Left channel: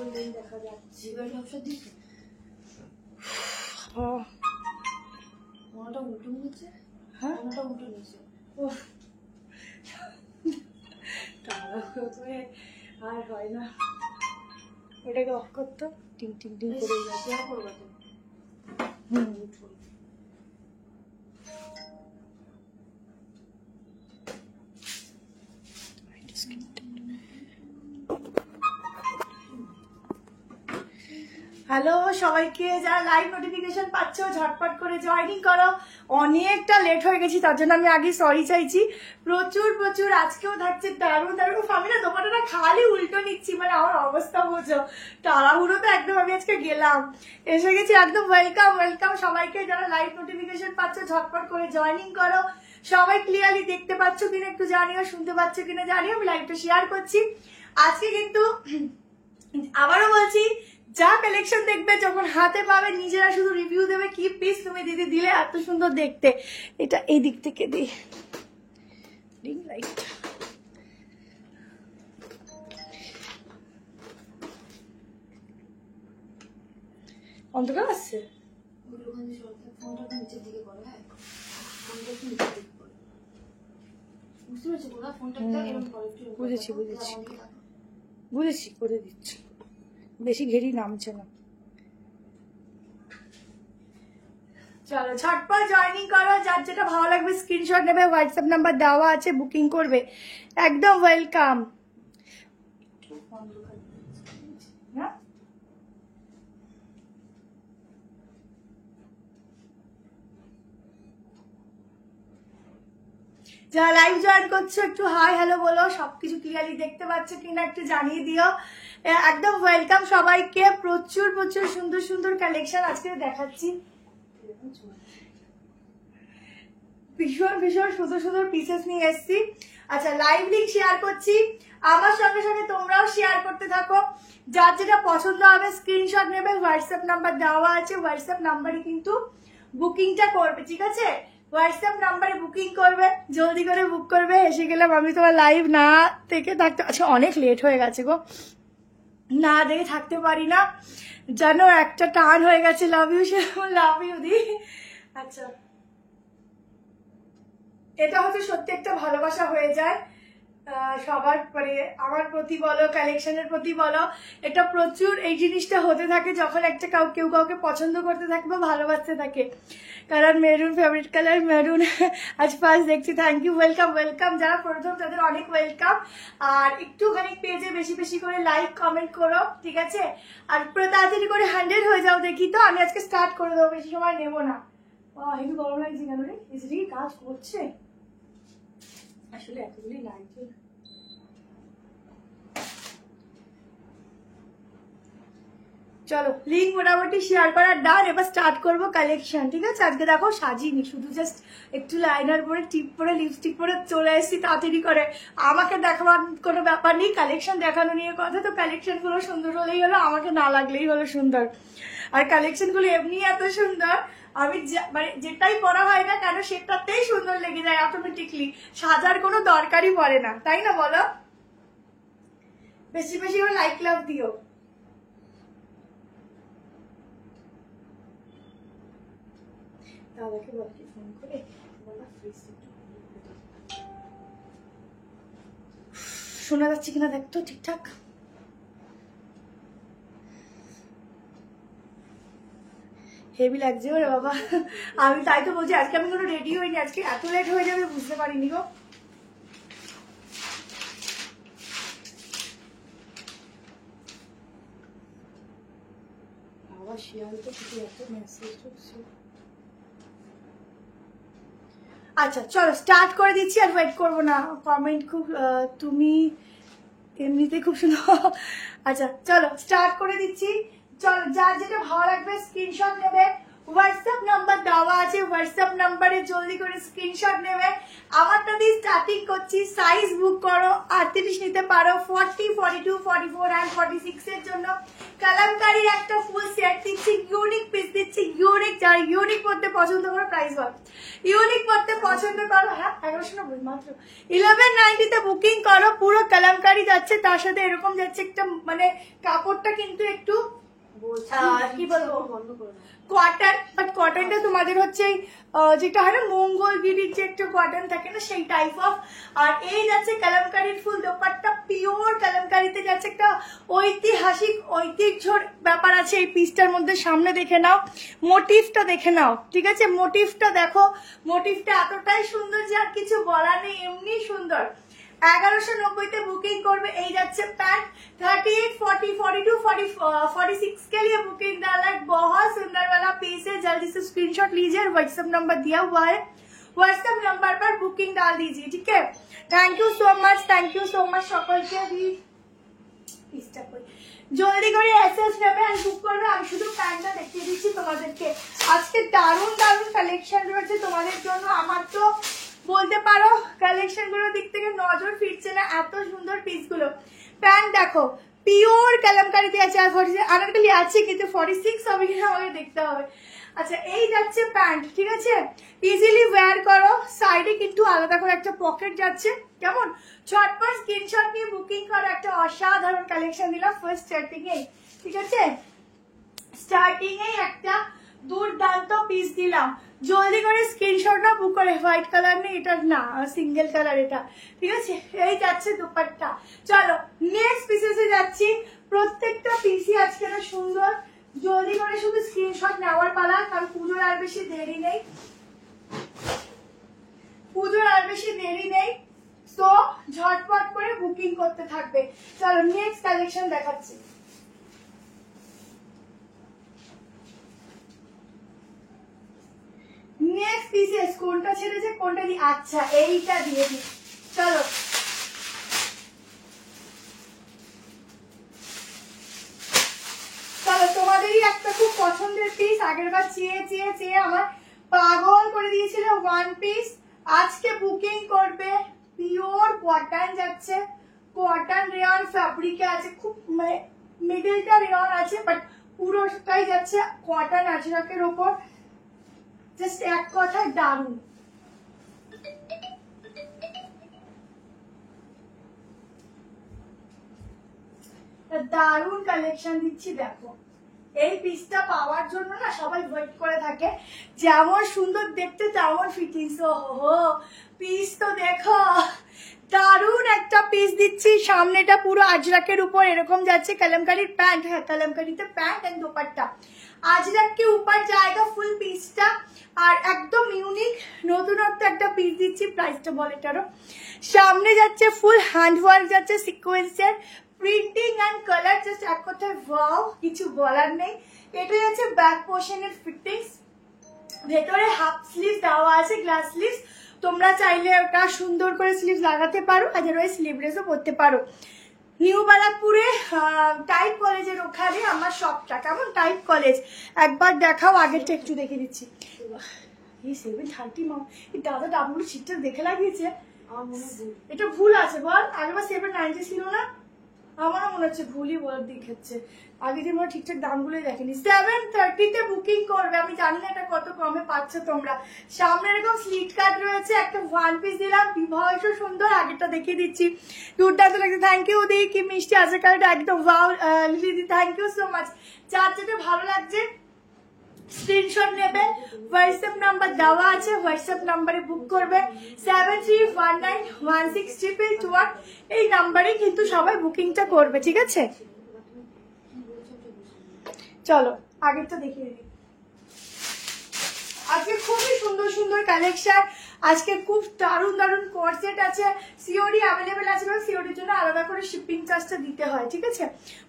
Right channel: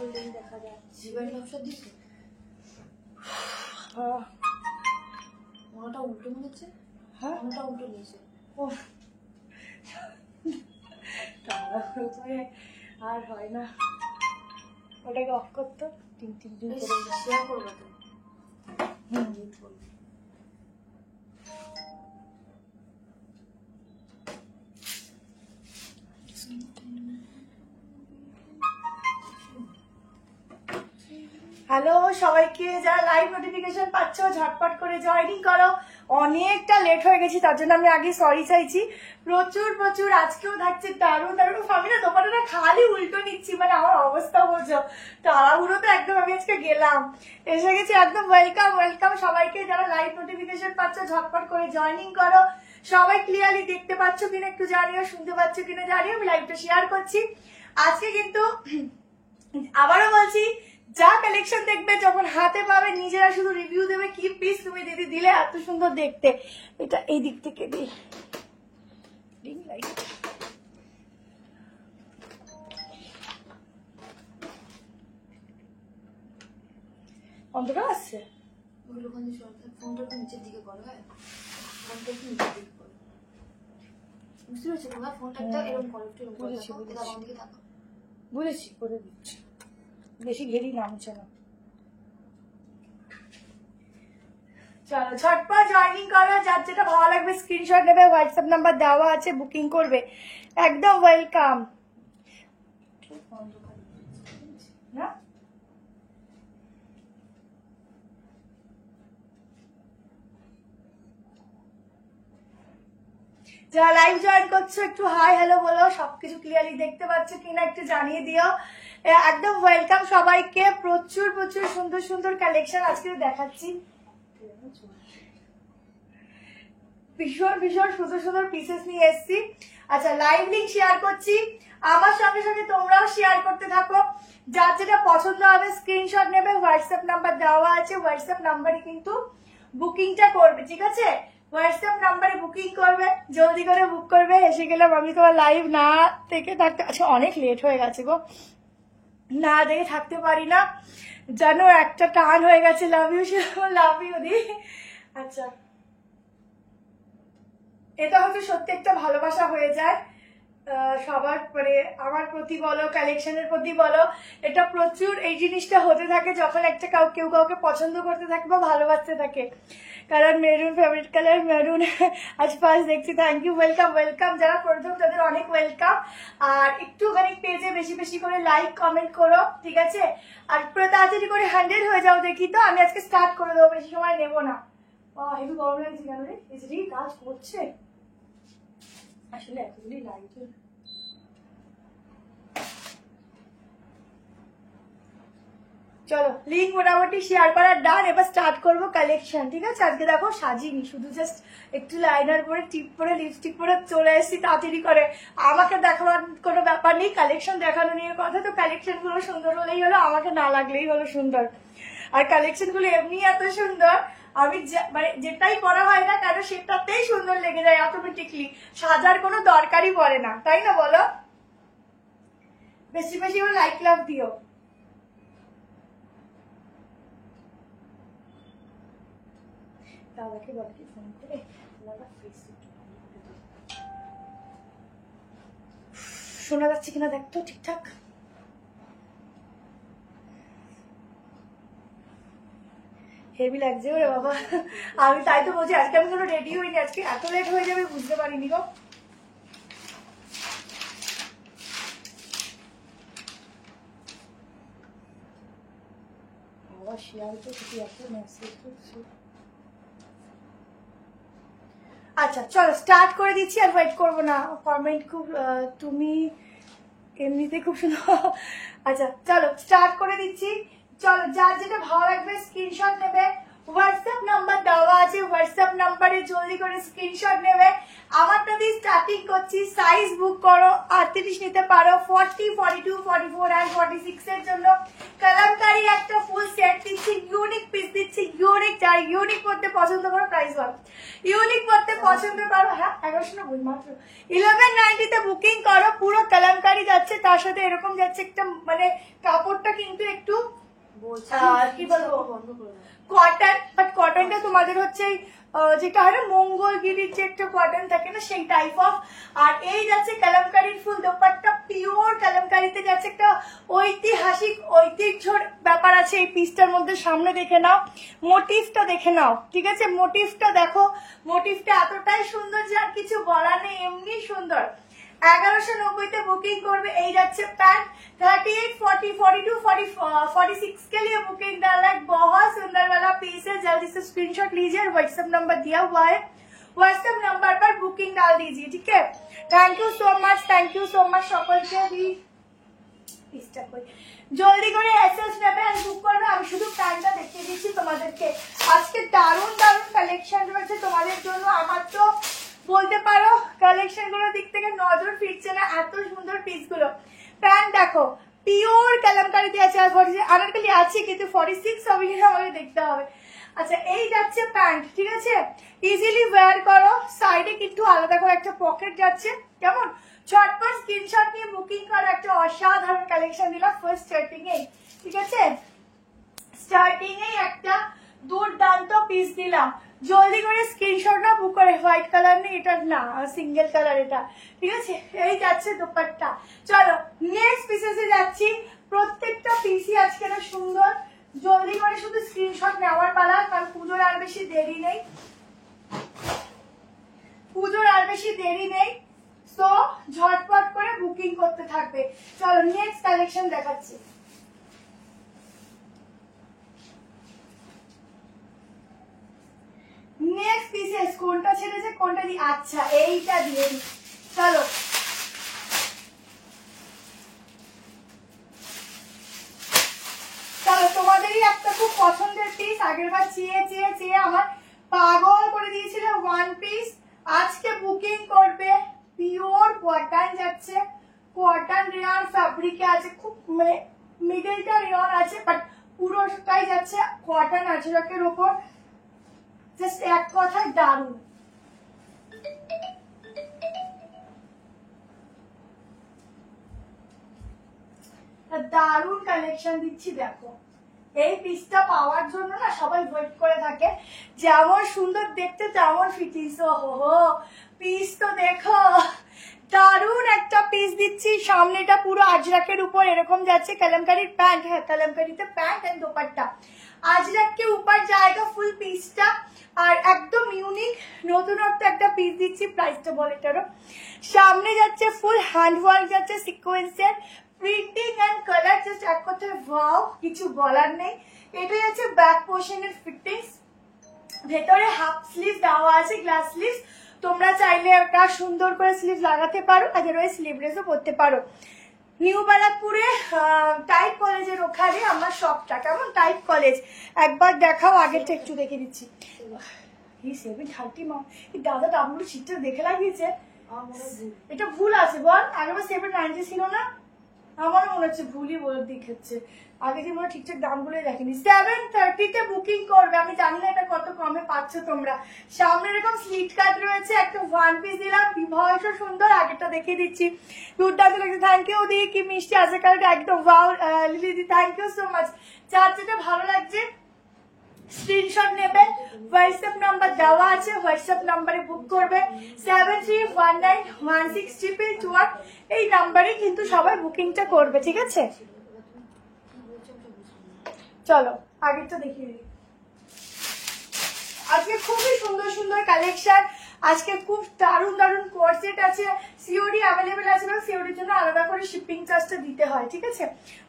Holding দেখা যাচ্ছে। ওষুধ দিচ্ছে মাটা উল্টো মনে হচ্ছে। হ্যাঁ মাটা উল্টো নিয়েছে। ও আর হয় না, ওটাকে অফ করতো, টিং টিং টিং করে যাচ্ছে। করবো তো হ্যালো সবাইকে, যারা লাইভ নোটিফিকেশন পাচ্ছ ঝটপট করে জয়েনিং করো। অনেকটা লেট হয়ে গেছি, তার জন্য আমি আগে সরি চাইছি। প্রচুর প্রচুর আজকেও থাকছে দারুণ দারুণ। আমি না দোকানটা খালি উল্টো নিচ্ছি, মানে আমার অবস্থা বোঝো, তাড়াহুড়ো তো একদম। আমি আজকে গেলাম, এসে গেছি একদম। ওয়েলকাম ওয়েলকাম সবাইকে, যারা লাইভ নোটিফিকেশন পাচ্ছ ঝটপট করে জয়েনিং করো। সবাই ক্লিয়ারলি দেখতে পাচ্ছ কিনা একটু জানিও, শুনতে পাচ্ছ কিনা জানিও। আমি লাইভটা শেয়ার করছি। আজকে কিন্তু আবারও বলছি, যা কালেকশন দেখবে যখন হাতে পাবে নিজেরা শুধু রিভিউ দেবে, কি পিস তুমি দিদি দিলে, এত সুন্দর দেখতে। এটা এই দিক থেকে দিই, রিং লাইট। অন্ধকার আসছে, ফোনটা একটু নিচের দিকে করো। হ্যাঁ ফোনটা একটু নিচের দিকে করো, বুঝতে পারছো তোমার ফোনটা এরকম করো একটু। বুঝেছি বুঝেছি বুঝেছি, করে দিচ্ছি। বেশি ঘেরি নামছে না। চলো ঝটপট জয়েনিং করো, যার যেটা ভালো লাগবে স্ক্রিনশট নেবে, হোয়াটসঅ্যাপ নাম্বার দেওয়া আছে, বুকিং করবে। একদম ওয়েলকাম। না যারা লাইভ জয়েন করছো একটু হাই হ্যালো বলো, সবকিছু ক্লিয়ারলি দেখতে পাচ্ছ কিনা একটু জানিয়ে দিও। একদম ওয়েলকাম সবাইকে। প্রচুর প্রচুর সুন্দর সুন্দর কালেকশন আজকে দেখাচ্ছি, ভীষণ ভীষণ সুন্দর সুন্দর পিসেস নিয়ে এসেছি। আচ্ছা লাইভ লিঙ্ক শেয়ার করছি, আমার সঙ্গে সঙ্গে তোমরাও শেয়ার করতে থাকো। যার যেটা পছন্দ হবে স্ক্রিনশট নেবে, হোয়াটসঅ্যাপ নাম্বার দেওয়া আছে, হোয়াটসঅ্যাপ নাম্বারে কিন্তু বুকিংটা করবে, ঠিক আছে? হোয়াটসঅ্যাপ নাম্বারে বুকিং করবে, জলদি করে বুক করবে। এসে গেলাম আমি, তোমার লাইভ না থেকে থাকতে, আচ্ছা অনেক লেট হয়ে গেছে গো, না দেখে থাকতে পারি না জানো, একটা টান হয়ে গেছে। লাভ ইউ লাভ ইউ দি। আচ্ছা এটা হচ্ছে সত্যি একটা ভালোবাসা হয়ে যায় সবার, মানে আমার প্রতি বলো, কালেকশনের প্রতি বলো, এটা প্রচুর এই জিনিসটা হতে থাকে যখন একটা কেউ কাউকে পছন্দ করতে থাকে বা ভালোবাসতে থাকে। কারণ মেরুন ফেভারিট কালার, মেরুন আজ ফার্স্ট দেখছি। Thank you, welcome welcome. যারা প্রথম তাদের অনেক ওয়েলকাম। আর একটুখানি পেজে বেশি বেশি করে লাইক কমেন্ট করো, ঠিক আছে? আর পুরো তাড়াতাড়ি করে 100 হয়ে যাও দেখি তো, আমি আজকে স্টার্ট করে দেবো, বেশি সময় নেবো না। হেভি গরম লাগছে কেন রে? এসে কাজ করছে আসলে এতগুলি লাগছে। চলো লিঙ্ক মোটামুটি শেয়ার করার ডান, এবার স্টার্ট করবো কালেকশন, ঠিক আছে? আজকে দেখো সাজিনি, শুধু জাস্ট একটু লাইনার পরে, টিপ পরে, লিপস্টিক পরে চলে এসেছি তাড়াতাড়ি করে। আমাকে দেখাবার কোনো ব্যাপার নেই, কালেকশন দেখানো নিয়ে কথা। তো কালেকশন গুলো সুন্দর হলেই হলো, আমাকে না লাগলেই হলো সুন্দর। আর কালেকশন গুলো এমনি এত সুন্দর, আমি মানে যেটাই করা হয় না কেন সেটাতেই সুন্দর লেগে যায় অটোমেটিকলি, সাজার কোনো দরকারই পড়ে না, তাই না বলো? বেশি বেশি লাইক লাভ দিও। দাদাকে বাকি ফোন করে শোনা যাচ্ছে কিনা দেখতো ঠিকঠাক। হেভি লাগছে বলে বাবা, আমি তাই তো বলছি আজকে আমি কোনো রেডি হইনি, আজকে এত লেট হয়ে যাবে বুঝতে পারিনি গো। বাবা শিয়াল তো কিছু এত মেসেজ করছে। আচ্ছা চলো স্টার্ট করে দিচ্ছি, আর ওয়েট করবো না। কমেন্ট খুব, তুমি এমনিতেই খুব সুন্দর। আচ্ছা চলো স্টার্ট করে দিচ্ছি। চলো যার যেটা ভালো লাগবে স্ক্রিনশট নেবে, হোয়াটসঅ্যাপ নাম্বার দেওয়া আছে, হোয়াটসঅ্যাপ নাম্বারে জলদি করে স্ক্রিনশট নেবে। আমারটা দিয়ে স্টার্টিং করছি, সাইজ বুক করো, 38 নিতে পারো, 40, 42, 44 আর 46 এর জন্য কালামকারী একটা ফুল সেট দিচ্ছি, ইউনিক পিস দিচ্ছি, ইউনিক। যারা ইউনিক পড়তে পছন্দ করো প্রাইস বল, ইউনিক পড়তে পছন্দ করো, হ্যাঁ 1190 মাত্র 1190 তে বুকিং করো। পুরো কালামকারী যাচ্ছে, তার সাথে এরকম যাচ্ছে একটা মানে কাপড়টা কিন্তু একটু কি বলবো বন্ধ করে দাও। কটন, বাট কটনটা তোমাদের হচ্ছে যেটা হয় না মঙ্গলগিরির যে একটা কটন থাকে না সেই টাইপ অফ। আর এই যাচ্ছে কালামকারীর ফুল দোপাট্টা, পিওর কালামকারীতে যাচ্ছে একটা ঐতিহাসিক ঐতিহ্যর ব্যাপার আছে এই পিসটার মধ্যে। সামনে দেখে নাও, মোটিভটা দেখে নাও, ঠিক আছে? মোটিভটা দেখো, মোটিভটা এতটাই সুন্দর যে আর কিছু বলার নেই, এমনি সুন্দর। 1190 তে बुकिंग করবে। এই যাচ্ছে पैंट 38, 40, 42, 46 के लिए बुकिंग डाला है। बहुत सुंदर वाला पीस है, जल्दी से स्क्रीनशॉट लीजिए और व्हाट्सएप नंबर दिया हुआ है, व्हाट्सएप नंबर पर बुकिंग डाल दीजिए, ठीक है? थैंक यू सो मच সকলকে। পিসটা কই জলদি করে এসএস নেবে আর বুক করবে। আমি শুধু প্যান্টটা দেখিয়ে দিচ্ছি তোমাদেরকে। আজকে দারুণ দারুণ কালেকশন রয়েছে তোমাদের জন্য। আমার তো বলতে পারো কালেকশন গুলোর দিক থেকে নজর ফিরছে না, এত সুন্দর পিস গুলো। প্যান্ট দেখো, পিওর কালামকারীতে আছে, আর আনারকলি আছে কিন্তু 46 হবে কিনা আমাকে দেখতে হবে। আচ্ছা এই যাচ্ছে প্যান্ট, ঠিক আছে? ইজিলি ওয়্যার করো, সাইডে কিন্তু আলাদা করে একটা পকেট যাচ্ছে, কেমন? ঝটপট স্ক্রিনশট নিয়ে বুকিং করো। একটা অসাধারণ কালেকশন দিলাম ফার্স্ট স্টার্টিং এ, ঠিক আছে? স্টার্টিং এ একটা দুর্দান্ত পিস দিলাম, জলদি করে স্ক্রিনশট না বুক করে। হোয়াইট কালার নেই, এটা না সিঙ্গেল কালার এটা, ঠিক আছে? এই যাচ্ছে দুপাট্টা। চলো নেক্সট পিসে যাচ্ছি। প্রত্যেকটা পিসই আজকে না সুন্দর, জলদি করে শুধু স্ক্রিনশট নেওয়ার পালা, কারণ পুজোর আর বেশি দেরি নেই, পুজোর আর বেশি দেরি নেই। তো ঝটপট করে বুকিং করতে থাকবে। চলো নেক্সট কালেকশন দেখাচ্ছি। নেক্সট পিসেস কোনটা ছেড়েছে কোনটা দিয়ে, আচ্ছা এইটা দিয়ে দিই। চলো চলো তোমাদেরই একটা খুব পছন্দের পিস, আগের বার চেয়ে চেয়ে চেয়ে আমার পাগল করে দিয়েছিল ওয়ান পিস। আজকে বুকিং করবে, পিওর কটন যাচ্ছে, কটন রেয়ন ফ্যাব্রিকে আছে, খুব মানে মিডলটা রেয়ন আছে বাট পুরোটাই যাচ্ছে কটন আজরাকের উপর। জাস্ট এক কথায় দারুণ। দারুণ কালেকশন দিচ্ছি দেখো। এই পিসটা পাওয়ার জন্য না সবাই ওয়েট করে থাকে, যেমন সুন্দর দেখতে তেমন ফিটিংস। ওহো পিস তো দেখো, দারুণ একটা পিস দিচ্ছি। সামনেটা পুরো আজরাকের উপর এরকম যাচ্ছে, কালামকারীর প্যান্ট, হ্যাঁ কালামকারীতে প্যান্ট এন্ড দোপাট্টা। আজরাক के ऊपर जाएगा ফুল পিসটা, আর একদম ইউনিক নতুনত্ব একটা পিস দিচ্ছি। প্রাইসটা বলে এটারও। সামনে যাচ্ছে ফুল হ্যান্ড ওয়ার্ক যাচ্ছে, সিকোয়েন্সের প্রিন্টিং এন্ড কালার, জাস্ট এক কথায় ওয়াও, কিছু বলার নেই। এটা যাচ্ছে ব্যাক পোর্শনের ফিটিংস, ভেতরে হাফ স্লিভ দেওয়া আছে, গ্লাস স্লিভ। তোমরা চাইলে ওটা সুন্দর করে স্লিভ লাগাতে পারো, আদারওয়াইজ স্লিভলেসও করতে পারো। নিউ বারাকপুরে টাইপ কলেজের ওখানে আমার শপটা, কেমন? টাইপ কলেজ একবার দেখাও, আগেরটা একটু দেখে দিচ্ছি। এই 730 মা, দাদা দামগুলো ঠিকঠাক দেখে লাগিয়েছে। এটা ভুল আছে বল, আগেবার 790 ছিল না? আমারও মনে হচ্ছে ভুলই বলে দেখাচ্ছে, আগে যে মনে ঠিকঠাক দামগুলোই দেখেনি। 730 তে বুকিং করবে। আমি জানি না এটা কত কমে পাচ্ছ তোমরা। সামনে এরকম স্লিট কাট রয়েছে, একটা ওয়ান পিস দিলাম, বিভৎস সুন্দর। আগেরটা দেখিয়ে দিচ্ছি, দুর্দান্ত লাগছে। থ্যাংক ইউ দি, কি মিষ্টি আছে কালটা, একদম wow Lily, thank you so much. যার যেটা ভালো লাগছে স্ক্রিনশট নেবে, হোয়াটসঅ্যাপ নাম্বার দেওয়া আছে, হোয়াটসঅ্যাপ নাম্বারে বুক করবে। 73191621 এই নাম্বারে কিন্তু সবাই বুকিংটা করবে, ঠিক আছে? চলো আগেরটা দেখিয়ে দিই। আজকে খুবই সুন্দর সুন্দর কালেকশন, আজকে খুব দারুণ দারুণ কোর্সেট আছে। সিওডি অ্যাভেলেবেল আছে, এবং সিওডির জন্য আলাদা করে শিপিং চার্জটা দিতে হয়, ঠিক আছে?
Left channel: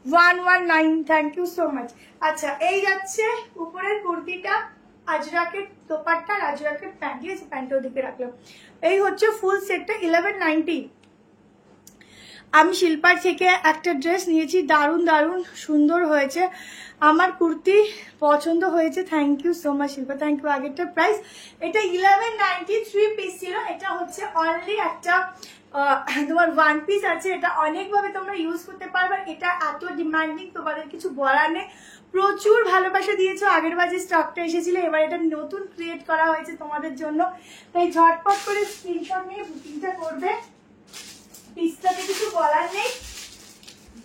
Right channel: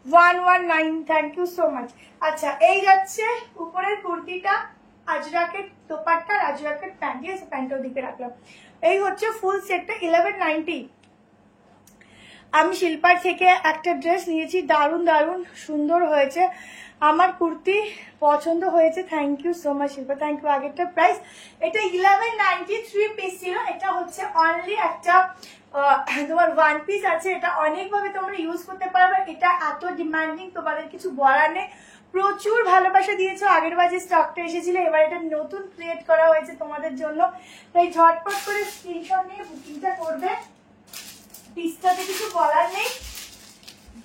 119, থ্যাংক ইউ সো মাচ। আচ্ছা এই যাচ্ছে উপরের কুর্তিটা, আজরাকের দোপাট্টা, আজরাকের প্যান্ট, ঠিক আছে? প্যান্টটাও দিকে রাখলাম। এই হচ্ছে ফুল সেটটা 1190। আমি শিল্পার থেকে একটা ড্রেস নিয়েছি, দারুণ দারুণ সুন্দর হয়েছে। আমার কুর্তি পছন্দ হয়েছে, thank you so much Shilpa, thank you. আগেরটার প্রাইস এটা 1193 পিস ছিল, এটা হচ্ছে অনলি একটা তোমার ওয়ান পিস আছে। এটা অনেকভাবে তোমরা ইউজ করতে পারবে, এটা এত ডিমান্ডিং তোমাদের কিছু বলার নেই। প্রচুর ভালোবাসা দিয়েছো আগের বার যে স্টকটা এসেছিল, এবার এটা নতুন ক্রিয়েট করা হয়েছে তোমাদের জন্য, তাই ঝটপট করে স্ক্রিনশট নিয়ে বুকিংটা করবে। পিসটাতে কিছু বলার নেই,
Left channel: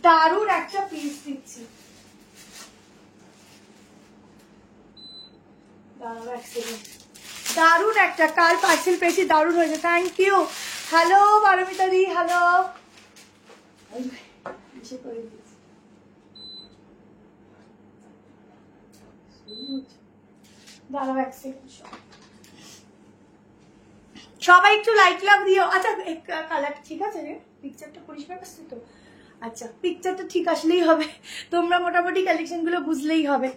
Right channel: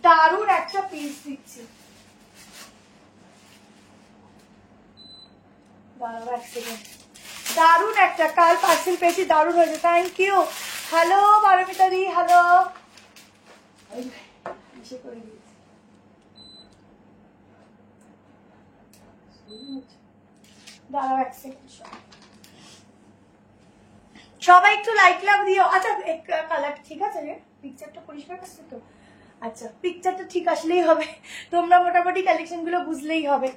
দারুণ একটা পিস দিচ্ছি। দারুণ একটা, কাল পার্সেল পেয়েছি, দারুণ হয়েছে, থ্যাংক ইউ। হ্যালো বারমিতাদি, হ্যালো। দাঁড়াও এক সেকেন্ড, সবাই একটু লাইক লাভ দিও। আচ্ছা কালার ঠিক আছে রে, পিকচারটা পরিষ্কার আসছে তো? আচ্ছা পিকচারটা ঠিক আসলেই হবে, তোমরা মোটামুটি কালেকশন গুলো বুঝলেই হবে।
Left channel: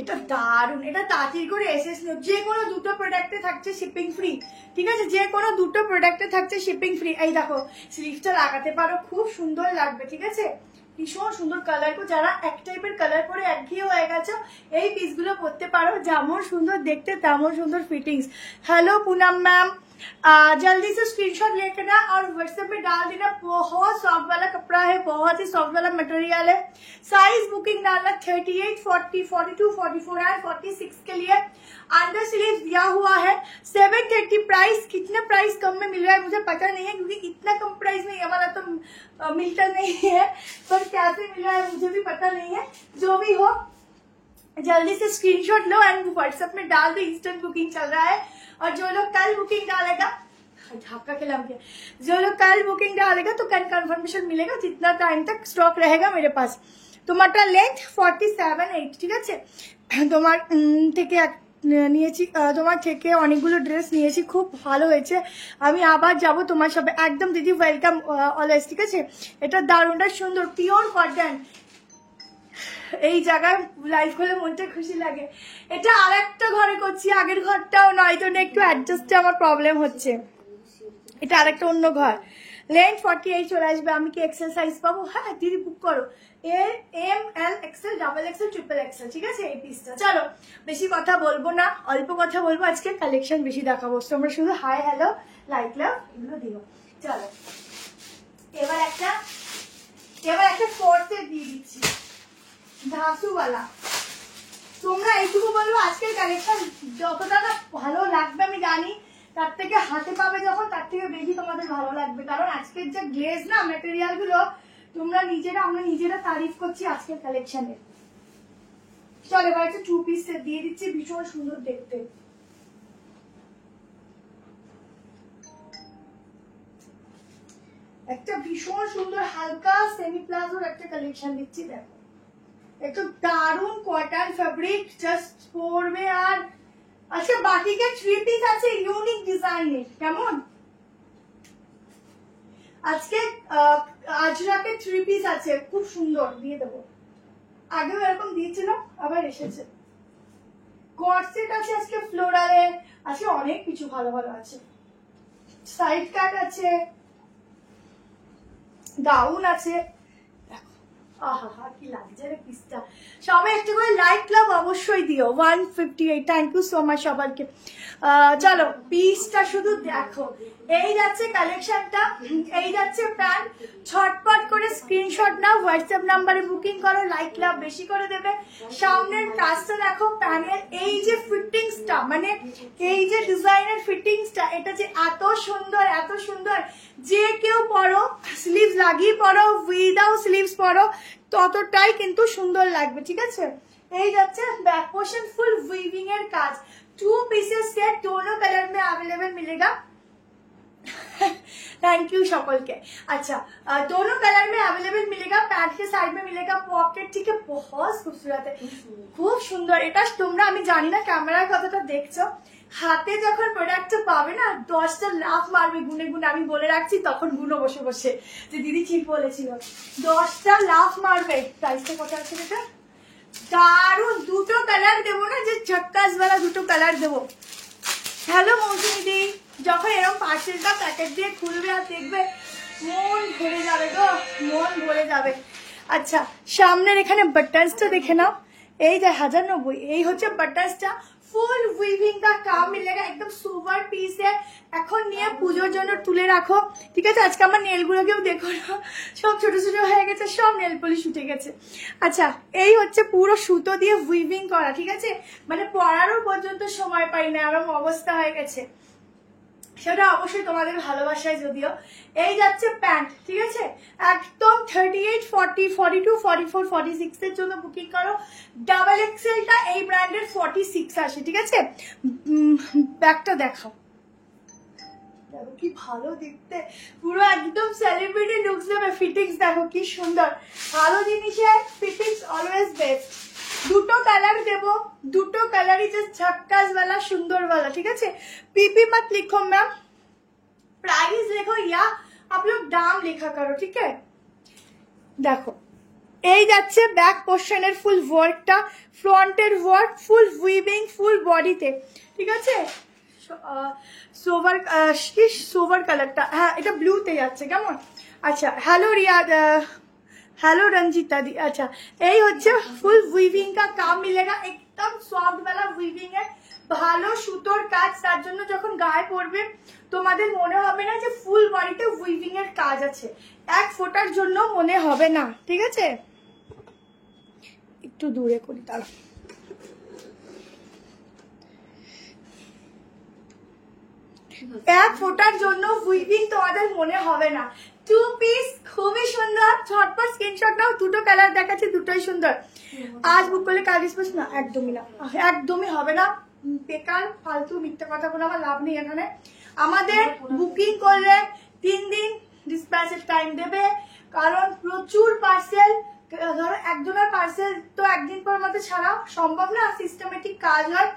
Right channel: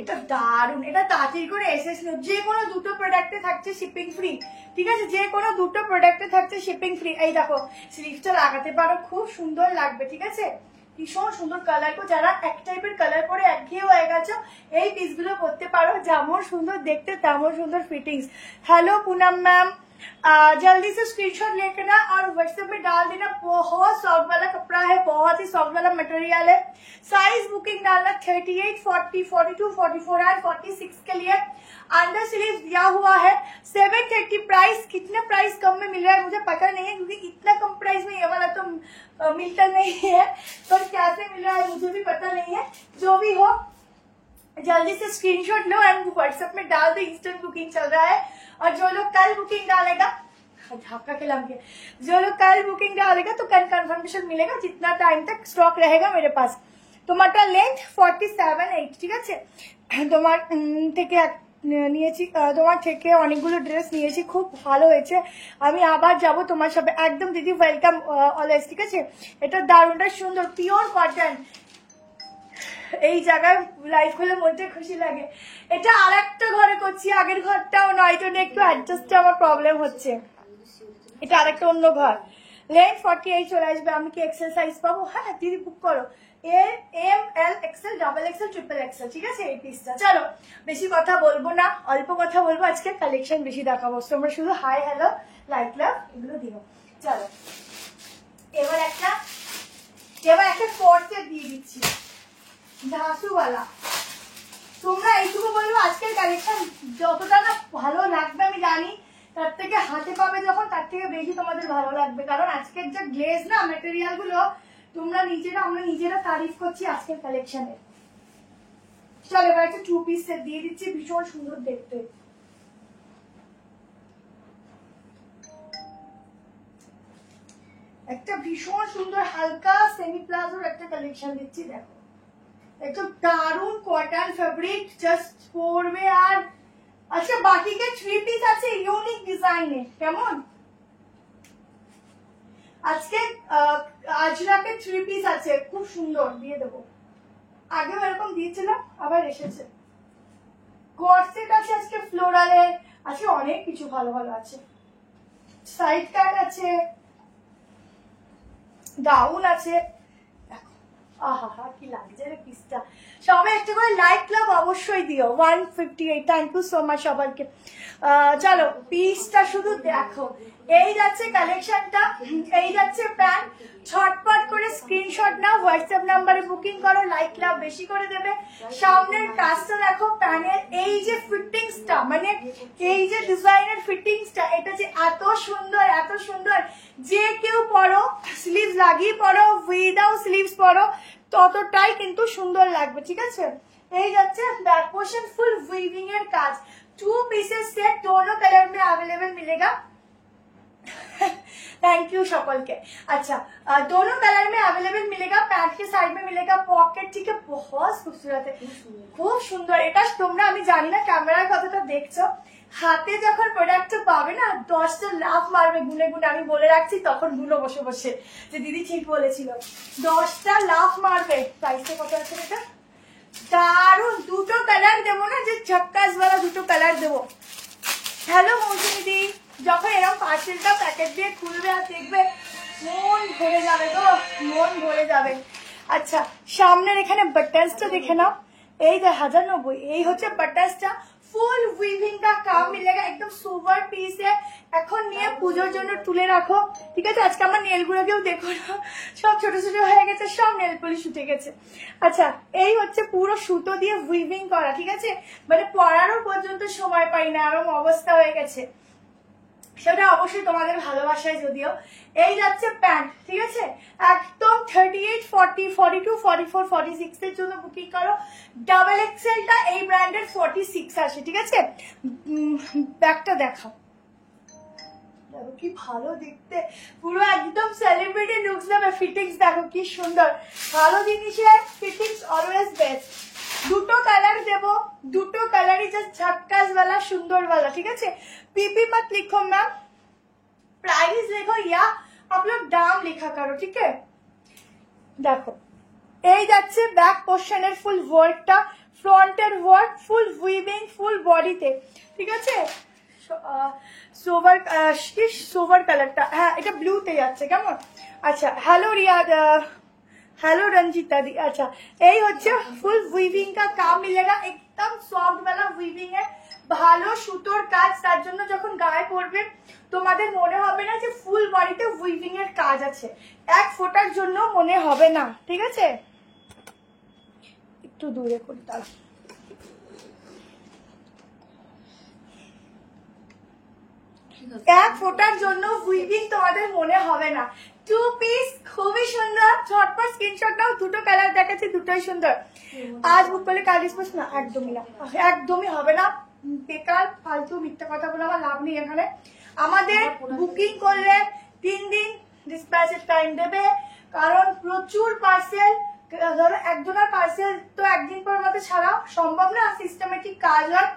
এটা দারুন, এটা তাড়াতাড়ি করে এসেছিল। যে কোনো দুটো প্রোডাক্টে থাকছে শিপিং ফ্রি, ঠিক আছে, যে কোনো দুটো প্রোডাক্টে থাকছে শিপিং ফ্রি। এই দেখো স্লিভটা লাগাতে পারো, খুব সুন্দর লাগবে, ঠিক আছে, ভীষণ সুন্দর কালার। को যারা এক টাইপের কালার পরে একঘেয়ে হয়ে গেছে, এই পিসগুলো পরতে পারো, যেমন সুন্দর দেখতে তেমন সুন্দর ফিটিংস। হ্যালো पूनम मैम, जल्दी से स्क्रीनशॉट लेकर और व्हाट्सएप में डाल देना। बहुत सॉफ्ट वाला कपड़ा है, बहुत ही सॉफ्ट वाला मटेरियल है। साइज बुकिंग डालना 38, 40, 42, 44 एंड 46 के लिए। अंडर स्लीव दिया हुआ है 730 प्राइस। कितना प्राइस कम में मिल रहा है मुझे पता नहीं है, क्योंकि इतना कम प्राइस में ये वाला तो मिलता नहीं है, पर कैसे मिल रहा है मुझे भी पता नहीं है। जो भी हो जल्दी से स्क्रीनशॉट लो एंड व्हाट्सएप में डाल दो, इंस्टेंट बुकिंग चल रहा है। और जो लोग कल बुकिंग डालेगा, झाका के लाम के, जो लोग कल बुकिंग डालेगा तो कल कंफर्मेशन मिलेगा, जितना टाइम तक स्टॉक रहेगा मेरे पास। তোমারটা লেন্থ 47-8, ঠিক আছে। তোমার থেকে নিয়েছি, তোমার থেকে অনেকগুলো ড্রেস নিয়েছি, খুব ভালো হয়েছে। আমি আবার যাব তোমার সাথে, একদম দিদি ওয়েলকাম অলওয়েজ, ঠিক আছে। এটা দারুণটা সুন্দর, পিওর কটন। এই জায়গায় লাইভ হলে মনটা খুশি লাগে। এটা আর একটা ঘরে করছি, আগের ঘরটাও নয়, তো একটু অ্যাডজাস্টে আমার প্রবলেম হচ্ছে। এটা আরেকটা অন্য ঘর। লেন্থ 48 চলে আসবে। আমি কি এক্সেল সাইজ পাবো? হ্যাঁ দিদি বুক করো, L M L XL double XL triple XL, ঠিক আছে এই পিসটা। চলো বেশি কথা বলবো না, অল্প কথা বলবো, আজকে কালেকশন বেশি দেখাবো, তোমরা শুধু হাই হ্যালো লাইক লাভ এগুলো দিও। চলো এবার একটা ফোর্থে দিয়ে দিচ্ছি, ধাসুওয়ালা। তোমরা এইটুকু বলবো, আজকের কালেকশন যতটা না ভালো লাগবে আমি জানি, তার থেকে হাতে পাবে যখন তার থেকে বেশি তোমাদের ভালো লাগবে, কারণ আজকের যে গ্লেজ না ম্যাটেরিয়াল গুলো, তোমরা আমরা নিজেরা তারিফ করছি আজকের কালেকশনের। চলো এবার একটা 2 পিস সেট দিয়ে দিচ্ছি, ভীষণ সুন্দর দেখতে। একটা ভীষণ সুন্দর হালকা সেমি প্লাজোর একটা কালেকশন দিচ্ছি, দেখো একটু দারুন কটন ফেব্রিক, জাস্ট পরবে। আর আচ্ছা বাটিকে 3 পিস আছে ইউনিক ডিজাইনের, কেমন? আজকে আজরাকে 3 পিস আছে, খুব সুন্দর, দিয়ে দেবো। আগেও এরকম দিয়েছিলাম, আবার এসেছে। কর্সেট আছে আজকে, ফ্লোরালে আছে, অনেক কিছু ভালো ভালো আছে। সাইড কাট আছে, গাউন আছে, আহা কি লাগছে রে পিসটা। সবাই একটু করে লাইক লাভ অবশ্যই দিও। 158, থ্যাংক ইউ সো মাচ সবাইকে। চলো পিসটা শুধু দেখো, এই যাচ্ছে কালেকশনটা, এই যাচ্ছে প্যান্ট। ঝটপট করে স্ক্রিনশট নাও, হোয়াটসঅ্যাপ নাম্বারে বুকিং করো, লাইক লাভ বেশি করে দেবে। সামনের কাজটা দেখো, প্যানের এই যে ফিটিংসটা, মানে এই যে ডিজাইনের ফিটিংসটা, এটা যে এত সুন্দর এত সুন্দর, যে কেউ পরো, স্লিভ লাগিয়ে পরো, উইদাউট স্লিভস পরো, ততটাই কিন্তু সুন্দর লাগবে, ঠিক আছে। এই যাচ্ছে बैक पोर्शन फुल वीविंग এর কাজ। 2 पीसेस सेट दोनों कलर में अवेलेबल मिलेगा। थैंक यू সকলকে। अच्छा दोनों कलर में अवेलेबल मिलेगा, पैंट के साइड में मिलेगा पॉकेट, ठीक है, बहुत खूबसूरत है, খুব সুন্দর। এটা তোমরা আমি জানি না ক্যামেরার কতটা দেখছো, হাতে যখন প্রোডাক্টটা পাবে না 10টা লাফ মারবে গুনে গুনে, আমি বলে রাখছি, তখন গুলো বসে বসে যে দিদি ঠিক বলেছিল, 10টা লাফ মারবে। প্রাইসটা কত আছে এটা? দারুন, দুটো কালার দেবো না, যে ঝটকাস वाला দুটো কালার দেবো। হ্যালো মৌসুমি দি, যখন এরকম পার্সেলটা প্যাকেট দিয়ে খুলবে আর দেখবে মন ভরে যাবে গো, মন ভরে যাবে। আচ্ছা, সামনের এখানে বাটন্সটা দেখে নাও, এই যে 1090, এই হচ্ছে বাটন্সটা। ফুল উইভিং का काम मिलेगा, एकदम सुपर पीस है। এখন নিয়ে পুজোর জন্য তুলে রাখো, ঠিক আছে? আজকে আমার নেল গুলোকেও দেখো না, সব ছোট ছোট হয়ে গেছে, সব নেল পলিশ উঠে গেছে। আচ্ছা, এই হচ্ছে পুরো সুতো দিয়ে উইভিং করা, ঠিক আছে? মানে পরারও পর্যন্ত সময় পাই না, এরকম অবস্থা হয়ে গেছে। সেটা অবশ্যই তোমাদের ভালোবাসায়। যদিও এই যাচ্ছে প্যান্ট, ঠিক আছে? একদম 38, 40, 42, 44, 46 এর জন্য বুকিং করো। ডাবল এক্সেলটা এই ব্র্যান্ডের 46 আসে, ঠিক আছে? ব্যাগটা দেখাও, দেখো কি ভালো দেখতে, পুরো একদম সেলিব্রিটি লুকস দেবে। ফিটিংস দেখো কি সুন্দর, ভালো জিনিসের ফিটিংস অলওয়েজ বেস্ট। দুটো কালার দেবো, দুটো কালারই জাস্ট झक्कास वाला, सुंदर वाला, ठीक है? पीपी मत लिखो मैम, प्राइस लिखो या आप लोग दाम लिखा करो, ठीक है? देखो এই যাচ্ছে ব্যাক পোর্শনের ফুল ওয়ার্কটা, ফ্রন্টের ওয়ার্ক ফুল উইভিং, ফুল বডিতে, ঠিক আছে? সোভার কি সোভার কালারটা, হ্যাঁ এটা ব্লুতে যাচ্ছে, কেমন? আচ্ছা, হ্যালো রিয়াদ, हेलो रंजीता दी। अच्छा, এই হচ্ছে ফুল উইভিং का काम मिलेगा, एकदम सॉफ्ट वाला উইভিং है, ভালো সুতোর কাজ। তার জন্য যখন গায়ে পরবে তোমাদের মনে হবে না যে ফুল বডিতে উইভিং এর কাজ আছে, এক ফোটার জন্য মনে হবে না, ঠিক আছে? একটু দূরে করি তার। এক ফোটার জন্য উইভিং তোমাদের মনে হবে না। টু পিস খুবই সুন্দর, ঝটপট স্ক্রিনশট নাও। দুটো কালার দেখাচ্ছি, দুটোই সুন্দর। আজ বুক করলে কাল ডিসপোজ না, একদমই না, একদমই হবে না। বেকার ফালতু মিথ্যা কথা বলে আমার লাভ নেই এখানে। আমাদের বুকিং করলে 3 দিন ডিসপ্যাচের টাইম দেবে, কারণ প্রচুর পার্সেল। ধরো একজনের পার্সেল তো একদিন পর মধ্যে ছাড়া সম্ভব না, সিস্টেমেটিক কাজ হয়।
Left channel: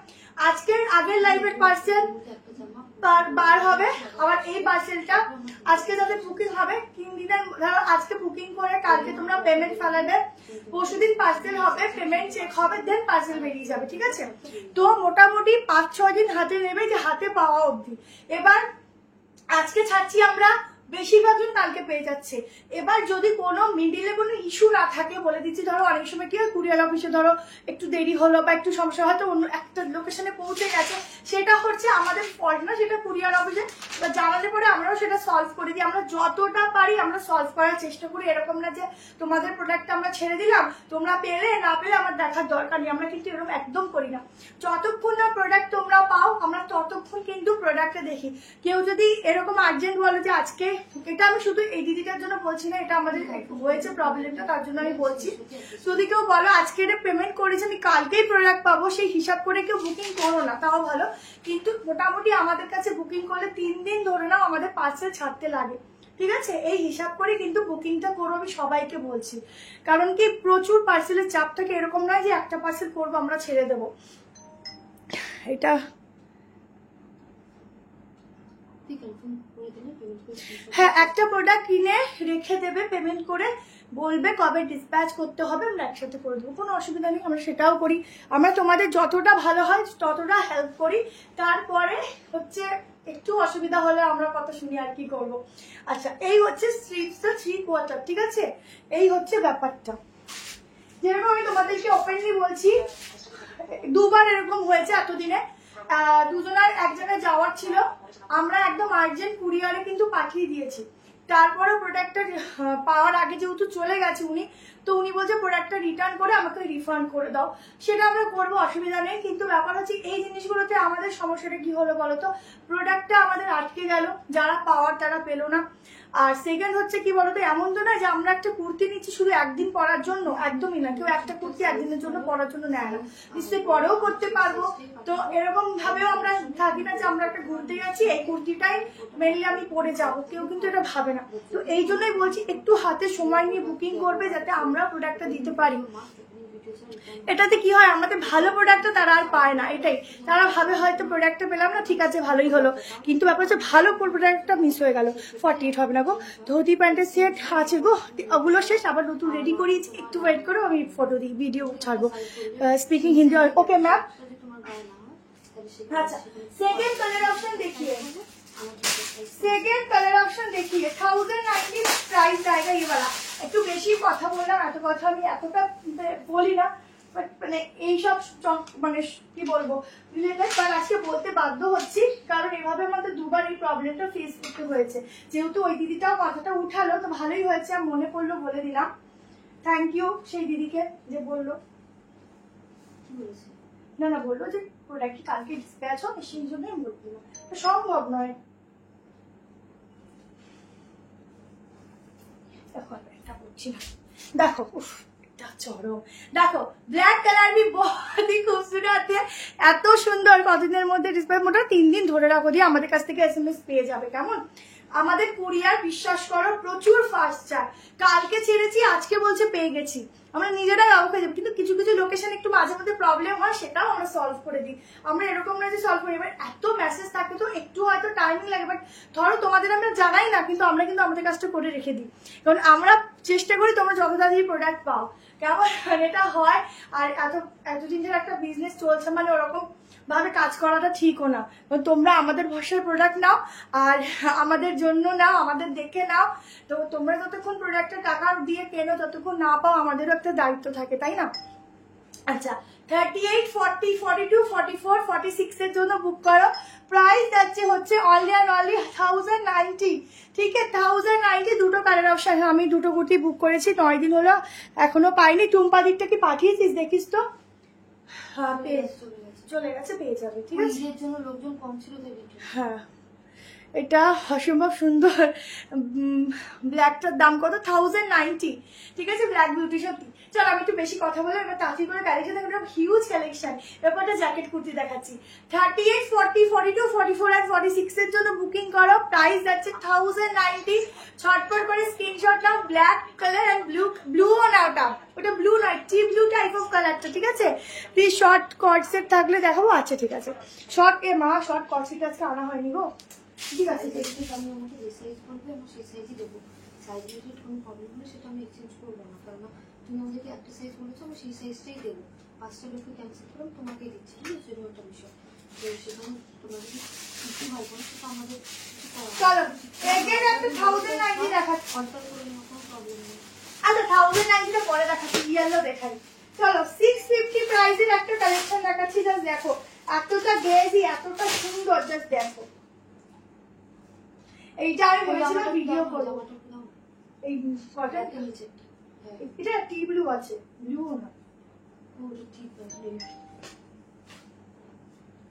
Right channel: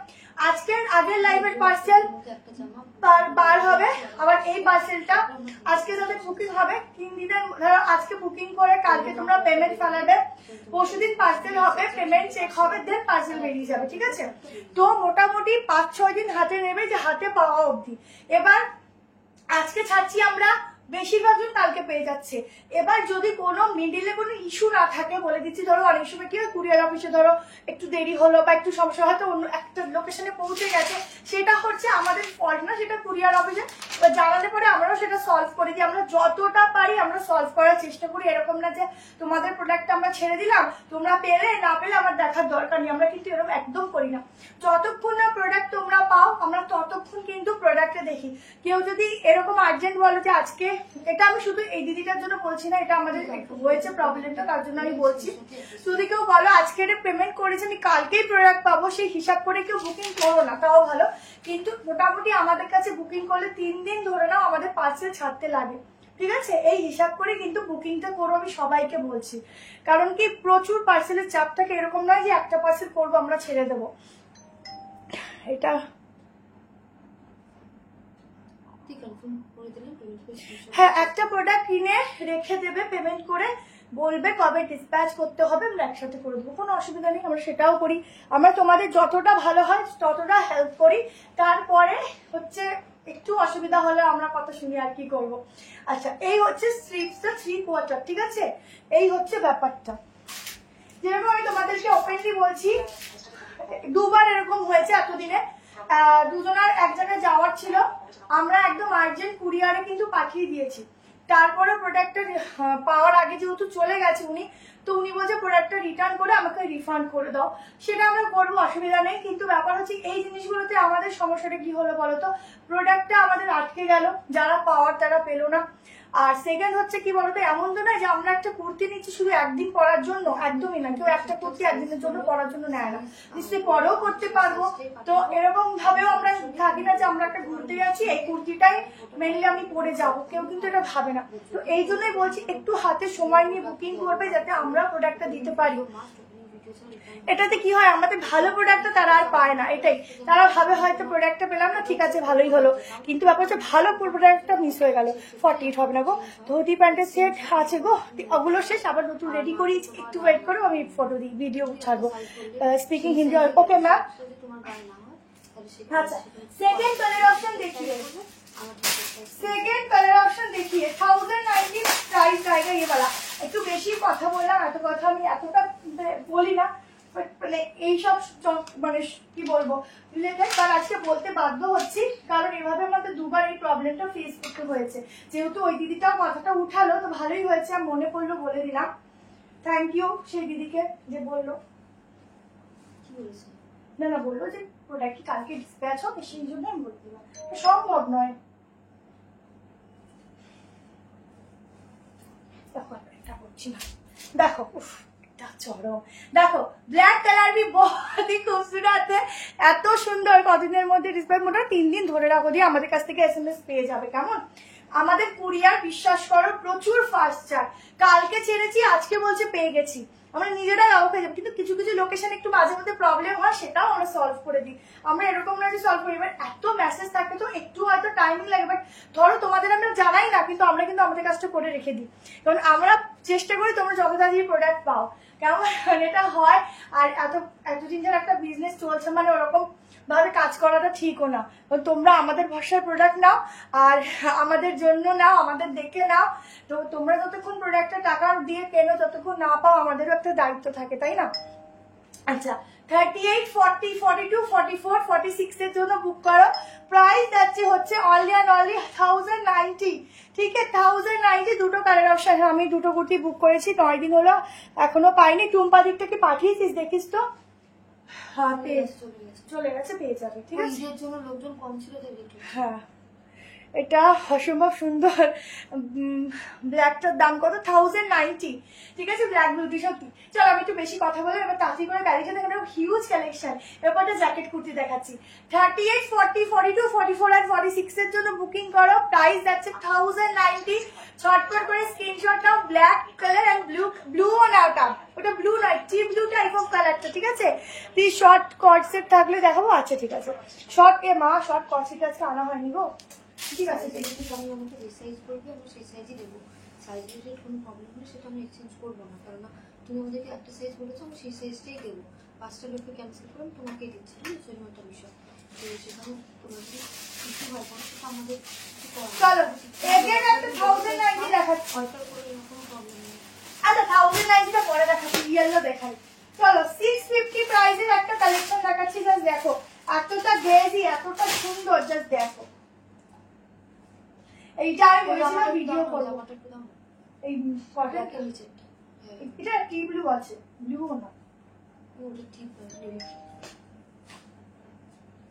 আজকের আগের লাইভের পার্সেল বার হবে, আবার এই পার্সেলটা আজকে যাদের বুকিং হবে 3 দিনের, ধরো আজকে বুকিং করে কালকে তোমরা পেমেন্ট ফেলাবে, পরশুদিন পার্সেল হবে, পেমেন্ট চেক হবে, দেন পার্সেল বেরিয়ে যাবে, ঠিক আছে? তো মোটামুটি 5-6 দিন হাতে নেবে, যে হাতে পাওয়া অবধি। এবার আজকে ছাড়ছি আমরা, বেশিরভাগ দিন কালকে পেয়ে যাচ্ছে। এবার যদি কোনো মিডিলে কোনো ইস্যু না থাকে, বলে দিচ্ছি, ধরো অনেক সময় কি হয় কুরিয়ার অফিসে ধরো একটু দেরি হলো বা একটু সমস্যা, হয়তো অন্য একটা লোকেশনে পৌঁছে গেছে, সেটা হচ্ছে আমাদের ফল্ট না, সেটা কুরিয়ার অফিসে। এবার জানালে পরে আমরাও সেটা সলভ করে দিই, আমরা যতটা পারি আমরা সলভ করার চেষ্টা করি। এরকম না যে তোমাদের প্রোডাক্ট আমরা ছেড়ে দিলাম, তোমরা পেলে না পেলে আমার দেখার দরকার নেই, আমরা কিন্তু এরকম একদম করি না। যতক্ষণ না প্রোডাক্ট তোমরা পাও আমরা ততক্ষণ কিন্তু প্রোডাক্টে দেখি। কেউ যদি এরকম আর্জেন্ট বলো যে আজকে, এটা আমি শুধু এই দিদিটার জন্য বলছি না, এটা আমাদের হয়েছে প্রবলেমটা, তার জন্য আমি বলছি। যদি কেউ বলো আজকে এটা পেমেন্ট করেছি আমি কালকেই প্রোডাক্ট পাবো, সেই হিসাব করে কেউ বুকিং করো না, তাও ভালো। কিন্তু মোটামুটি আমাদের কাছে বুকিং করলে 3 দিন ধরে নাও আমাদের পার্সেল ছাড়তে লাগে, ঠিক আছে? এই হিসাব করে কিন্তু বুকিংটা করো, আমি সবাইকে বলছি। কারণ কি প্রচুর পার্সেলের চাপ থাকে, এরকম নয় যে একটা পার্সেল করবো আমরা ছেড়ে দেবো। এটা হ্যাঁ, একটা প্রোডাক্ট কিনে রেখে দেবে, পেমেন্ট করে বলবে কবে ডিসপ্যাচ করতে হবে, আমরা একসাথে করে দেবো, কোনো অসুবিধা নেই। আমরা সেটাও করি, আমরা তোমাদের যতটা ভালো হয় ততটা হেল্প করি। তারপরে হচ্ছে একটু অসুবিধা হলে আমরা কথা শুনি, আর কি করবো। আচ্ছা, এই হচ্ছে স্লিভসটা 3/4, ঠিক আছে? এই হচ্ছে ব্যাপারটা। যেরকম আমি তোমাদেরকে ওপেনলি বলছি, দুবার এরকম হয়েছে এতদিনে, দুজনের এক জায়গায় যাওয়ার ছিল, আমরা একদম আর্জেন্ট কুরিয়ারে কিন্তু পাঠিয়ে দিয়েছি। তারপরে প্রোডাক্টটা পাওয়ার আগে যেহেতু চলে গেছে উনি, তো উনি বলছে প্রোডাক্টটা রিটার্ন করে আমাকে রিফান্ড করে দাও। সেটা আমরা করবো, অসুবিধা নেই। কিন্তু ব্যাপার হচ্ছে এই জিনিসগুলোতে আমাদের সমস্যাটা কি হলো বলতো, প্রোডাক্টটা আমাদের আটকে গেল, যারা পাওয়ার তারা পেলো না। আর সেকেন্ড হচ্ছে কি বলতো, এমন তো না যে আমরা একটা কুর্তি নিচ্ছি শুধু একদিন পরার জন্য, একদমই না। কেউ একটা কুর্তি একদিনের জন্য পরার জন্য নেয় না, নিশ্চয়ই পরেও করতে পারবো। তো এরকম ভাবেও আমরা থাকি না যে আমরা একটা ঘুরতে যাচ্ছি, এই কুর্তিটাই মেনলি আমি পরে যাবো, কেউ কিন্তু এটা ভাবে না। তো এই জন্যই বলছি একটু হাতে সময় নিয়ে বুকিং করবে, যাতে আমরা প্রোডাক্টটা দিতে পারি। এটাতে কি হয়, আমাদের ভালো প্রোডাক্টটা তারা আর পায় না, এটাই। তারা ভাবে হয়তো প্রোডাক্টটা পেলাম না, ঠিক আছে ভালোই হলো, কিন্তু ব্যাপার হচ্ছে ভালো প্রোডাক্টটা মিস হয়ে গেল। 48 হবে না গো, ধুতি প্যান্টের সেট আছে গো, ওগুলো শেষ, আবার নতুন রেডি করিয়েছি, একটু ওয়েট করো, আমি ফটো দিই, ভিডিও ছাড়বো। Speaking Hindi, okay ma'am. আচ্ছা, সেকেন্ড কালার অপশন দেখিয়ে, सेकेंड कलर ऑप्शन देखिए 1090 प्राइस जाएगा ये वाला। একটু বেশি কথা বললাম, এত কথা আমি এতটা বলি না, মানে এইসব মানে কি বলবো রিলেটেড, বাট আজকে বলতে বাধ্য হচ্ছি কারণ এভাবে আমাদের দুবার এই প্রবলেমটা ফেস করতে হয়েছে। যেহেতু ওই দিদিটাও কথাটা উঠালো তো ভালোই হয়েছে, আমি মনে পড়লো বলে দিলাম। থ্যাংক ইউ সেই দিদিকে যে বললো। না না বললো যে প্রোডাক্ট কালকে ডিসপ্যাচ হবে সেই জন্য আমি বলে দিলাম, সম্ভব নয়। দেখো এটা করছি না, দেখো চরম, দেখো ব্ল্যাক কালার भी बहुत ही खूबसूरत है, এত সুন্দর। কতদিনের মধ্যে ডিসপ্যাচ, মোটামুটি 3 দিন ধরে রাখো দিয়ে আমাদের কাছ থেকে এসএমএস পেয়ে যাবে। কেমন আমাদের কুরিয়ার বিশ্বাস করো প্রচুর ফাস্ট চার, কালকে ছেড়েছি আজকে বলছে পেয়ে গেছি, আমরা নিজেরাই অবাক হয়ে যাবো। কিন্তু কিছু কিছু লোকেশন একটু মাঝে মধ্যে প্রবলেম হয়, সেটাও আমরা সলভ করে দিই। আমরা এরকম না যে সলভ করি, এবার এত মেসেজ থাকে তো একটু হয়তো টাইমিং লাগে, বাট ধরো তোমাদের আমরা জানাই না কিন্তু আমরা কিন্তু আমাদের কাজটা করে রেখে দিই, কারণ আমরা চেষ্টা করি তোমরা যত তাড়াতাড়ি প্রোডাক্ট পাও। কেমন এটা হয়, আর এতদিন ধরে একটা বিজনেস চলছে মানে ওরকম ভাবে কাজ করাটা ঠিকও না। তোমরা আমাদের ভরসার প্রোডাক্ট নাও আর আমাদের জন্য নাও, আমাদের দেখে নাও। তো তোমরা যতক্ষণ প্রোডাক্টের টাকা দিয়ে কেনো, ততক্ষণ না পাও আমাদেরও একটা দায়িত্ব থাকে, তাই না? আচ্ছা 38, 40, 42, 44, 46 এর জন্য বুক করো। প্রাইস যাচ্ছে হচ্ছে অনলি অ্যান্ড অনলি 1090। ঠিক আছে 1090, দুটো কালার অপশন। আমি দুটো কুর্তি বুক করেছি, 9 দিন হলো এখনো পাইনি। টুম্পা দিকটা কি পাঠিয়েছিস দেখিস তো? হ্যাঁ চলে গেছে, পেয়ে যাবে। ঠিক আছে, ঈদের জন্য লোকজন কম ছিল তাই। হ্যাঁ এটা অসম্ভব সুন্দর। ব্ল্যাকটার দাম কত? 1090। ঠিক আছে ব্ল্যাক বিউটি সত্যি। চল আমি একটু বেশি কথা বলবো, এবার তাড়াতাড়ি করে কালেকশন দেখাবো, হিউজ কালেকশন। ব্যাপারটা জ্যাকেট কুর্তি দেখাচ্ছি। 38, 40, 42, 44 আর 46 এর জন্য বুকিং করো। প্রাইস যাচ্ছে 1090। ছটপট করে স্ক্রিনশট নাও। ব্ল্যাক কালার এন্ড ব্লু নাওটা, ওটা ব্লু নয়, টি ব্লু টাইপ অফ কালারটা। ঠিক আছে, কি শর্ট কট সেট থাকলে দেখাবো? আচ্ছা ঠিক আছে, শর্ট শর্ট কট সেট আছে আনা হয়নি গো। ঠিক আছে আমি আমাকে যে সাইজ বলবে আমি সেই সাইজই দেবো। সাইজ রিলেটেড কোনো প্রবলেম হলে সেটা আমি এক্সচেঞ্জ করবো না, কারণ তুমি আমাদেরকে একটা সাইজ বলেছো আমি সেই সাইজটাই দেবো। 5টা লোককে ক্যান্সেল করে আমি তোমাকেই দিচ্ছি, ঠিক আছে? সেরকম একটা বিষয়। তো সেখানে তোমাদের কিছু হবে না, সেটা আমাদের চলো এগেন একটা 1090 দেখাচ্ছি। অল্টার করে কোনো প্রবলেম নেই। আচ্ছা 1090টা পরে দেখাচ্ছি, ইয়েলো দেখাই। চলো 650 প্রাইসের একটা কালেকশন দেখাচ্ছি, জাস্ট দেখো এতটা গ্লেজি এতটা সুন্দর, জাস্ট দেখো। এইটা আমি বলেছিলাম ভিডিও করবো। এই কটন এটা টি ব্লু আছে, ব্লু না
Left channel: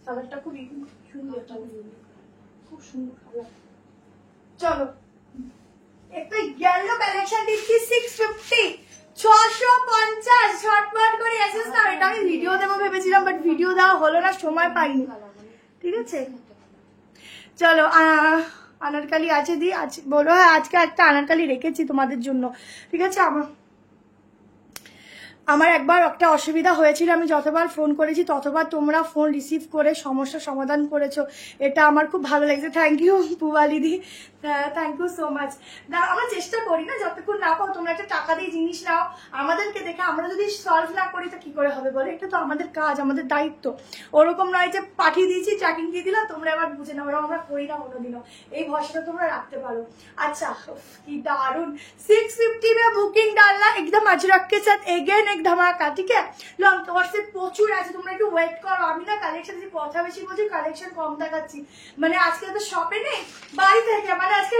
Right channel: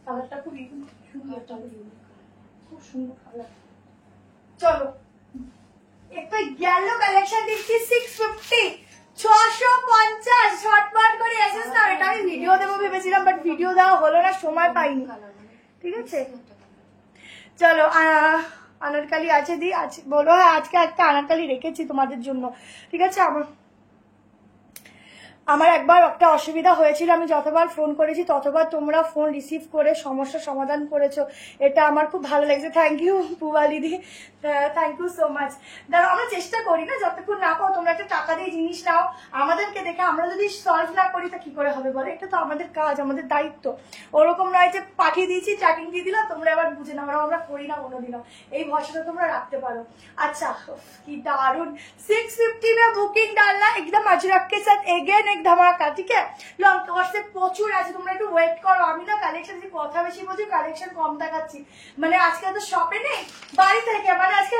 কালারটা খুব সুন্দর, খুব সুন্দর কালার। চলো একটা ইয়েলো কালেকশন দিচ্ছি 650, 650। ঝটপট করে এসেস না, এটা আমি ভিডিও দেবো ভেবেছিলাম বাট ভিডিও দেওয়া হলো না, সময় পাইনি। ঠিক আছে চলো আনারকালি আছে দি আছে বলো। হ্যাঁ আজকে একটা আনারকালি রেখেছি তোমাদের জন্য। ঠিক আছে, আমার একবার একটা অসুবিধা হয়েছিল, আমি যতবার ফোন করেছি ততবার তোমরা ফোন রিসিভ করে সমস্যার সমাধান করেছো, এটা আমার খুব ভালো লাগছে। থ্যাংক ইউ পুবালিদি, থ্যাংক ইউ সো মাচ। ধরো আমরা চেষ্টা করি না, যতক্ষণ না পাও তোমরা একটা টাকা দিয়ে জিনিস নাও আমাদেরকে দেখে, আমরা যদি সলভ না করি তা কি করে হবে বলে? এটা তো আমাদের কাজ, আমাদের দায়িত্ব। ওরকম নয় যে পাঠিয়ে দিয়েছি ট্র্যাকিং দিয়ে দিলাম তোমরা এবার বুঝে নাও, আমরা করি না কোনোদিনও। এই ভরসাটা তোমরা রাখতে পারো। अच्छा की दारुण 650 में बुकिंग डालना एकदम अजरक के साथ अगेन एक धमाका। ठीक है লং তোমার সাথে প্রচুর আছে, তোমরা একটু ওয়েট করো। আমি না কালেকশন যে কথা বেশি বলছি, কালেকশন কম দেখাচ্ছি। মানে আজকে তো শপে নেই, বাড়ি থেকে, মানে আজকে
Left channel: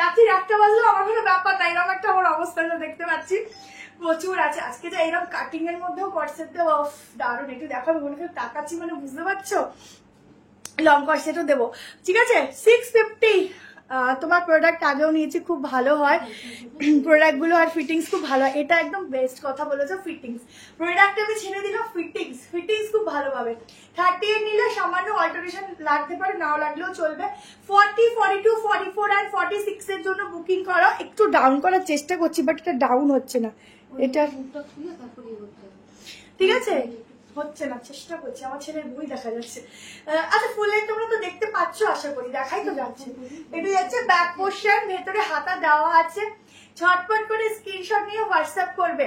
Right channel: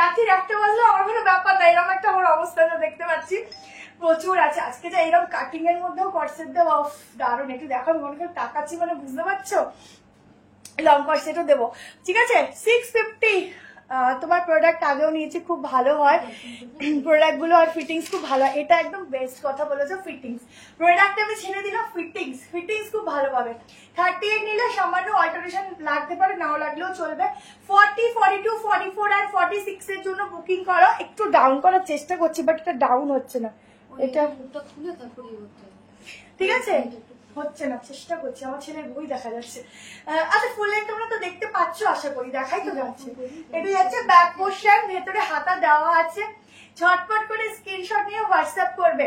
রাত্রি 1টা বাজলো আমার কোনো ব্যাপার না, এরকম একটা আমার অবস্থা দেখতে পাচ্ছি। প্রচুর আছে আজকে, যে এরকম কাটিং এর মধ্যেও কটসেট দেবো, দারুণ। একটু দেখো মনে করে তাকাচ্ছি, মানে বুঝতে পারছো লং কটসেটও দেবো। ঠিক আছে 650। তোমার প্রোডাক্ট আগেও নিয়েছি, খুব ভালো হয় প্রোডাক্ট গুলো, আর ফিটিংস খুব ভালো। এটা একদম বেস্ট কথা বলেছো, ফিটিংস। প্রোডাক্ট আমি ছেড়ে দিলাম, ফিটিংস খুব ভালো পাবে। 38 নিলে সামান্য অল্টারেশন লাগতে পারে, নাও লাগলেও চলবে। 40, 42, 44 আর 46 এর জন্য বুকিং করো। একটু ডাউন করার চেষ্টা করছি বাট এটা ডাউন হচ্ছে না, এটা ঠিক আছে হচ্ছে না, চেষ্টা করছি। আমার ছেলের বই দেখা যাচ্ছে। আচ্ছা ফুলের তোমরা তো দেখতে পাচ্ছ, আশা করি দেখাই তো যাচ্ছে। এটা যাচ্ছে ব্যাক পোর্শন, ভেতরে হাতা দেওয়া আছে। ঝটপট করে স্ক্রিনশট নিয়ে হোয়াটসঅ্যাপ করবে।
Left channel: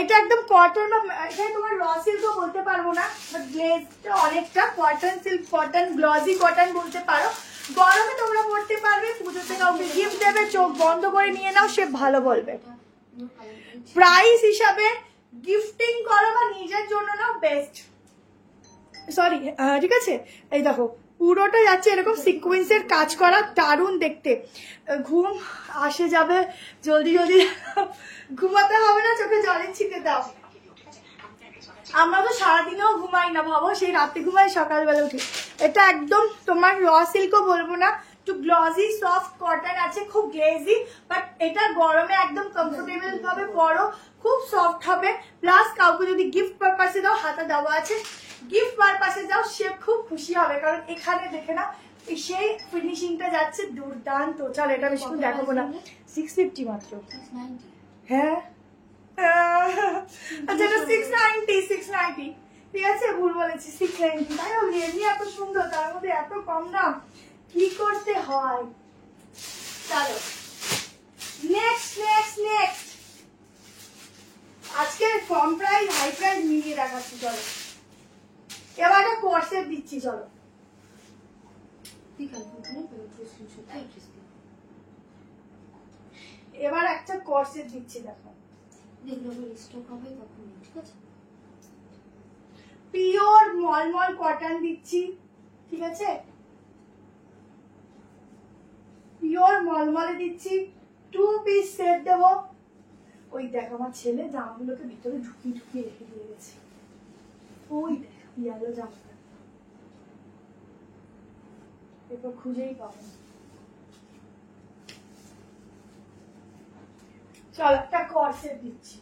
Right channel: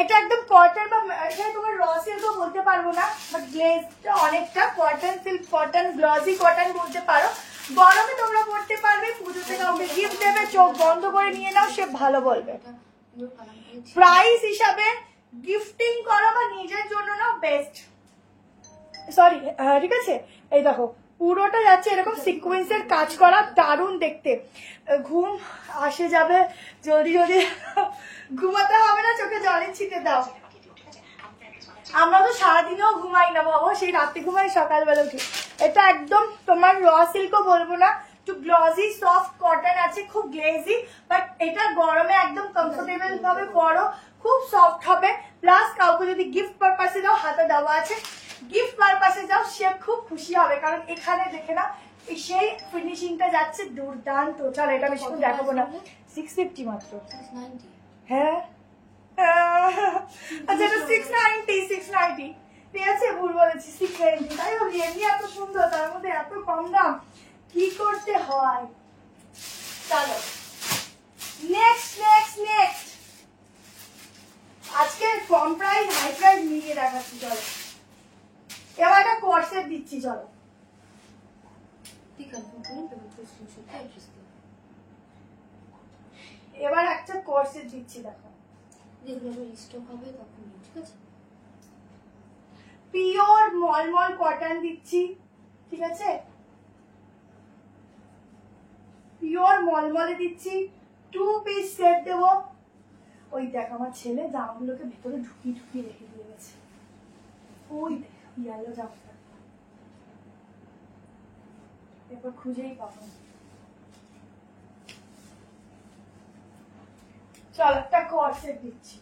এটা একদম কটন বা এখানে তোমার র সিল্কও বলতে পারবো না, বাট গ্লেজটা অনেকটা cotton silk, cotton glossy cotton বলতে পারো। গরমে তোমরা পড়তে পারবে, পুজোতে কাউকে গিফট দেবে, চোখ বন্ধ করে নিয়ে নাও, সে ভালো বলবে। প্রাইস হিসাবে গিফটিং করো বা নিজের জন্য নাও, বেস্ট। সরি, ঠিক আছে, এই দেখো পুরোটা যাচ্ছে এরকম সিকোয়েন্সের কাজ করা, দারুণ দেখতে। ঘুম আসে যাবে, জলদি জলদি ঘুমাতে হবে না, চোখে জলের ছিটে দাও। আমরা তো সারাদিনেও ঘুমাই না বাবা, সেই রাতে ঘুমাই, সকালবেলা উঠি। এটা একদম তোমার র সিল্কও বলবো না, একটু গ্লজি সফট কটন আছে, খুব গ্লেজি, বাট এটা গরমে একদম কমফোর্টেবল ভাবে পরো, খুব সফট হবে। প্লাস কাউকে যদি গিফট পারপাসে দাও, হাতে দেওয়া আছে, গিফট পারপাসে যাও, সে খুব খুশি হবে, কারণ এখানে দেখে না সেই ফিনিশিংটা যাচ্ছে দুর্দান্ত। চল এটা বেশিক্ষণ দেখাবো না, 650 মাত্র। হ্যাঁ আচ্ছা, এটা 690, ঠিক আছে, ভুল বলেছি, 690। তাই রিয়েলি এত সুন্দর, তার মধ্যে এত কম দাম, কি করতে হয়। চলো নেক্সট আজকে কম প্রাইস হাই প্রাইস মিলিয়ে দেখাচ্ছি। চলো এবার একটা কোর্সেট দিচ্ছি, চলো এবার একটা কোর্সেট দিচ্ছি, দেখো পিওর মলমল কটন দিচ্ছি, ঠিক আছে, পিওর মলমলে দিচ্ছি, 2 পিস সেট দেবো। ওই দেখ আমার ছেলে জামাগুলোকে ভেতরে ঢুকিয়ে রেখে দিয়ে গেছে, ওই দেখ ইয়েলো জামাটা, এরপর খুঁজেই পাবো। চল একটা কর্সেট দিচ্ছি,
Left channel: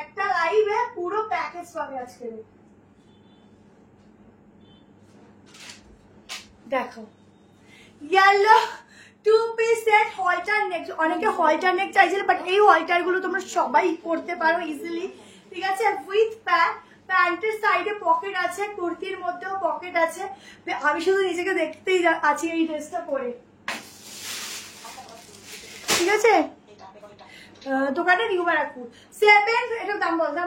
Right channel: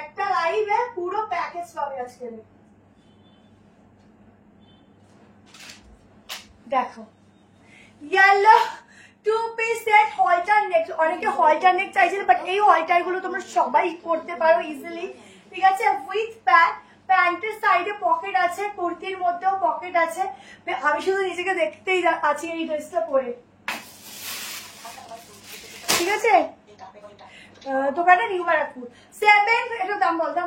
একটা লাইভে পুরো প্যাকেজ পাবে আজকে। দেখো ইয়েলো 2 পিস সেট, হলটার নেক, অনেকে হলটার নেক চাইছিল, বাট এই হলটার গুলো তোমরা সবাই করতে পারো ইজিলি, ঠিক আছে, উইথ প্যান্ট। প্যান্টের সাইডে পকেট আছে, কুর্তির মধ্যেও পকেট আছে। আমি শুধু নিজেকে দেখতেই আছি এই ড্রেসটা পরে, ঠিক আছে। দোকানে নিউ ব্যারাকপুর 7, এটা দাম বলতে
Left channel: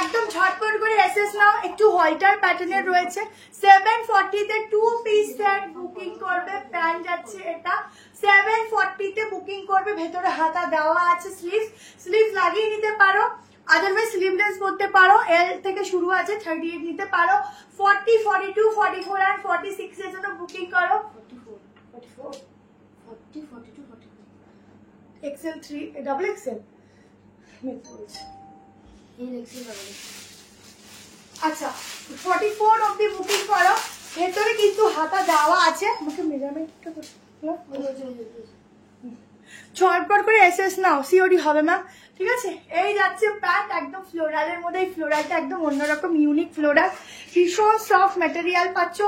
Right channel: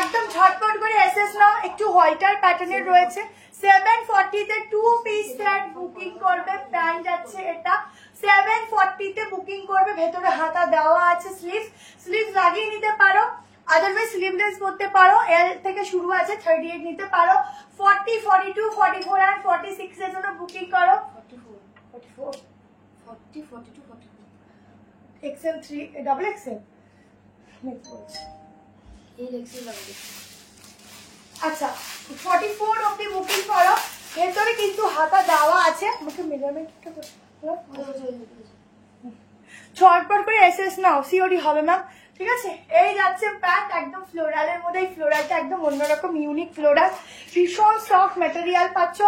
একদম ঝটপট করে এসএস নাও, একটু হলটার প্যাটার্নের রয়েছে। 740 তে 2 পিস সেট বুকিং করবে, প্যান্ট যাচ্ছে এটা 740 তে বুকিং করবে, ভেতরে হাতা দেওয়া আছে, স্লিভ লাগিয়ে নিতে পারো, আদারওয়াইজ স্লিভলেস করতে পারো। এল থেকে শুরু আছে, 38 নিতে পারো। 40, 42, 44 আর 46 এর জন্য বুকিং করো। 44, 40, 42, 44 XL 3 ডাবল XL আচ্ছা 44 অবধি বুকিং করো, ভেতরে কিন্তু হাতা দেওয়া আছে। আমাকে মেজারমেন্টটা ঝটপট করে এসএস নাও, সিওডি হবে ম্যাম, ঠিক আছে। এই যাচ্ছে প্যান্ট, একদম ফ্লোরালের মধ্যে, এই ফ্লোরালটা একদম অন্যরকম ইউনিক ফ্লোরাল, ভীষণ সফট ম্যাটেরিয়াল পাচ্ছ।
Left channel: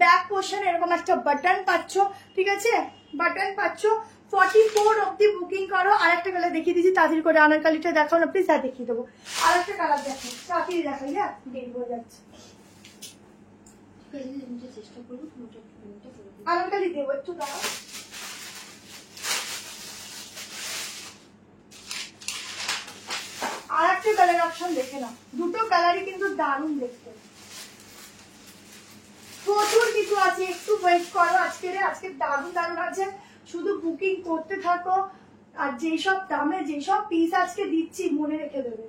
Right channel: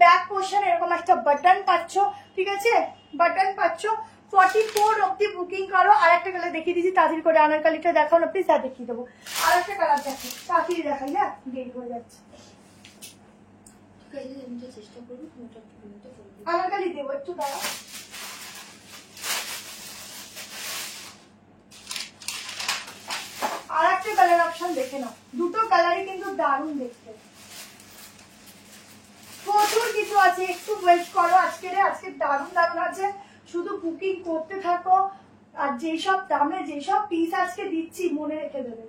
ব্যাক পোর্শন এরকম একটা বাটন পাচ্ছ, ঠিক আছে, বাটন পাচ্ছ। 44 অবধি বুকিং করো। আর একটা কালার দেখিয়ে দিচ্ছি, তাড়াতাড়ি করে আনারকালিটা দেখাও না প্লিজ, আর দেখিয়ে দেবো। আর একটা কালার দেখো, তাড়াতাড়ি দেখাই না, দেরি হয়ে যাচ্ছে। আনারকালি দেবো, একটু দাঁড়াও। আর একটা কালার অপশন দেখে নাও, দুটো কালারই কিন্তু দারুণ দেখতে, প্রচুর কিছু আছে, একটু ওয়েট করো। আজকে দারুণ দারুণ আছে, শুধু বুকিং করতে থাকো। আর যেসব দামে যেসব পিস আজকে দিচ্ছি মনে রেখে দেবে।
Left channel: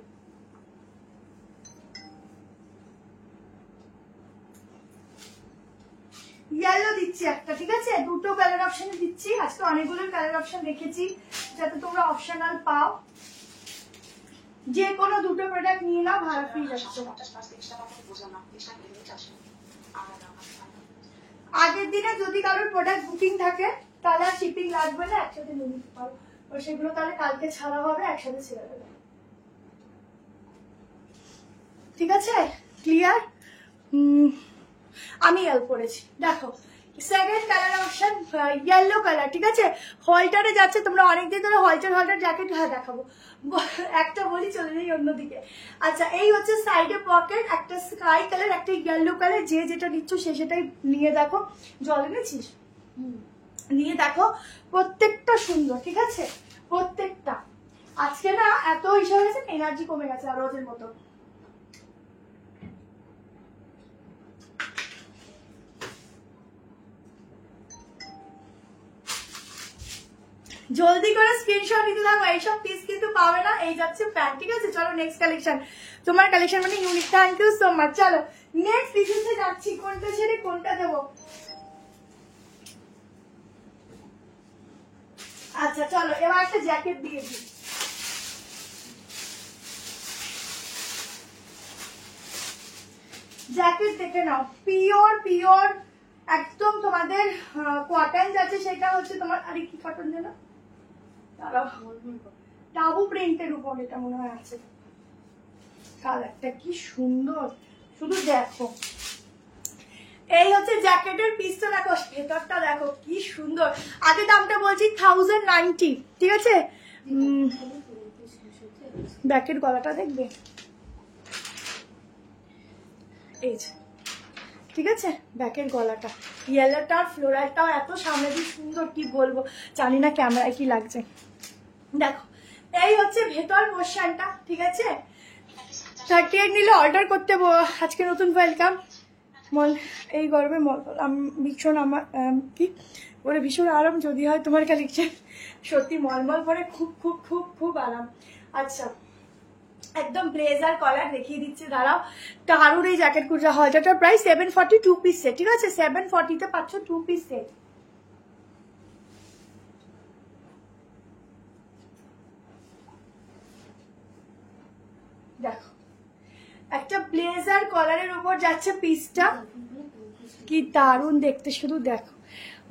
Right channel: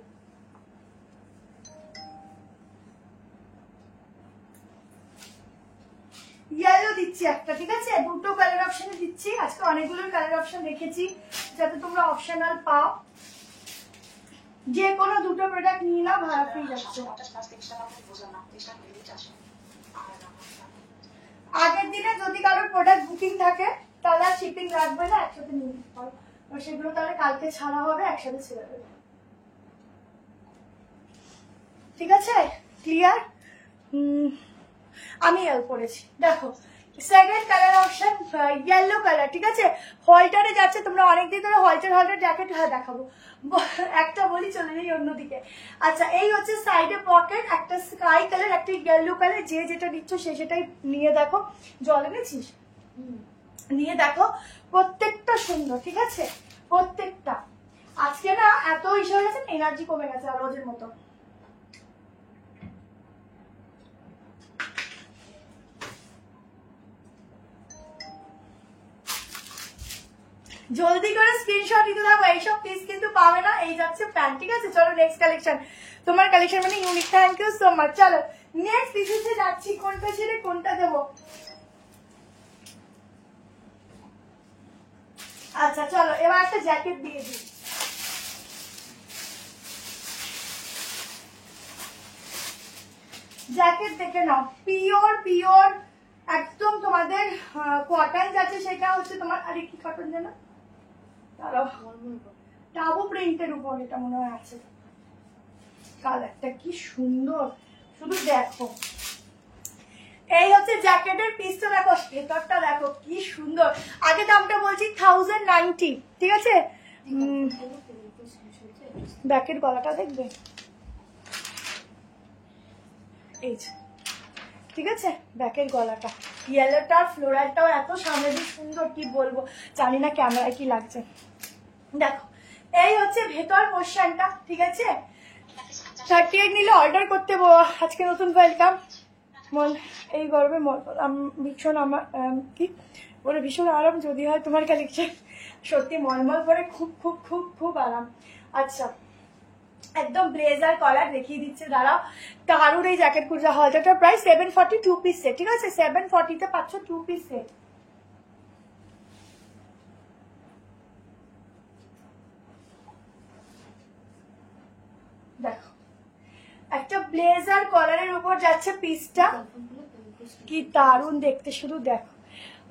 ইয়েলো দিচ্ছি একটা, ঠিক আছে, দুটো কালার অপশনে দিচ্ছি। আজকে অনেকগুলো কালার অপশন রেখেছি যাতে তোমরা অপশনাল পাও। যে কোনো দুটো প্রোডাক্ট নিয়ে নাও, ভাড়া ফ্রি যাচ্ছে। আগের দিনে যদি কারোর প্রোডাক্ট বুকিং থাকে তাহলে আর শিপিং লাগবে না, একসাথে নিয়ে নিতে পারো। সেগুলো তাহলে কালকে ছাড়া হবে, একসাথে ছেড়ে দেবে, ঠিক আছে, ক্লিয়ার। আমি হেল্প করেছি। দেখো second colour option yellow colour, ঠিক আছে, হলটারে যাচ্ছে। তোমরা অনেকদিন ধরে হলটার জ্যাকেট, হ্যাঁ দেখাবো, একটা বলি চলে যাই অন্যদিকে। আচ্ছা এই হচ্ছে সাইডে পকেট, একটা স্কাই কালার, একটা ইয়েলো কালার, যে যেটা নিচ্ছ সে সেটাই নিয়ে দেখো। জল এনেছিস? নিয়ে দেখো প্রত্যেকটা সুন্দর, ঠিক আছে প্রত্যেকটা। আজকে না এত ইসে হয়ে গেছে, এনার্জি কমে গেছে আর রোজের মতো। জলদি করে স্ক্রিনশট দিতে থাকো, এইসব পিস কিন্তু পাবে না। এই যাচ্ছে প্যান্ট, ঠিক আছে। চলো নেক্সট কালেকশন, তোমার কালেকশন মানে unique, thank you so much. চলো নেক্সট পিসে যাচ্ছি, কোনটা ছেড়ে কোনটা দেবো। আচ্ছা চলো এবার একটা জ্যাকেট দিয়ে দিই। জ্যাকেট দেখে নাও, পিওর পিওর একদম তোমাদের কটন যাচ্ছে, সেটা হচ্ছে তোমার, আরে কি কটন যেন, দাঁড়াও, টাবু প্রিন্টের উপর এটা মনে হয় আছে। কালারটা কি সুন্দর, শুধু দেখো। এই হচ্ছে জ্যাকেটের পিসটা, দেখো ভেতরটা দেখো কি সুন্দর। আগে দামটা বলছি 1090, ঠিক আছে। ব্যাকের গলাটা দেখবে, এই যে, ঠিক আছে ব্যাকের গলাটা, ইয়েলোটা ফ্লোরালটাও এত সামনে দিয়ে সুন্দর, কি বলবো, জানি না ক্যামেরায় কি লাগছে। দেখো এই হচ্ছে ভেতর পোর্শনটা, ঠিক আছে। 38 নিলে অর্ডার করতে আজকে নতুন ওয়েলকাম। এই গরমে ভীষণ আমার কি বলে ভীষণ আরাম, যদি হয় তোমার কালেকশন সত্যি মলমল করে খুব খুব খুব খুব আরাম। আচ্ছা একদম ব্লেজার কলার দেখিয়ে দিচ্ছে, দাঁড়াও। দারুণ এই জ্যাকেট কুর্তা হয়, যেটা প্রাইস 740 2 পিস সেট, ঠিক আছে। 740 পাচ্ছ 2 পিস সেট। দেখো একটা ব্লেজার কলারের উপর যাচ্ছে পিসটা, কি দারুণ দেখতে, শুধু দেখো।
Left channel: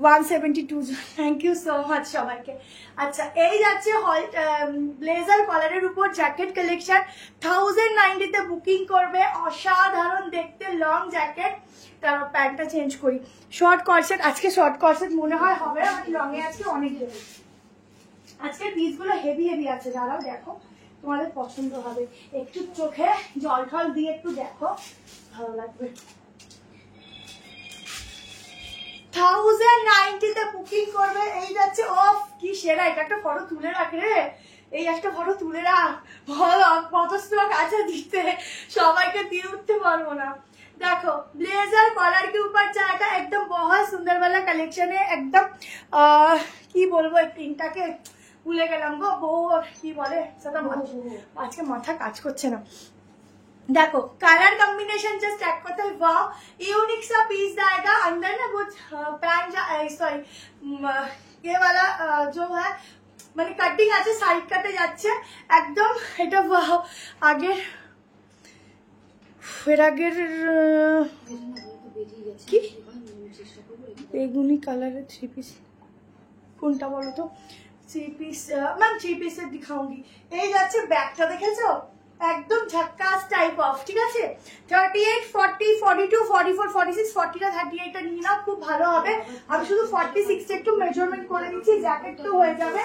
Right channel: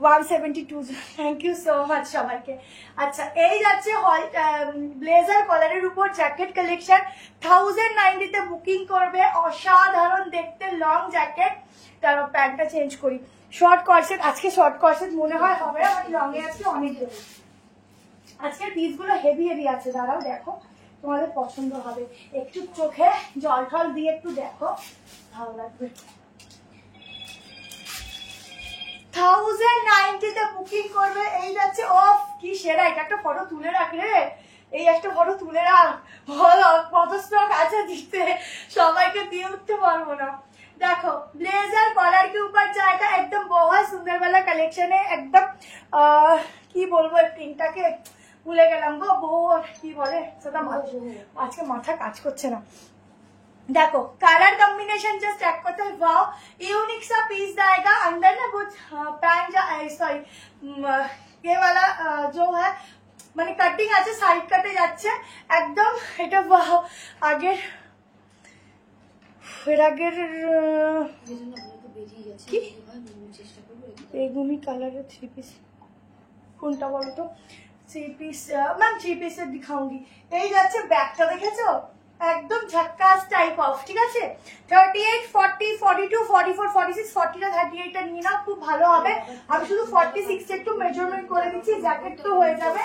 172, থ্যাংক ইউ সো মাচ সবাইকে। আচ্ছা এই যাচ্ছে ব্লেজার কলারের উপর জ্যাকেট কালেকশন, 1090 বুকিং করবে, অসাধারণ দেখতে লং জ্যাকেট। তার প্যান্টটা চেঞ্জ করি, শর্ট কর্সেট, আজকে শর্ট কর্সেট মনে হয় হবে, আর লং এ আজকে অনেক দেবো। আজকে পিসগুলো হেভি হেভি আছে, দাঁড়াও দেখো তোমাদের পছন্দ হবে। একটু চোখে জল ঠল দিয়ে একটু দেখো, ভালো লাগবে। 1090 বুকিং করবে। এই যাচ্ছে, ও কি সেরা, এটা একটা ফটো তুলে রাখ রে, এই একটা ফটো তুলে রাখ, কত স্টক আছে দিতে, সবাইকে দিয়ে উঠতে পারবো না। দেখো ব্লেজার কলার के ऊपर जाएगा, एकदम बहुत सुंदर वाला कलेक्शन है, एकदम কি বলবো এই প্রিন্টটাকে ভুলে গেলাম গো, বউ কি বলে সেটা, আজকে মাথা কাজ করছে না। देखो कलर कॉम्बिनेशन जस्ट चेक करते वाओ, यूनिक सा पीस जाएगा। अंदर ना कुछ पैंट सॉरी ये वाला जो है মানে কাটিং আছে, সাইড কাটে যাচ্ছে একদম, এটা ওয়াও। আগের আগের কি বেগুনি কালারের 3 পিস কোনটা বলো তো, 3 পিস ম্যাম 3 পিসের দিখাऊंगी। এই যাচ্ছে ব্যাগটা দেখেছো, একদম ঝাক্কাস টাইপ অফ, ঠিক আছে। 38 40 42 44 46 40টা 38টা নিয়ে নাও, খুব ভালো হবে। আমি শুধু 46 একটু মেজারমেন্ট করে দিচ্ছি, জ্যাকেট তো হয়ে যাবে,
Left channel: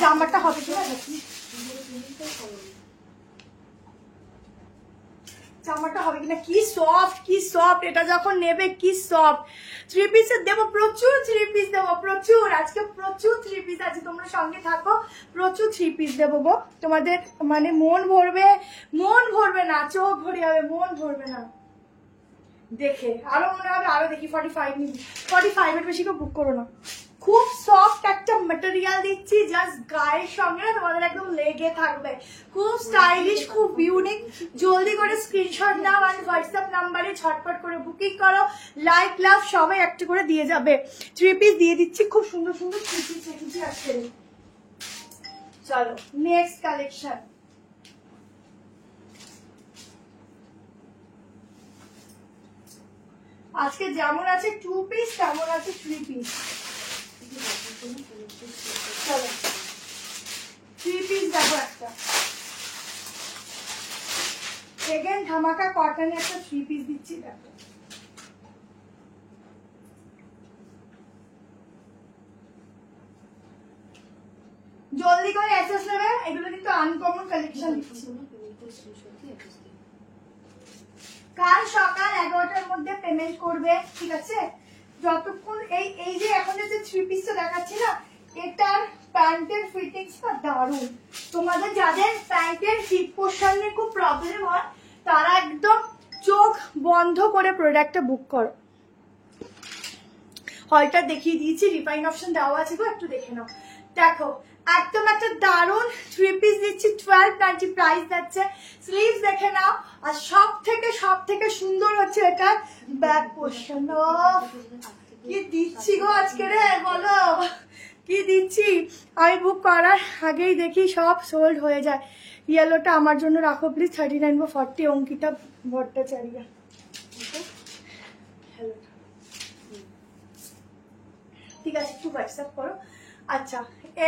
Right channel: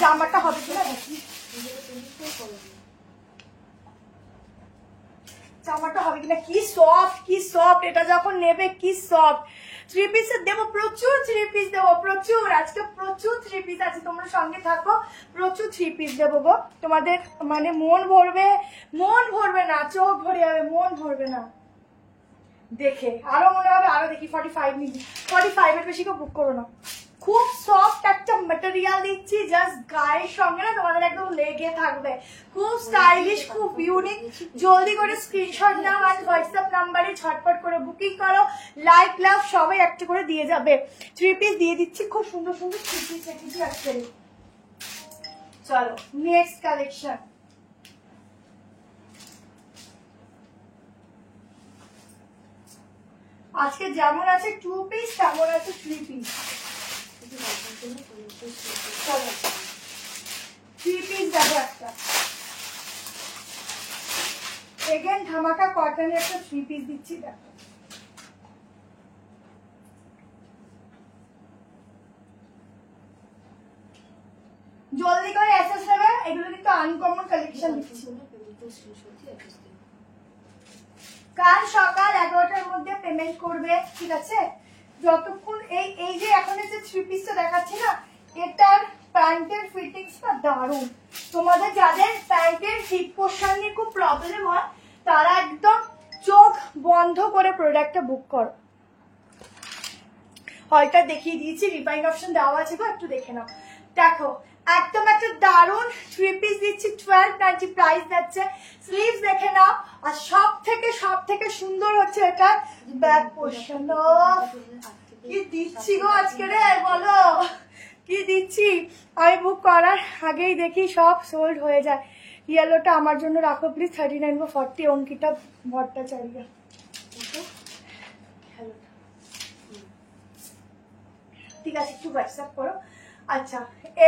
জামাটা হবে কিনা দেখি, জামাটা হবে কিনা। কি সফট, কি সফট, এটা যখন নেবে কি সফট। 3 পিসের দেবো প্রচুর, 3 পিস দেবো প্রচুর, আজকে প্রচুর 3 পিস আছে, তোমরা সঙ্গে থাকো, প্রচুর 3 পিস দেবো গো তোমাদের, মানে মন ভরবে না, চোখ ভরে যাবে, মন ভরবে না দেখে, আরো মনে হবে আরো দেখি। 45 নিবি, 45 এর বেশি কেউ বুক করো না। খুব সফট একটা ম্যাটেরিয়াল দিচ্ছি, জাস্ট গায়ের সঙ্গে না তোমাদের একদম লেগে থাকবে, খুব স্টাইলিশ, খুব ইউনিক। জলদি করে স্ক্রিনশট নাও আর হোয়াটসঅ্যাপ নাম্বারে ঝটপট করে বুকিং করো, লাইক লাভ সবাই একটু করে দিয়ে যাবে। 3 পিস দিয়ে দিচ্ছি, খুব সুন্দর সুন্দর 3 পিস রেখেছি আজকে। চলো নেক্সট কালেকশন, আজকে যেমন আছে 2 পিস তেমন আছে 3 পিস। চলো 3 পিস দেখো, একটা এগেন ধামাকা কটনের একটা 3 পিস দিচ্ছি, দেখো জলদি করে এসএস নেবে, এগুলো কিন্তু আনকমন কালেকশন দিচ্ছি। কাল সকাল 11টার মধ্যে পেমেন্ট করবে, ঠিক আছে। যতক্ষণ এই যে এখন যে 3 পিসটা দেখাচ্ছি না, এটার প্যান্টের ফিটিংসটা দারুণ। তোমাদের যাদের প্যান্টের ফিট পোর্শন নিয়ে খুব প্রবলেম হয় তারা একদম চোখ বন্ধ করে প্রোডাক্টটা বুক করো। হলটা দেখিয়ে দিয়েছি, রিফাইন অপশন দেওয়া আছে গো, একটু দেখে নাও। দেখো একদম একটা দারুণ 3 পিস দিচ্ছি, 1290 প্রাইস যাচ্ছে। স্লিভস দেখে নাও। আর সব থেকে সুন্দর হচ্ছে এটা ব্যাক পোর্শন। কি দিচ্ছি গো আজকে রে, বলো কি দিচ্ছি। আমি বুক করার আগেই দেখি সব সোল্ড হয়ে যায়। ইয়েলোটা আমার জন্য রাখো প্লিজ, 39 বা 40 অঙ্কিতা ভট্টাচার্য। ঠিক আছে, একটু হোয়াটসঅ্যাপ করো। আচ্ছা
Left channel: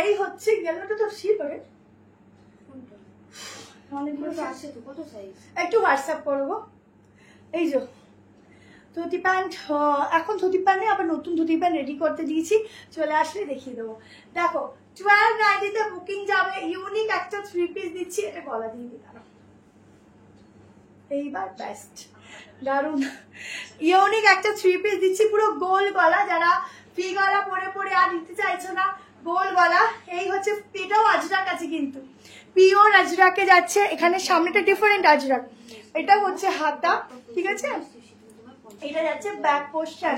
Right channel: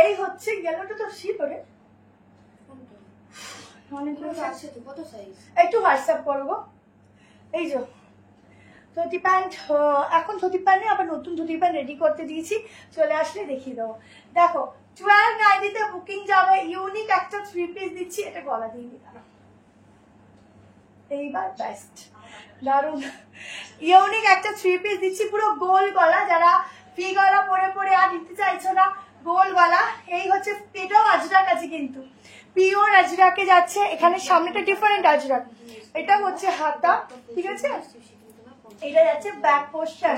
এই হচ্ছে ইয়েলোটা তো শীত ওরে অনেকগুলো আছে তো, কত সাইজ একটু হোয়াটসঅ্যাপ করবো। এই যে ধুতি প্যান্ট, এখন ধুতি প্যান্টে আবার নতুন ধুতি প্যান্ট রেডি করতে দিয়েছি, চলে আসলে দেখিয়ে দেবো। দেখো 1290 বুকিং যাবে। ইউনিক একটা 3 পিস দিচ্ছি, এটা গলা দিয়ে দিলাম এইবার বেস্ট, দারুন। ইউনিক একটা 3 পিস দিচ্ছি, পুরো গোল গলা, যারা ফি গলা পরে আর দিতে চাইছো না, গোল গলা। এই হচ্ছে, এটাও আজরাক আছে কিন্তু পিওর আজরাকে যাচ্ছে। এখানে সামনেটা ডিফারেন্ট আজরাক, এটা হচ্ছে হাতা, ঠিক আছে। এটা যাচ্ছে ব্যাক পোর্শন,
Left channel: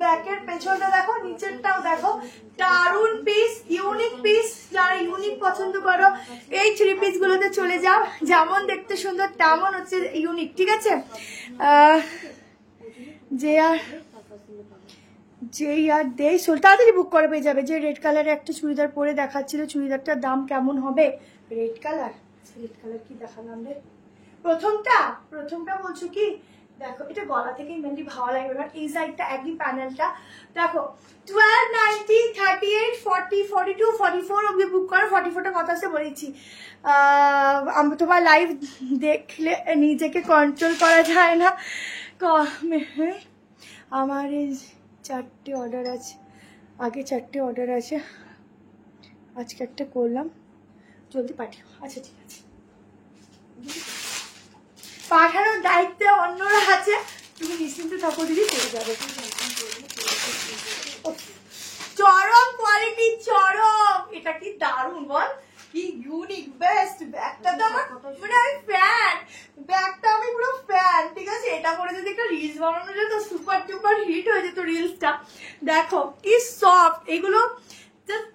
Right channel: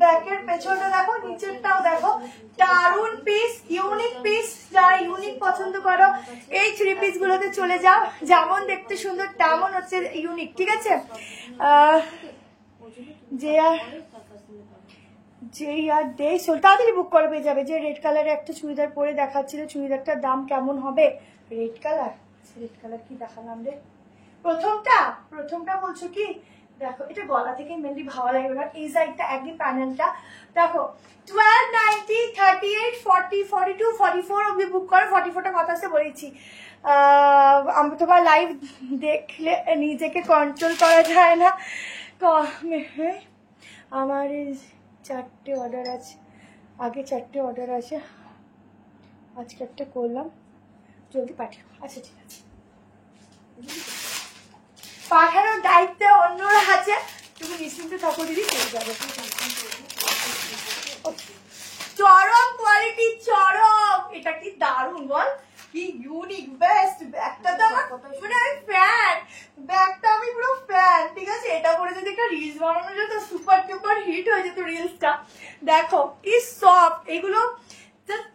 ব্যাকের পেছনটা দেখো, নিচেরটাও দেখো, দারুন পিস, ইউনিক পিস। যারা ইউনিক পছন্দ করো এই 3 পিস গুলোতে চলে যাও, যেমন দেখতে সুন্দর তেমন হচ্ছে ইউনিক, ঠিক আছে। তাড়াতাড়ি বুক করে পেয়ে যাবে। যে রেড কালারের একটা চুড়িদার পরে দেখাচ্ছিল, চুড়িদারটার দাম কেমন হবে? রেড কালার কি দেখালাম রে? প্রথমটা বলছো কি? দেখো এটা গলা থেকে মেনলি ভালো লাগবে না, এই সাইডটা একই প্যানেলটা দেখো। 1290, 38, 40, 42, 44 অব্দি বুক করো। 44টা কথা সে বলেছি। তোমার লাইভ দেখলে নিজেকে কন্ট্রোল করা যায় না। আমার এই 4টে অর্ডার আছে, আগে 4টে অর্ডার আছে, আজকে একটা করলাম, জলদি পাঠিও। আচ্ছা ঠিক আছে, পাঠানোর দায়িত্বে অন্যরা আছে, তুমি নিশ্চিন্তে থাকো দিদি, পেয়ে যাবে। চরম কোয়ালিটি, চরম। এটা কি দারুণ বল, কি ইউনিক, বেস্ট। ব্যাগটা তো আমার মানে আমি ফ্যান, ব্যাগটা আমি পুরো ফ্যান, ঠিক আছে। এটা পরে যদি একটা রিলস বানানো যেত, সুপার টুপার হিট হয়ে যেত রিলসটা। দেখো কি সফট এগুলো।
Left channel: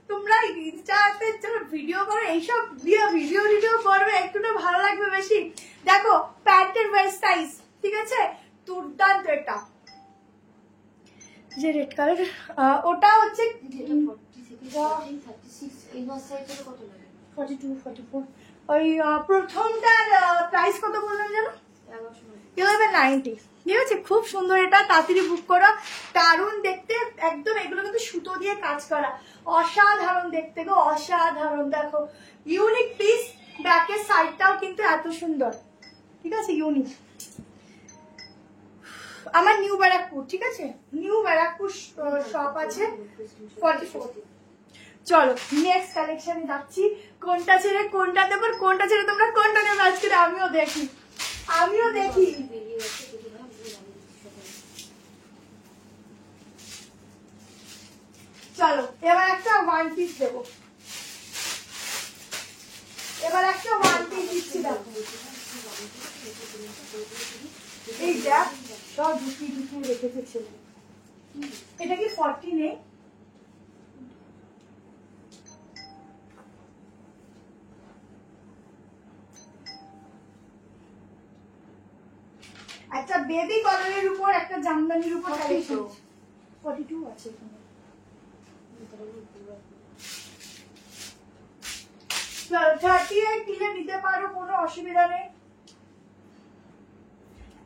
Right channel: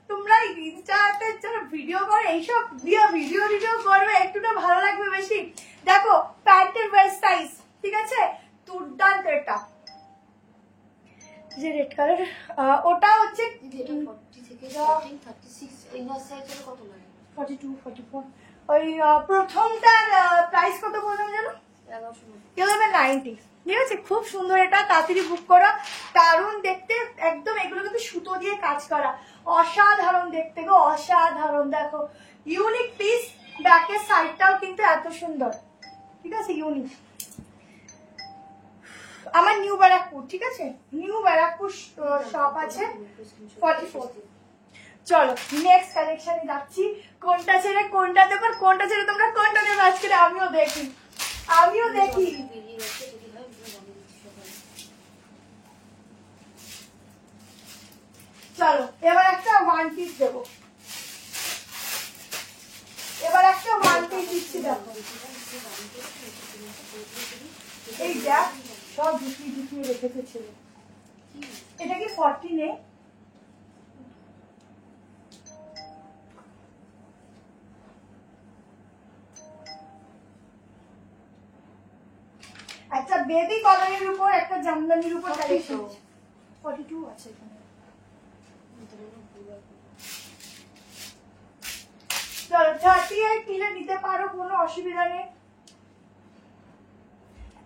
তোমরা ইনস্টাতে যারা ভিডিও করো, এইসব দিয়ে ভিডিও করবে, একটুটা ভালো লাগবে বেশি। দেখো প্যান্টের ওয়েস্ট সাইজ, ঠিক আছে, দুর্দান্ত। এটা যে রেড কালার, ওটা হচ্ছে 42, 44। ওই প্রথমটার প্রাইস কত বললেন যেন? 1190, ঠিক আছে। খুব সুন্দর, এটা তাড়াতাড়ি বুক করা, দারুণ দেখতে একদম। এগুলো কিন্তু সুতো দিয়ে কাজ করা, অসাধারণ দেখতে গো, অসাধারণ। দেখো ইউনিক পিস, ব্যাকের সাইডটাও কিন্তু এত সুন্দর, ঠিক আছে, ইউনিক। আমার নিউ ব্যারাকপুর, ঠিক আছে, নিউ ব্যারাকপুর শপ আছে 44। চলো নেক্সট কালেকশনে যাচ্ছি। কোনটা ছেড়ে কোনটা দেবো, কোনটা ছেড়ে তোমরা কোনটা দেবো আজকে আমিও দেখি। চলো এবার একটা 1 পিস দেবো, দিচ্ছি। দেখো এই দেখ, সব ঢুকিয়ে রেখেছে ছেলে। এটা কি 40 নেই? একটা বেবি কালারের উপর, একটা জামদানির উপর কালেকশন। 42 আছে এখানে। 38 নিলে নিতে পারো, কোনো অসুবিধা নেই।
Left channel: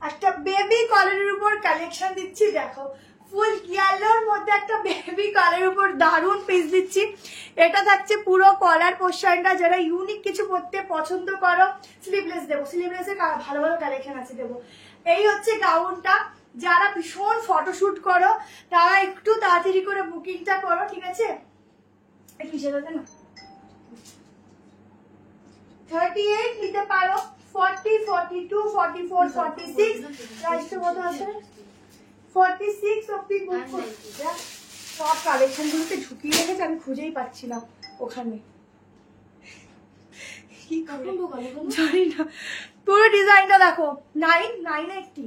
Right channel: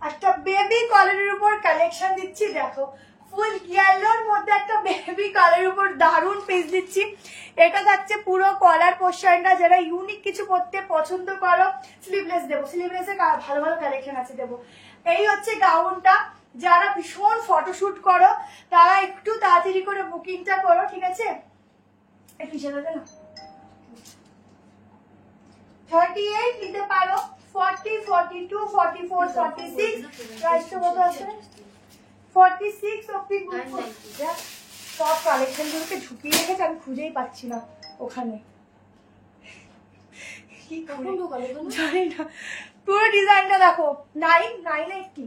একটা বেবি কালারের উপর কালেকশন দিচ্ছি। দেখো ফুল ইয়েলোর মধ্যে একটা বেবি কালারের উপর দারুণ পিস দিচ্ছি। এটা থাকছে পুরো কলার পোর্শনটা। যারা ইউনিক কিছু পরতে পছন্দ করো, স্লিভলেস দেবো, স্লিভলেসে ভালো কালেকশন আছে দেবো। এই হচ্ছে গাউনটা। যারা ভীষণ ফটোশুট করো তারা একটু তাড়াতাড়ি করে বুকিংটা করো, ঠিক আছে। একটু হিসেবে দেন, 38 নিতে পারো, 40, 42, 44, 46 প্রাইসটা কত আছে? 46 অব্দি বুক করছি। সব কালেকশন গুলোকে ঝুঁকিয়ে রেখেছে, আমি খুঁজেই পাচ্ছি না ওখানে। কি জানি না, পুরো ডিজাইনটা দেখো। 990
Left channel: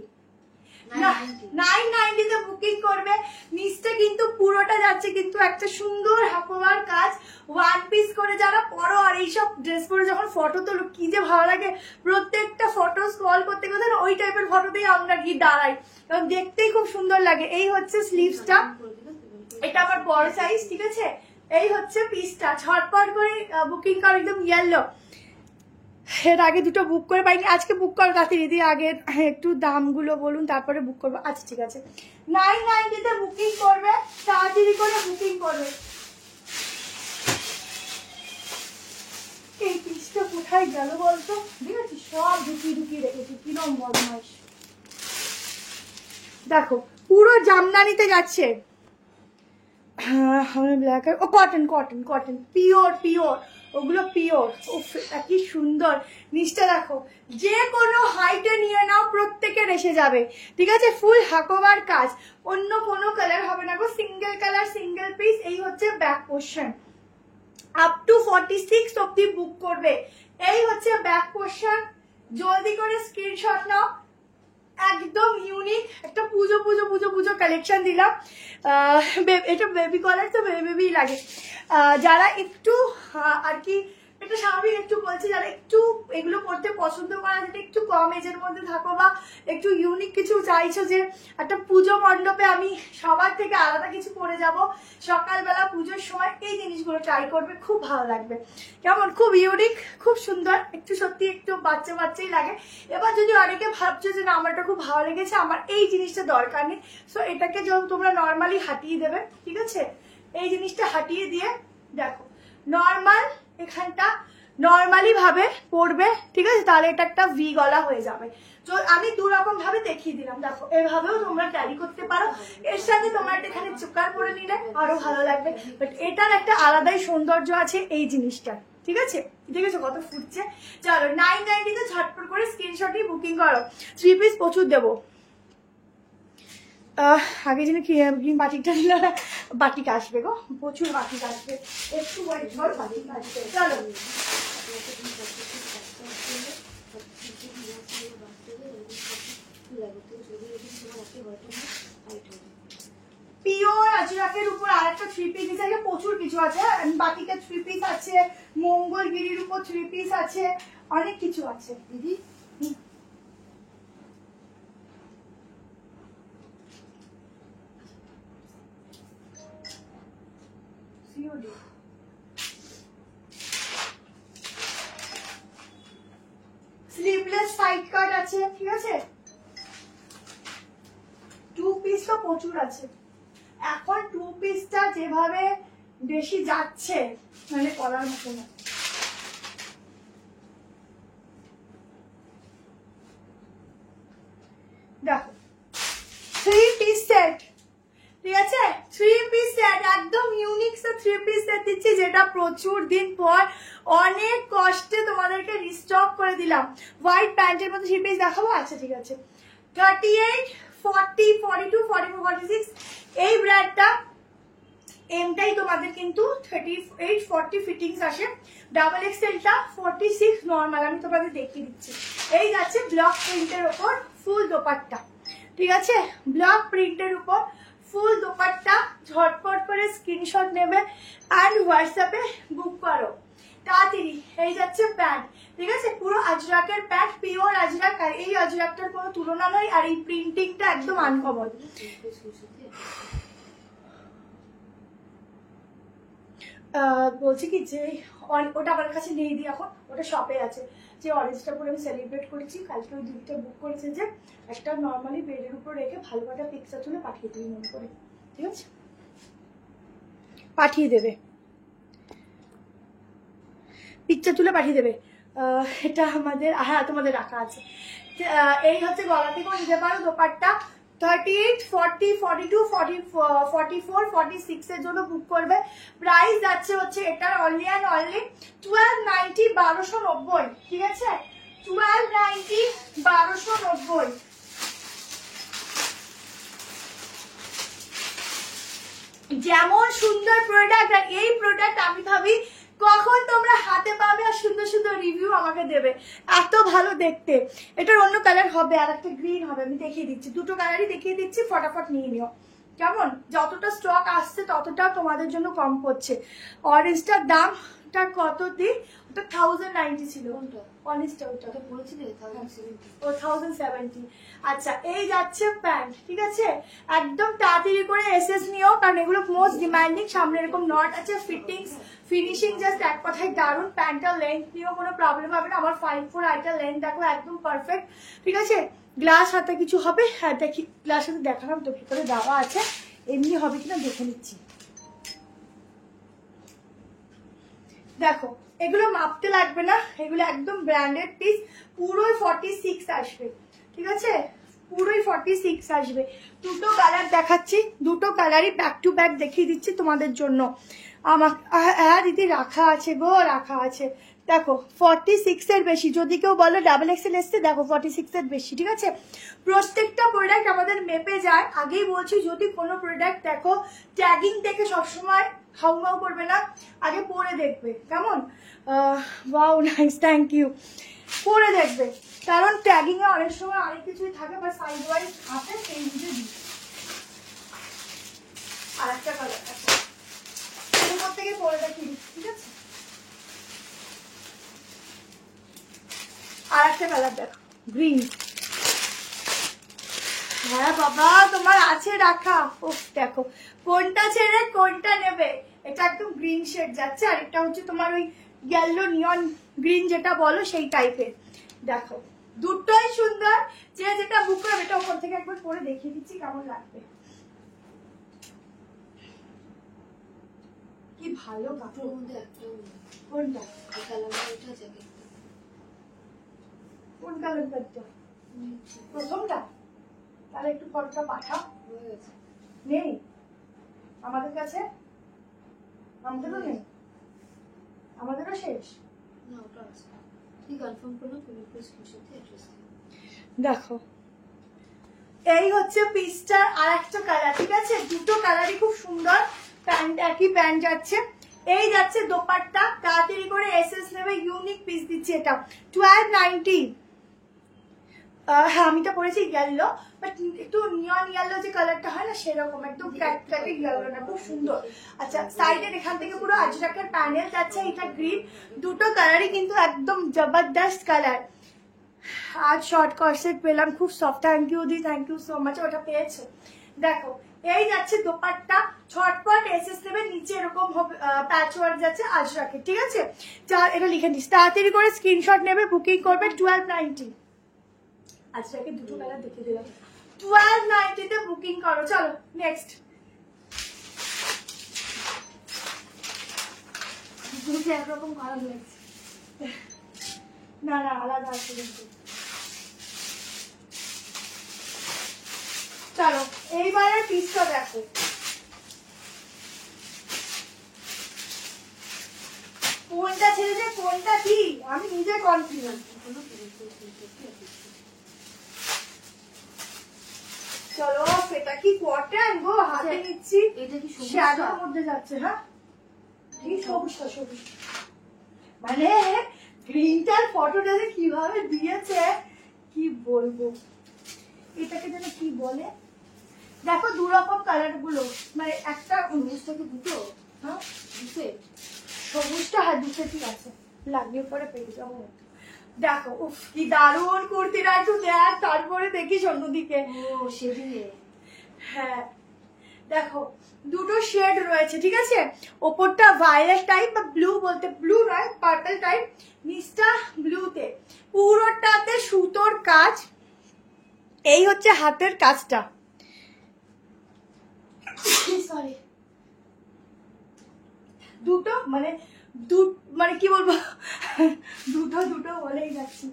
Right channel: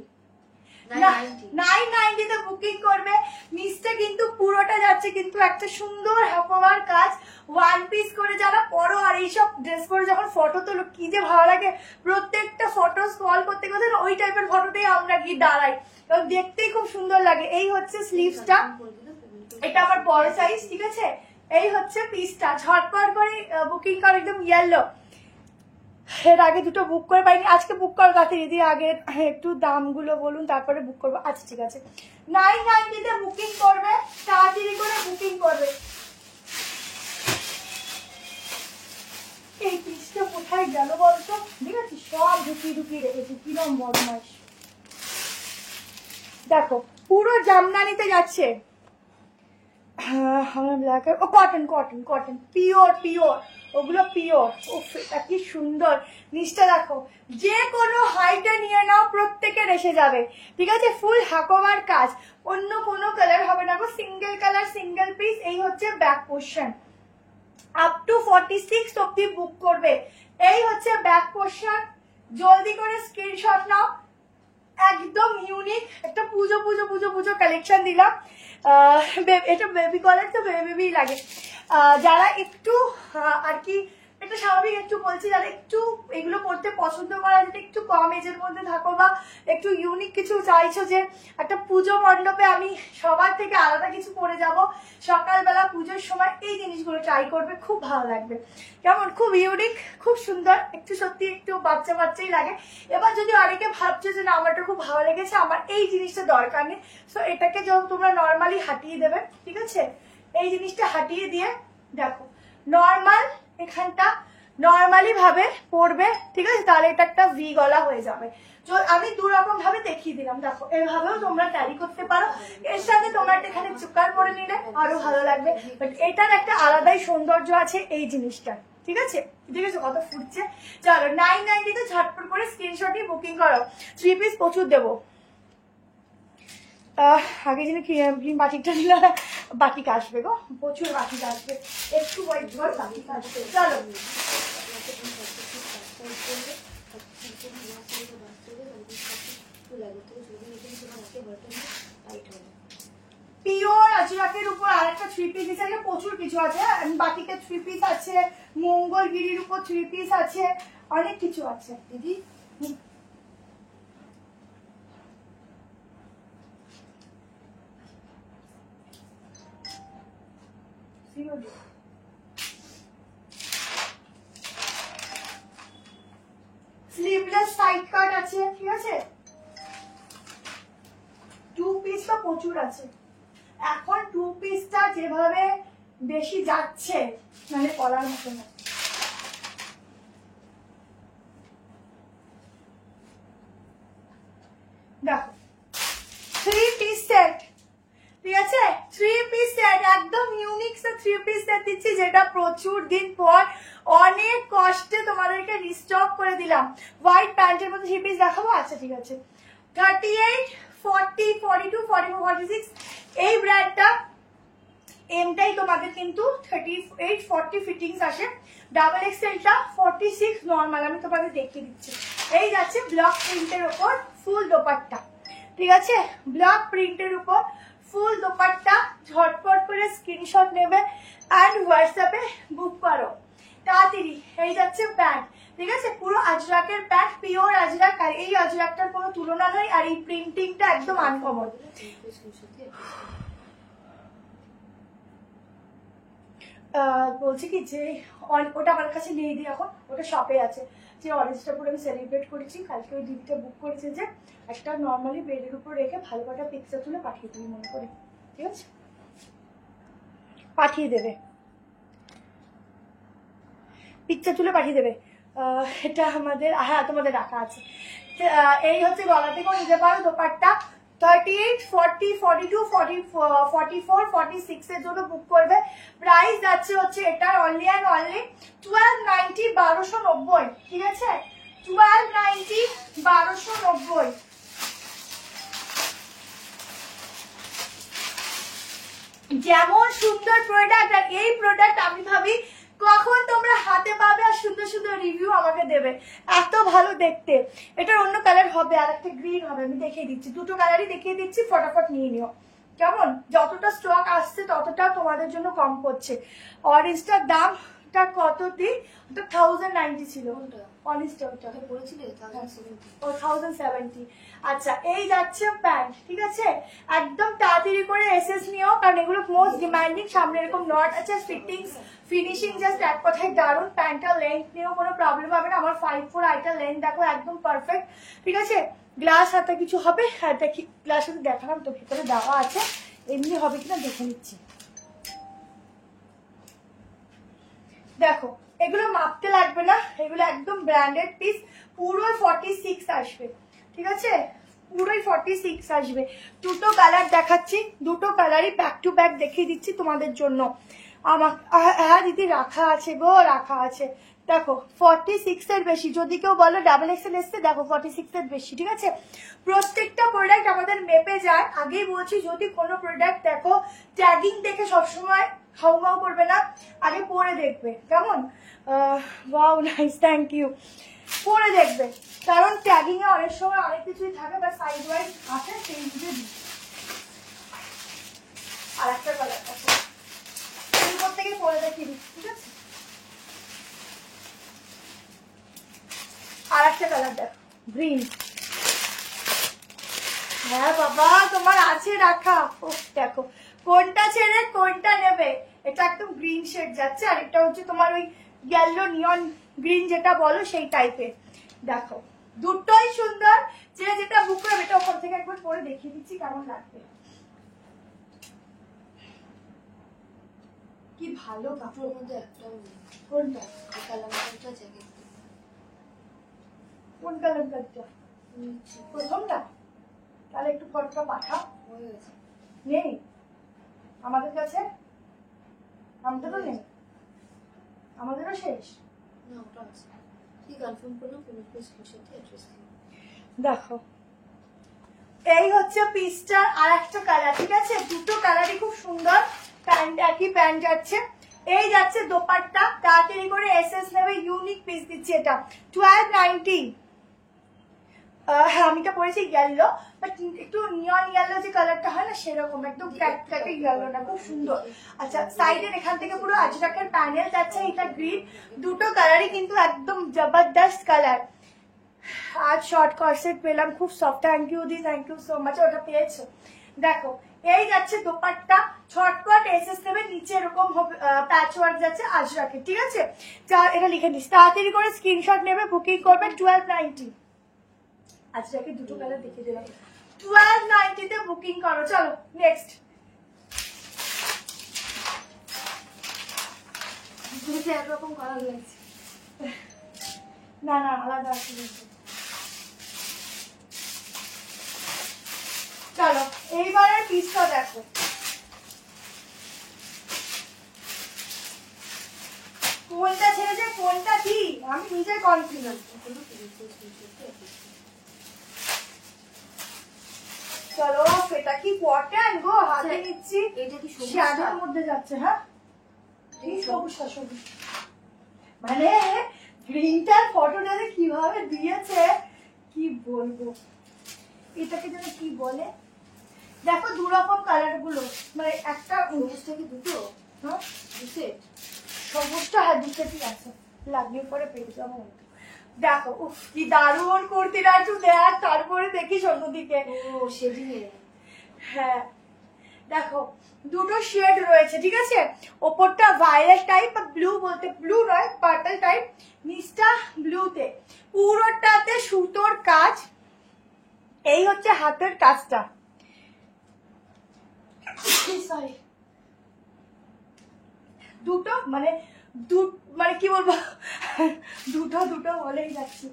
990 বুকিং করবে। নিচটা কিন্তু পুরোটা যাচ্ছে কিন্তু একটা সুন্দর হাকোয়ার কাজ, ওয়ান পিস করে যারা পরো। আর এইসব ড্রেস পরে যখন ফটো তোলো কি যে ভালো লাগে, প্রত্যেকটা ফটো স্ক্রল করতে করতে ওই টাইপের ফটোতেই আমরা গিয়ে দাঁড়াই, কারণ দেখতেই খুব সুন্দর লাগে। এই হচ্ছে স্লিভসটা, এটা আমার বড় সাইজ, ঠিক আছে। এই হচ্ছে পিসটা, ঝটপট করে বুকিং করো, একদম ইয়েলো। এর আগে দুটো বুক করে পাইনি, আজকে বুক করার তাড়াতাড়ি দিয়ে আগে একটু দামগুলো বলুন তারপরে বুক করবো। আচ্ছা ঠিক আছে, 990 বুকিং করবে, তাড়াতাড়ি করে বুকিং করবে। এই পিসটা কোথায় গেল বলতো, ঠিক আছে, সব ঢুকিয়ে রেখেছি, কিরম বদমাইশ। দেখো পুরো জামদানিতে যাচ্ছে, cotton cotton cotton, pure pure, ওগুলো পিওর। কি সুন্দর নিচটা দেখো, যে কোনো হাইটে নিয়ে নাও প্রত্যেকের এসে যাবে, ঠিক আছে। ফুল হাকোবার কাজ, অন্য কোনো কালার হবে না গো, সিঙ্গেল কালার সিঙ্গেল পিস। এই হচ্ছে ব্যাক পোর্শন, আপ টু 46 অব্দি বুক করবে। এই হচ্ছে ব্যাক পোর্শন, জলদি করে স্ক্রিনশট নাও। একদম ইউনিক একটা পুজো পুজো পুজো পুজো কালেকশন দিলাম। এটা বেবি কলার তো বেবি লাগে, যারা একটু আর কি এটা স্বাভাবিক একটু বলছি, যারা একটু এগুলো করতে পছন্দ করা, যেটা একটু কম এজের মধ্যে থাকো বা একটু ইউনিক কিছু চাইছো, যে একটা পুজো মণ্ডপে আমি সবার থেকে আলাদা কিছু করে যাব সকালবেলা পুজোর সময়, এই জিনিসগুলো ট্রাই করবে, খুব ভালো লাগবে। কেমন, খুব ইউনিক, খুব সুন্দর, একটু সত্যি একটু বাচ্চা বাচ্চাই লাগে। এবার যদি অনেকে ভাবছো যে না আমার এটা খুব ভালো লেগেছে, আমার এই জিনিসটা দরকার নেই, তো এটাকে যখন তোমরা নর্মালি হাঁটিয়ে দেবে, ঠিক আছে। এই জিনিসটা হাঁটিয়ে দিয়ে দেখো, নর্মাল এখানটা নর্মালি ভাবে পরবে, ঠিক আছে, তাহলে এটা একটা ভি গলা হয়ে যাবে। তো আমি দু রকম ভাবে দেখিয়ে দিলাম, দেখো এইভাবেও তোমরা ক্যারি করতে পারো, এর সাথে তোমরা এখানে চুকার পরে নিলে আরো ভালো লাগবে। বাট এটার একটা আলাদাই সৌন্দর্য আছে এই জিনিসটা, ঠিক আছে। দেখেছো কত ফুটছে। চলো 990 ঝটপট করে স্ক্রিনশট নিয়ে বুকিং করো। 3 পিস প্রচুর দেবো। আগে যিনি বাটিকটা নিল, বাটিক আসবে গো, প্রচুর বাটিক আসবে, একটু ওয়েট করো, বাটিক আসবে। চলো পিওর আজরাকের উপর আরেকটা 3 পিস হিসেবে প্রচুর কিছু আছে। বাটিকের 3 পিস আছে, মঙ্গলগিরির উপর 3 পিস আছে, অনেক কিছু আছে দিদি। স্লিভলেস সাইড কাট আছে, ঠিক আছে। 2 পিস তো প্রচুর আছে এখন, 2 পিসটা যেভাবে বেশি যাচ্ছে মানে বলার মতো না। দেখো 3 পিস সেট, ঠিক আছে, 3 পিস সেট, একদম ইউনিক 3 পিস সেট দিচ্ছি, যেটা প্রচুর দিন পর অনেক কষ্টে তোমাদেরকে রিস্টক করে দিলাম। হোয়াইট প্যান্টের মধ্যে 3 পিস দেখাবো, আচ্ছা ঠিক আছে। 38, 40, 42, 44, 46 এই ব্র্যান্ডটা এমটাই তোমাদের কিন্তু 38, 40 ফিটিংস আসে। ডাবল এক্সেলটা 46 নর্মাল, আমি তোমাদের দেখিয়ে দিচ্ছি। এই যাচ্ছে ব্লক প্রিন্টের উপর ফুল দোপাট্টা, ঠিক আছে, ব্লক প্রিন্টের উপর ফুল দোপাট্টা। ঝটপট করে স্ক্রিনশট নেবে আর হোয়াটসঅ্যাপে বুক করো তাড়াতাড়ি। এই যাচ্ছে প্যান্ট, ঠিক আছে, পুরো আজরাকের প্যান্ট, পিওর আজরাক, আর এই আজরাকটার কোনো তুলনা নয়, আর এই প্রিন্টিংটা একদম আনকমন। বলছি কি যে ওটা আমার কাছে নেই দি, এখন ওটা শপে আছে। যে অরেঞ্জটা করে আমি সেলিব্রেট করেছি, কালকে ওই দিকটা বুক করেছে, যে একটা নর্মালি বেডের উপর রেখে ভালো একটা পিকচার তুলে পাঠিয়ে দিই মনে করে, ঠিক আছে, পাঠিয়ে দেবে, পিকচার তুলে পাঠিয়ে দেবে। এটা আমাদের, হ্যাঁ তোমাদের রাখা আছে। এই হচ্ছে গলা থেকেও নিতে পারো দোপাট্টা। 38, 40, 42, 44, 46 এর জন্য বুক করবে। প্রাইস যাচ্ছে হচ্ছে এটার অনলি অ্যান্ড অনলি 1290, 1290, ঠিক আছে, 1290, 1290। যেমন সুন্দর প্রোডাক্ট, আর এই প্রোডাক্ট আমি ভাবি কখন তোমরা হাতে পাবে আর সুন্দর সুন্দর রিভিউ আমাকে দেবে, এত ভালো দেখতে। এটার অন্য কালার হবে, আর একটা গ্রিন হবে, আমি দেখিয়ে দিচ্ছি, দুটো কালারই দেখিয়ে দিচ্ছি, ফটাফট নিয়ে নিও কেমন। যতটা স্টক আসছে ততটা তোমাদের জন্য কম পড়ছে। অরেঞ্জটার দামটা কত দিন, ওটা 1090 ছিল, অরেঞ্জটা ওটা বলেছিলে ও 1070। আচ্ছা, এই যাচ্ছে প্যান্ট, ঠিক আছে, একদম তাড়াতাড়ি করে এসএস নিও, কারণ এগুলো মোস্ট ডিমান্ডিং। সামনে এরকম নট আছে, ফিটিংস ফিনিশিং জাস্ট এক কথায় দারুণ। প্যান্টটা লেন্থ নিয়েও কোনো প্রবলেম হবে না, আমার 5'4" আইটার লেন্থ দেখো একদম পারফেক্ট, ঠিক আছে। গ্লাস হাতে কিছু হবে, হ্যাঁ দেখি গ্লাস হাতে দেখালাম তো ভিতরে দেওয়া আছে, এমনি হবে কিনা দেখে নিচ্ছি। দেখো এগুলো মাপতে লাগবে না, এগুলো একদম ব্র্যান্ডেড পিস, পুরোই 46 আসবে, ঠিক আছে, পুরোই 46 আসবে। দুটো কালার দেখাচ্ছি, দুটো কালারই ব্যাক টু ব্যাক দেখিয়ে দিচ্ছি তোমাদের জন্য। আমার হ্যাঁ দিদি রাখা আছে গো, রাখা আছে। দেখো 46 এর বেশি, যদি কেউ বলো ডাবল এক্সেল এসছে, দেখো 46 এর বেশি, ঠিক আছে। প্রত্যেকটা প্রোডাক্ট আমাদের মেপে যায়, আগেই বলছি, যদি কোনো প্রোডাক্ট দেখো ট্যাগিং দেখে সবসময় হাউমাউ করবে না, আগে পরে দেখবে কেমন। Wow nice, thank you. পরে দেখবে, কারণ ট্যাগিং এ অনেক সময় অনেক কিছুই থাকে, বা সাইড ওয়াইজ আছে, সেই বুঝে দিই। আর একটা কালার আছে, এরপর থেকে পরে দেখিয়ে দিচ্ছি, ঠিক আছে। আর একটা কালার দেখো, গ্রিন। হ্যাঁ বাবা তোমার আছে রাখা, ও দেখো কোনটা ছেড়ে কোনটা নেবে। এটা একদম গ্রিন শেড যাচ্ছে, আর এটা হচ্ছে তোমার ওই ইয়েলো নিয়ন গ্রিন যেটা বলো সেই টাইপের। দেখো দুটোই সুন্দর, যে যেটা বুক করবে, এটা ওপর থেকে একবার পরে দেখিয়ে দিচ্ছি কেমন লাগবে। কি ভালো কাপড়, মধ্যে একটাও নেই। কোনটা, এই কালারটা জ্যাকেট কোন কালারটা, প্রথমটা, তাহলে একটু ফটোটা পাঠাও। হয়ে গেছে, নেই আমাদের কাছে, আমাদেরও নেই, আমাদেরও শেষ। না ওটা আছে, কি কনফার্ম করলো তুমি একটু স্ক্রিনশট দিয়ে অ্যাড্রেস দিও। দেখো এই হচ্ছে পিসটার আর একটা কালার, ঠিক আছে, দুটো কালারই খুব সুন্দর। প্যান্ট একই প্যান্ট যাচ্ছে, এই যাচ্ছে দোপাট্টা, তাড়াতাড়ি করে এসএস নেবে, ইউনিক পিস দিচ্ছি এটা 1290। হ্যাঁ আমি তো পরেছি ইয়েলো, বাট একটু নিয়ন ইয়েলো যে কালারটা হয় না সেরকম, একদম ক্যাটে ইয়েলো না, খুব সুন্দর। আচ্ছা সাইডের এখান থেকে পুরো আজরাকের প্যানেল যাচ্ছে, এটা গ্রিন, দুটো কালারই কিন্তু একদম জবরদস্ত কালার। আজ শর্ট কর্সেট পেলাম, খুব সফট, থ্যাংক ইউ দি, থ্যাংক ইউ সো মাচ, ওটা পেয়েছো। দেখো এই যাচ্ছে দোপাট্টা, ছটপট এসএস নেবে, নিচে এরকম প্যাচ ওয়ার্ক যাচ্ছে আজরাকে, ঠিক আছে। এটা লিখে দিস, তাড়াতাড়ি করে স্ক্রিনশট নেবে, বুকিং করবে 1290। আজরাকে দুটো কালার দেখিয়ে দিলাম, 1290 তে বুকিং করো। চলো নেক্সট, দুটো একরকম কালার লাগছে, না না আলাদা আছে কিন্তু। চলো এইবারের পিসটা দেখো, কোনটা ছেড়েছে কোনটা কি আমি নিজে কনফিউজ। চলো এটা কি কটন গো, হাতে নিচ্ছি, এটা কি সবুজ শ্যাডোর মধ্যে যাচ্ছে। হ্যাঁ এই সবুজটা, সবুজ মানে গ্রিনটার ফটোটা যে কিভাবে দিয়েছে কি বলবো, এটাকে যেন কি বলে। দেখো দু রকম কালার গুলো, মানে একটা সবুজটা কি দুটো, হ্যাঁ দু সেট, সবুজটা হ্যাঁ দু সেটই আছে, লাগিয়ে পরে পেয়ে যাবো। দেখো উফ কি দারুণ কুর্তিটা, একটু দেখ তারপরে দেখিস অন্যদিকে। ও শেডিং এ, হ্যাঁ দেখো দুটো শেড রয়েছে, ঠিক আছে, ওপরটা ভায়োলেট টাইপ বা ব্লু, বলতে ব্লু নয় পার্পল টাইপ, নিচটা ব্লুতে, পুরোটাতে সুতোর কাজ। এই হচ্ছে হাতের কাজটা, সরি দুটো মানে মানে কি বলবো, দুটো দুটো বলেই যাচ্ছি।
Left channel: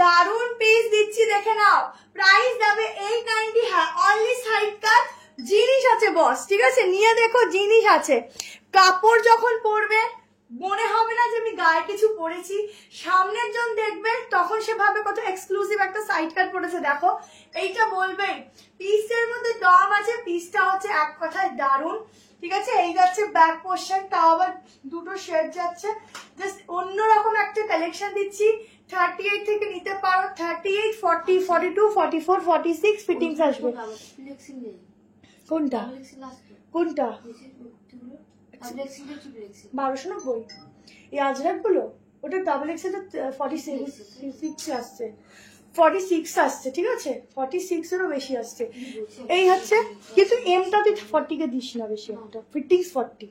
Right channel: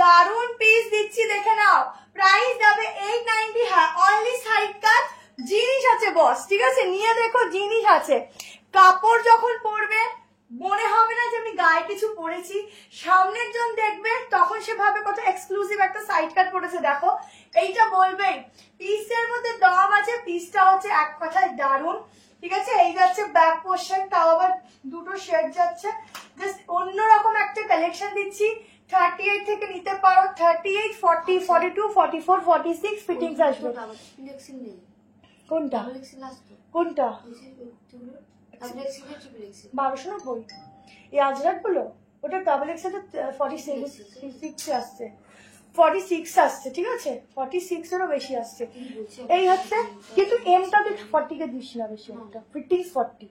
দারুন পিস দিচ্ছি, দেখে নাও, প্রাইস যাবে 890। হ্যাঁ অনলি সাইড কাট, জিনিস আছে বস, ঠিক আছে, নিয়ে দেখো জিনিস আছে। কাপড় যখন পরবে মনে হবে না যে আমি গায়ে কিছু পরেছি। সামনের জন দেখবে তখন সে ভাবে কত এক্সক্লুসিভ একটা সাইড কাট পড়েছে। দেখো এইটা বলবেন পিসের মধ্যে দম আছে, পিসটা হচ্ছে এক কথায় দারুণ। ঠিক আছে, এই যাচ্ছে ব্যাক পোর্শন, তাও আবার দুটো শেড যাচ্ছে, জাস্ট অন্যরকম একটা কালেকশন দিচ্ছি। 38 থেকে নিতে পারো, 38, 40, 42, 44, 46 ফিটিংস আসবে। কোনটা কোনটা 1290 এই আজরাক গুলো, ওটা ডাবল এক্স এর 46 আসছে, 46 আসছে। ঠিক আছে, 46 এরও বেশি আসছে। এই হচ্ছে, কিন্তু এমটা তুই 40 কে দিস না বেশি, একটা ফিটিংস 40।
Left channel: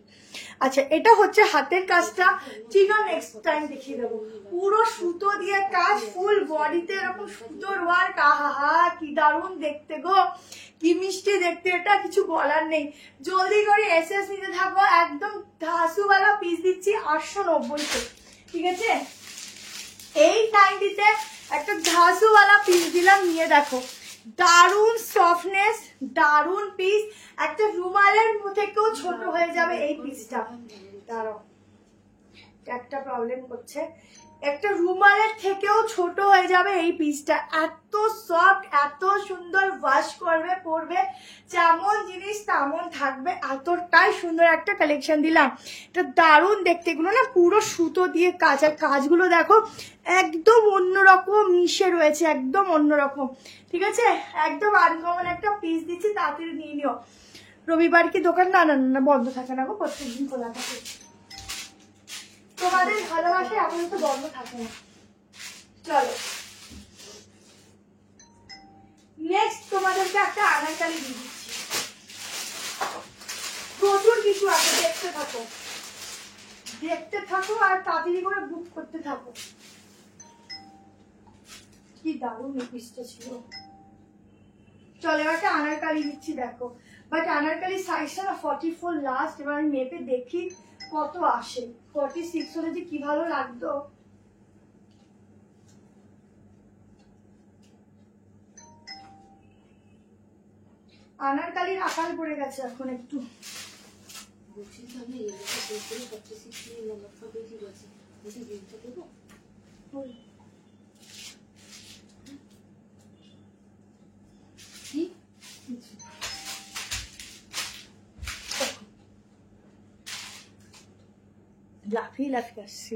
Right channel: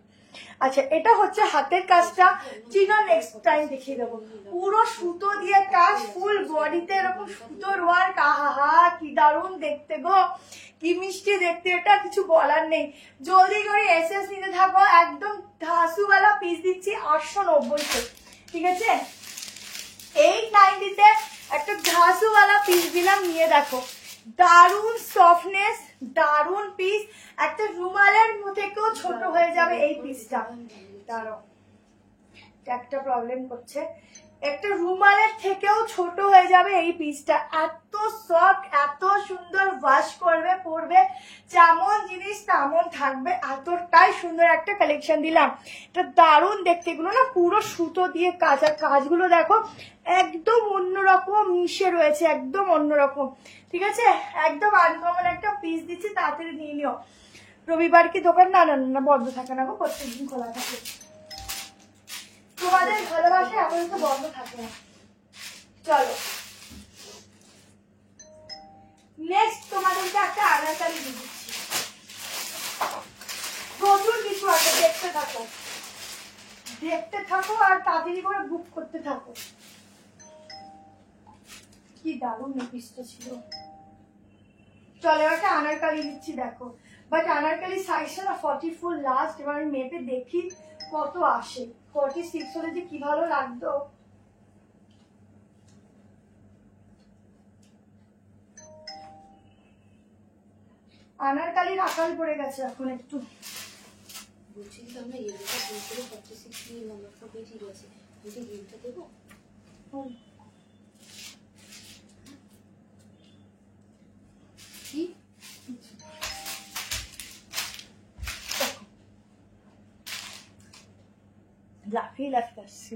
আচ্ছা, এটা হচ্ছে হাতের কাজটা, ঠিক আছে, নেক্সট টাইম দেখিয়ে দেবো। পুরো সুতো দিয়ে কাজ, ফুল বডিতে এরকম সুতোর ওয়ার্ক, আহা কি দারুণ দেখতে গো, কি মিষ্টি দেখতে, এটা কিছু বলার নেই। জলদি করে এসএস নিতে থাকো, একদম ধাসুওয়ালা পিস দিচ্ছি 890-তে। ঠিক আছে, এই 90-তে একটা ধাসুওয়ালা পিস দিলাম, নিয়ে দেখো, দারুণ সফটনেস, দারুণ পিস। একটা রুমালের থেকেও ছোট হয়ে যাবে এই পিসটা। দাঁড়াও, একটা প্রবলেম করছে, একটা রুমালের থেকেও ছোট হয়ে যাবে এই পিসটা। এত সফট, এত সুন্দর, ওয়াশ করবে পরবে যেমন জিনিস তেমন থাকবে, এতটাই সুন্দর একটা কালেকশন দিলাম। এটা দারুণ দেখতে, এগুলো না পুরো সুতো দিয়ে কাজ, আর কাজগুলো দেখো একদম অন্যরকম মিশে রয়েছে, একদম অন্যরকম। ঠিক আছে, একদম আনকমন একটা পিস দিচ্ছি, তাড়াতাড়ি নিয়ে নিও। রবিবার কি দোকান? না না না, বন্ধ থাকে না গো, প্রত্যেকদিন খোলা থাকে। তোমাদের ভালোবাসা এখন তো বন্ধ থাকে না। চলো নেক্সট তোমাদেরকে একটা আনারকলি দিয়ে দিচ্ছি, প্রচুর কিছু আছে, দেখতে থাকো দেখতে থাকো, আর তাড়াতাড়ি করে বুক করতে থাকো। কি দারুণ পিসটা ছিল। চলো এবার একটা আনারকলি দিচ্ছি, দেখো, বাট আনারকলি সাইজটা না 44 লাস্ট। এবার আমি মেপে দেখি কত আসে। 46 হলে যে কি ভালো লাগতো। আনারকলির আকাল পড়ে গেছে এখন একটু। লাফিয়ে লাফিয়ে আসছি।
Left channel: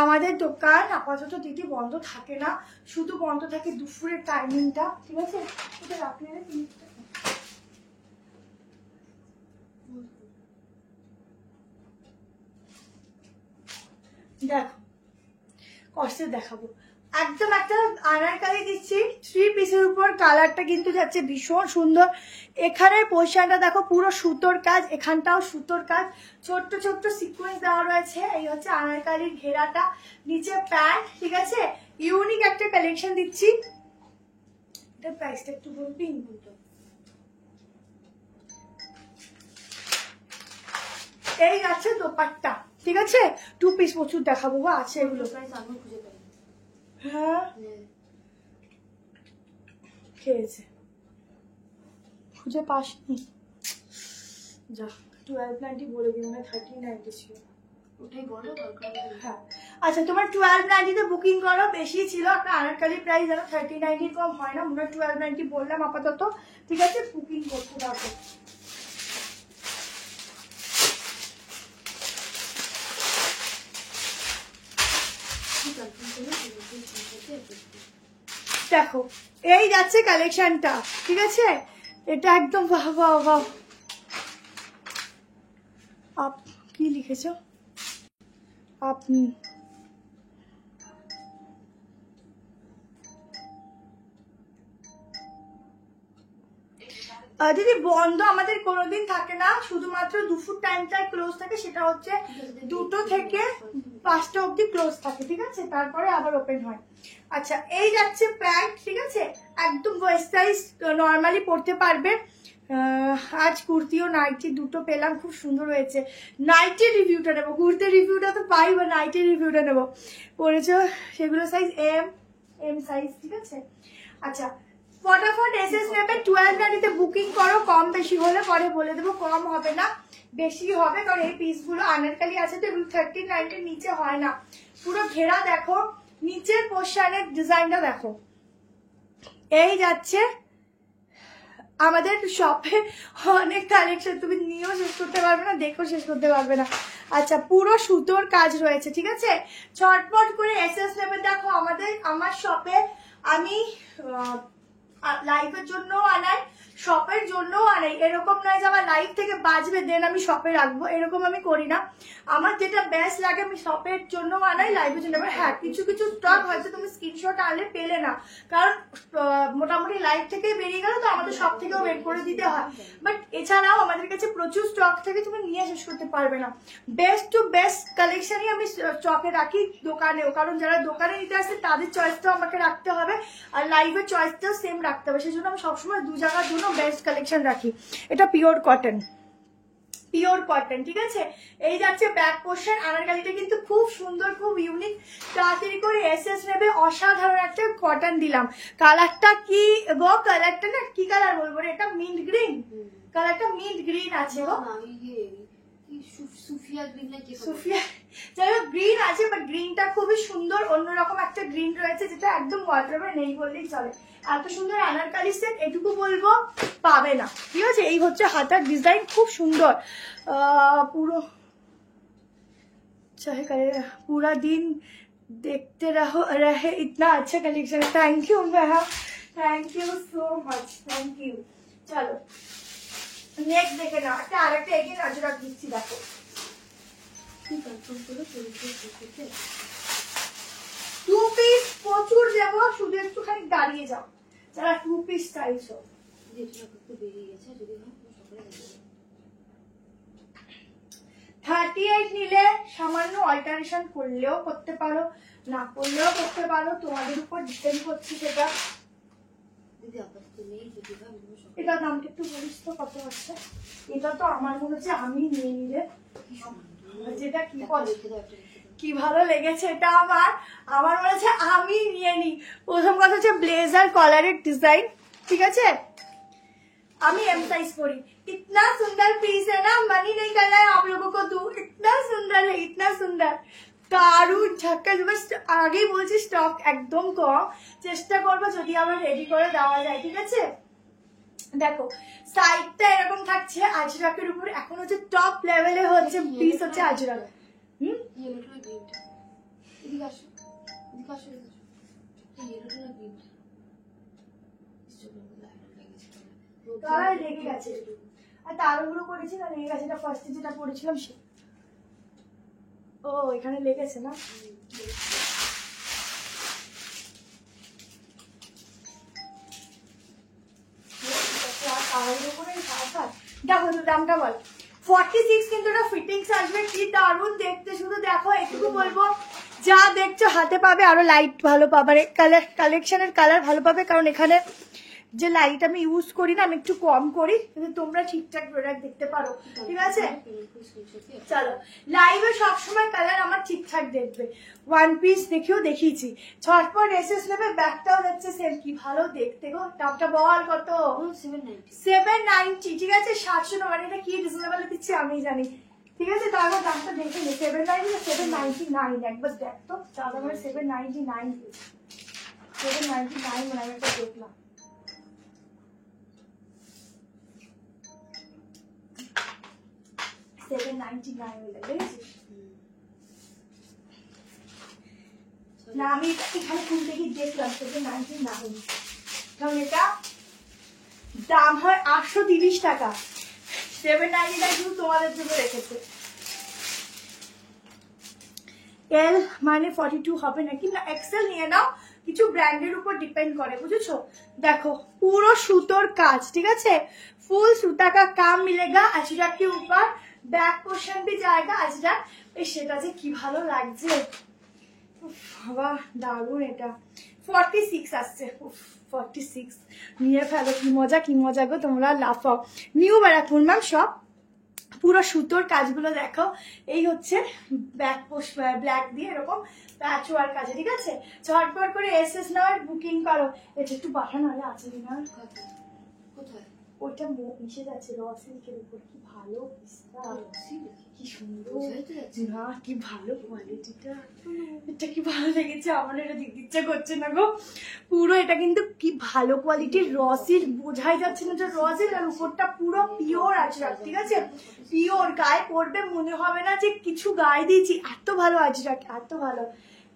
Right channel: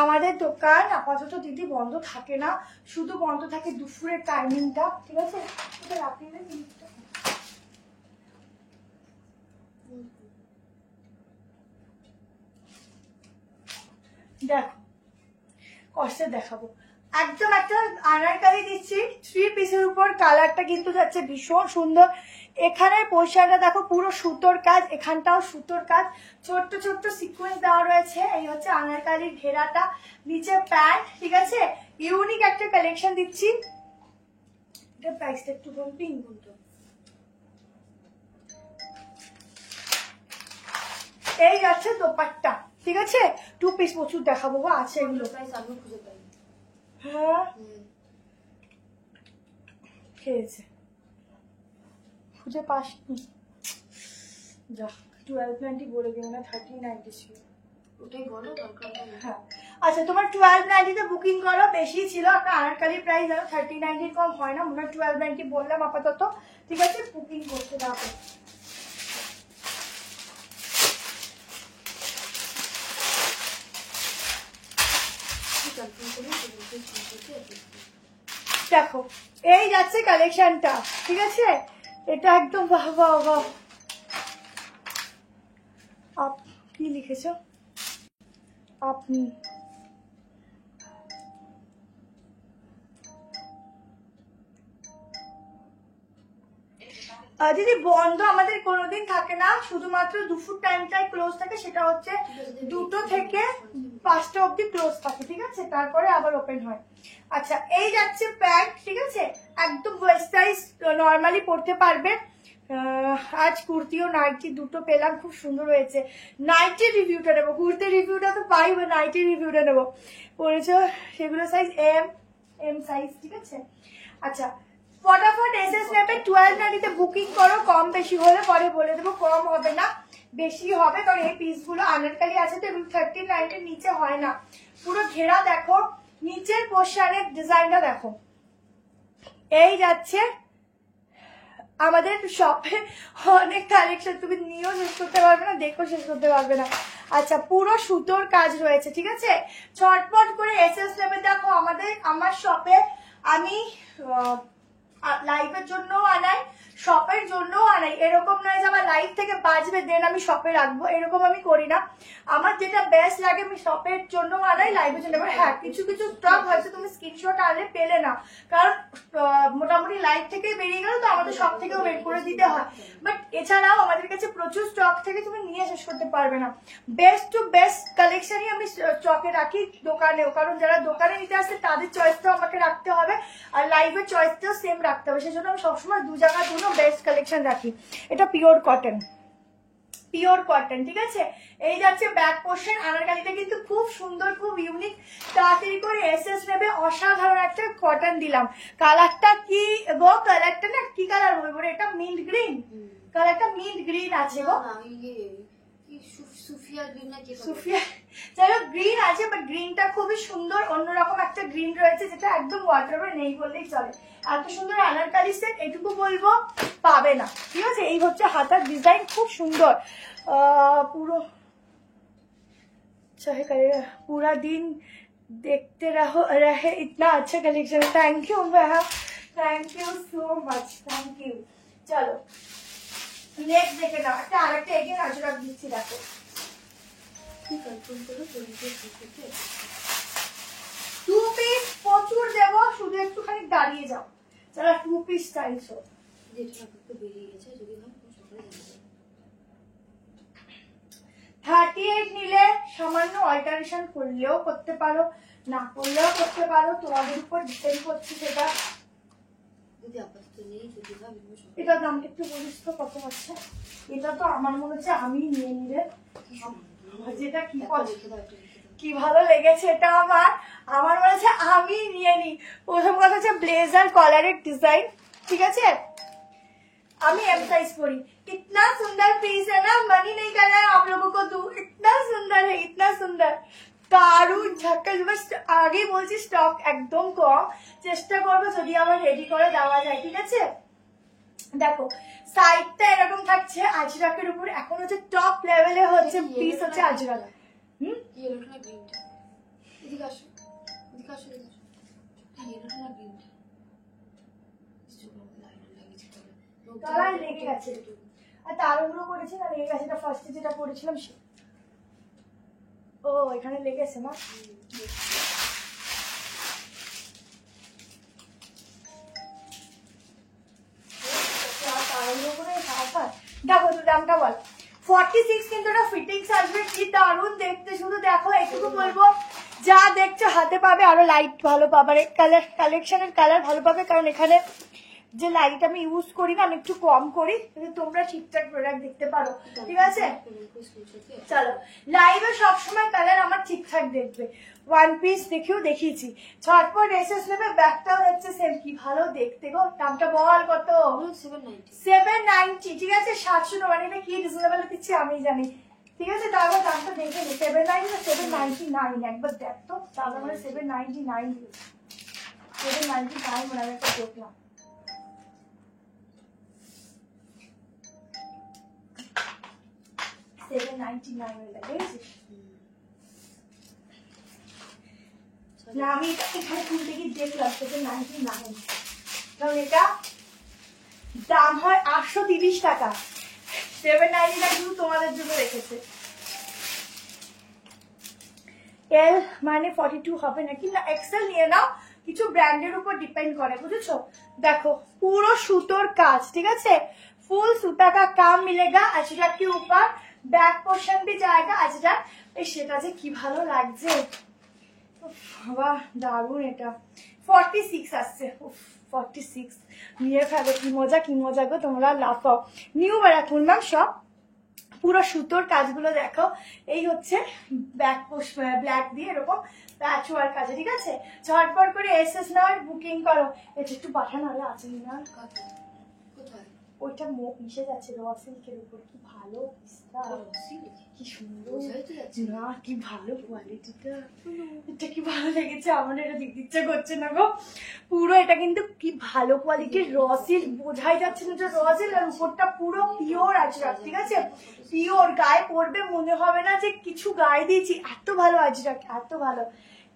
আমাদের দোকান আপাতত দিদি বন্ধ থাকে না, শুধু বন্ধ থাকে দুপুরের টাইমিংটা। ঠিক আছে, এটা লাফিয়ে দেখো, কষ্টে দেখাবো। একদম একটা আনারকলি দিচ্ছি 3 পিসের উপর। কালারটা কিন্তু যাচ্ছে ভীষণ সুন্দর। এখানের পোর্শনটা দেখো পুরো সুতোর কাজ, এখানটাও সুতোর কাজ, ছোট্ট ছোট্ট সিকোয়েন্স দেওয়া রয়েছে। এই হচ্ছে আনারকলির ঘেরাটা, নিচে প্যান্ট। ঠিক আছে, ইউনিক একটা কালেকশন দিচ্ছি। এটা প্রাইসটা একটু বলবি? এই যাচ্ছে দোপাট্টা। ঠিক আছে, 2 পিস প্রচুর দেখাবো গো, আছে এগুলো। হ্যাঁ খেয়েছে, খুঁজে পাসনি। যা 1290 বলে দিও না, 1390 ছিল। হ্যাঁ আচ্ছা, তোমার 1290-তে বুকিং করো, বেশি ছিল। আপনার আনারকলি প্রাইস ধরো 1390 কম হয় না, মনে হয় 1290 বললাম আপাতত। ঠিক আছে, বুকিং করতে থাকো। দেখো এই যাচ্ছে কালেকশনটা। ঠিক আছে, এটা একদম বাহ বাহ বাহ। কি লিখেছো আপনি? দিদি বন্ধ আমাদের কোনোদিন থাকে না, শুধুমাত্র দুপুর টাইমটাই ক্লোজ থাকে, সেটা হচ্ছে 2টো থেকে 5টা অবধি ক্লোজ থাকে। ঠিক আছে, তারপরে আবার ওপেন হয়। আচ্ছা, এই যাচ্ছে প্যান্ট। ঠিক আছে, একদম ওয়েস্ট সাইজ, নর্মালি পরতে পারবে। আজ কুর্তি ও নাইটি দুটো পেলাম, খুব সুন্দর হয়েছে। নাইটি রিভিউটা নেবো, কুর্তির রিভিউটা তো পাইব, নাইটি রিভিউটা নেবো। পরেছ সেগুলো সাইজ এম সাইজ। ঠিক আছে, আচ্ছা ফটাফট এসএস নেবে, 1290-তে বুকিং করো। কম বেশি হলে পরে বলে দেবো, কম হবে না। বেশি হবে, কারণ এই পিসগুলো আনারকালি আছে তো এগুলো 39 এর নিচে হয় না। পুরো ঘেরা দেখো, নিচের পোর্শনের ডিজাইনটা দেখো। এই যাচ্ছে আমাদের শপে অনেক কালেকশন, তুমি নিয়েও শেষ করতে পারবে না, দেখেও শেষ করতে পারবে না। আচ্ছা, পুরো সুতোর কাজ রয়েছে, ঠিক আছে। ছটপট করে এসএস নেবে। দেখো আমার শপে আমি লাইভের জন্য আনাই, শপের জন্য আনাই। এরকম নয় যে আমার লাইভ থেকে বাজবে দেন আমি শপে রাখবো, এরকম আমি করি না। আমার যেটা বেস্ট লাগে আমি শপের জন্য আনাই, লাইভের জন্য। হ্যাঁ, কিছু কিছু স্টক হয়তো তুমি স্ক্রিনশট আনলে পেলে না, কারণ মোটামুটি লাইভ থেকেই বেরিয়ে গেল, তো আমাদের শপ থেকেও বের করে দিতে হয়। বাট এছাড়াও আমাদের কাছে প্রচুর স্টক থেকে তুমি নিয়ে শেষ করতে পারবে না। বেস্ট টু বেস্ট কালেকশনই আমি স্টকে রাখি দোকানেও, কারণ যারা দোকানে নিতে আসে তাদের চয়েসটাও আমাকে রাখতে হবে, আর লাইভের চয়েসটাও সেম রাখতে হবে। সেই জন্য আমি সবসময় দু জায়গার জন্য বেস্ট কালেকশন রাখি। এটা পিওর কটন, পিওর কটন, ঠিক আছে। এই যাচ্ছে ব্যাক পোর্শন। আনারকালিটা কিন্তু খুব সুন্দর, খুব ইউনিক। তাড়াতাড়ি করে এসএস নেবে। অসাধারণ একটা কটন দিলাম। কালারটা কি গো? কালারটা না কি কালার বলবো রে, এটা মিন্ট গ্রিন কালারটা, মিন্ট গ্রিন আছে গো, সুফিয়া গ্রিন নাকি সুফিয়া, চলো গ্রিন আছে, বাট গ্রিনটা খুবই সুন্দর, অন্যরকম একটা গ্রিন রয়েছে যেটা একদম ওয়াটারে নেই বললেই চলে। এত সুন্দর আনারকালি সেট এটুকু বলবো পাবে না, ঠিক আছে। এই হচ্ছে হাতার ডিজাইন, খুব সুন্দর। পুরো चाहे करे पूरा दिन देखते रहे इतना अच्छा collection. Thank you ma'am, thank you so much, thank you. चलो नेक्स्ट देखे ना, আরেকটা এগিয়ে নজর দিচ্ছি। দেখো টু পিস প্রচুর দেবো, শুধু একটুখানি দাঁড়িয়ে যাও যারা টু পিস চাইছো। বেরিয়ে গেছে, যদি না 38 নিলে সামান্য অল্টারেশন করলেও করতে পারো, না করলেও করতে পারো, তোমাদের উপর ডিপেন্ড করছে সেটা। এটার দামটা একটু বলিস তো কত আছে? এটা তো আমার মনে হচ্ছে আমি নিয়ে নিলে, যেটা কি ভালো লেগেছে এটা আমার মনে হচ্ছে আমি নিয়ে নি। প্রথম কথা হচ্ছে ব্লেজার কলারের ডিজাইন, ঠিক আছে। আমি एम साइज পরি। कितना सुंदर पीस है ना, मनी नहीं करना है आप लोगों को दूं, इतना सुंदर है, इतना सुंदर। দারুন ঝাক্কাস। বাস আগেই বলছি স্টক একদম কম, চেষ্টা করবো যদি আমার রেডি করে দেওয়া যায়, ঠিক আছে। দেখো সাইডটা এরকম থাকছে আজরাকের উপর। এখন হচ্ছে টপ লেভেলে হচ্ছে পিস হচ্ছে আজরাক। কালার লেগে গেছে, আর তারগুলো করেছি না লেগে গেছে। এটা ফার্স্টে যেটা পরেছিলাম সে, ও এখানে লেগেছে না। দেখো তো দামটা বল। 46 কিন্তু এটা ফিটিংস আসবে, কি দারুন দেখতে। শুধু দেখো, এটুকু বলবো যা দেখছো হাতে পাবে, আরো লাইট ভালো পাবে, কালেকশনের কালার ভালো পাবে, কারণ এখানে যে লাইট আমি ইউজ করি না, আমি একটু কম করি, কিন্তু তোমরা ঠিকঠাক প্রোডাক্ট দেখতে পারো, ঠিক আছে। চলো লাইভে সবসময় কালার আমার ঠিকঠাক দেখবে। ওয়ান পিস দেখেও দেখিয়েছি। ছটপট এসএস নেবে, ব্যাগটাও হচ্ছে সেম, কি ভালো দেখতে গো। দামটা বল কত? 790, ঠিক আছে। 790 কি রিজনেবল দিচ্ছি আমি জানি, ঠিক আছে। তাহলে দামটা দেখে নি, 790 না 799, একবার দেখ তো। তাহলে মানে 799 799 মানে আমি একটা দেখলাম। না আমি এখানে খুলতে গিয়ে দেখলাম 799, কারণ এটা দাম হয় 830 টাকা। 799 শুধু তোমাদের জন্য রেখেছে। এল মানে 42 হবে নাকি, না এক্সেল নিয়ে নাও, কিছু ব্র্যান্ডের উপর ডিপেন্ড করে, বুঝেছো। দেখো পুরো সুতোর কাজ, ঠিক আছে। ফুল সুতা का काम मिलेगा अजरक के ऊपर। बैक पोर्शन भी जाएगा अजरक। সেটা যে কি ভালো লাগছে, বাবা দারুন। এটা 46 আসছে, 46 নিয়ে ফেলো। কি মজা, কি মজা গো, তোমরা লাফাও। নিউ ব্যারাকপুর ম্যাম সব, পুরো সুতোর কাজগুলো দেখো। এই হচ্ছে ব্যাক পোস্ট ব্ল্যাক দিয়ে এরকম প্যাচ ওয়ার্ক আছে, ঠিক আছে। ঝটপট করে এসএস নাও, বুকিং করো। এটা একটু পাঠানো হলে আছে না, কোথায় ওইটা মিশে যাচ্ছে র সিল্কের উপর, কি ভালো পিসটা, কি সুন্দর না, কি ভালো কোয়ালিটিটা, এটা কি ভালো লেগেছে আমার, এটা দিতে ইচ্ছা করছে না গো পুরো। এটা কিন্তু কি ভালো কোয়ালিটির র সিল্ক, বোঝাই যাচ্ছে না যে র সিল্ক, আর উপরটা পুরো পিওর আজরাক, ঠিক আছে, পিওর, গায়ে পরবে মনে হবে না যে কিছু গায়ে দিয়েছি, এত ভালো আজরাক, এত ভালো,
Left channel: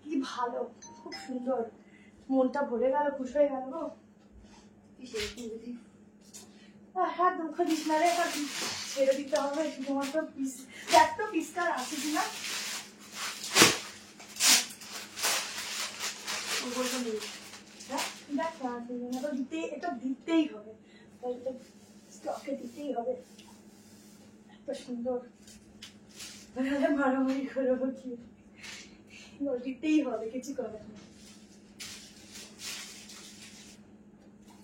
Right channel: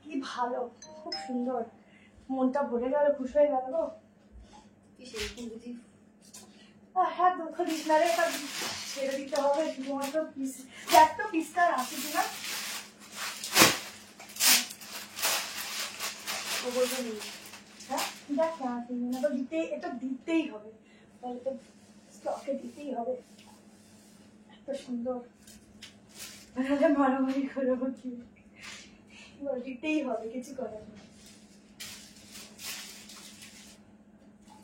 কি ভালো, খুব সুন্দর, মনটা ভরে গেল, খুশি হয়ে গেল গো। হ্যাঁ, দুঃখ দিস না রে, এবার ছেড়ে দিতে হবে শুধুমাত্র পিস, দেখ তো পিসটা আছে কিনা। হ্যাঁ দেখ না আছে কিনা, তো দিতে, এটা দিতেই হবে, স্টকে দিতেই হবে, এত সুন্দর, মারামারি করবো কি, দিতেই হবে, কিছু করার নেই।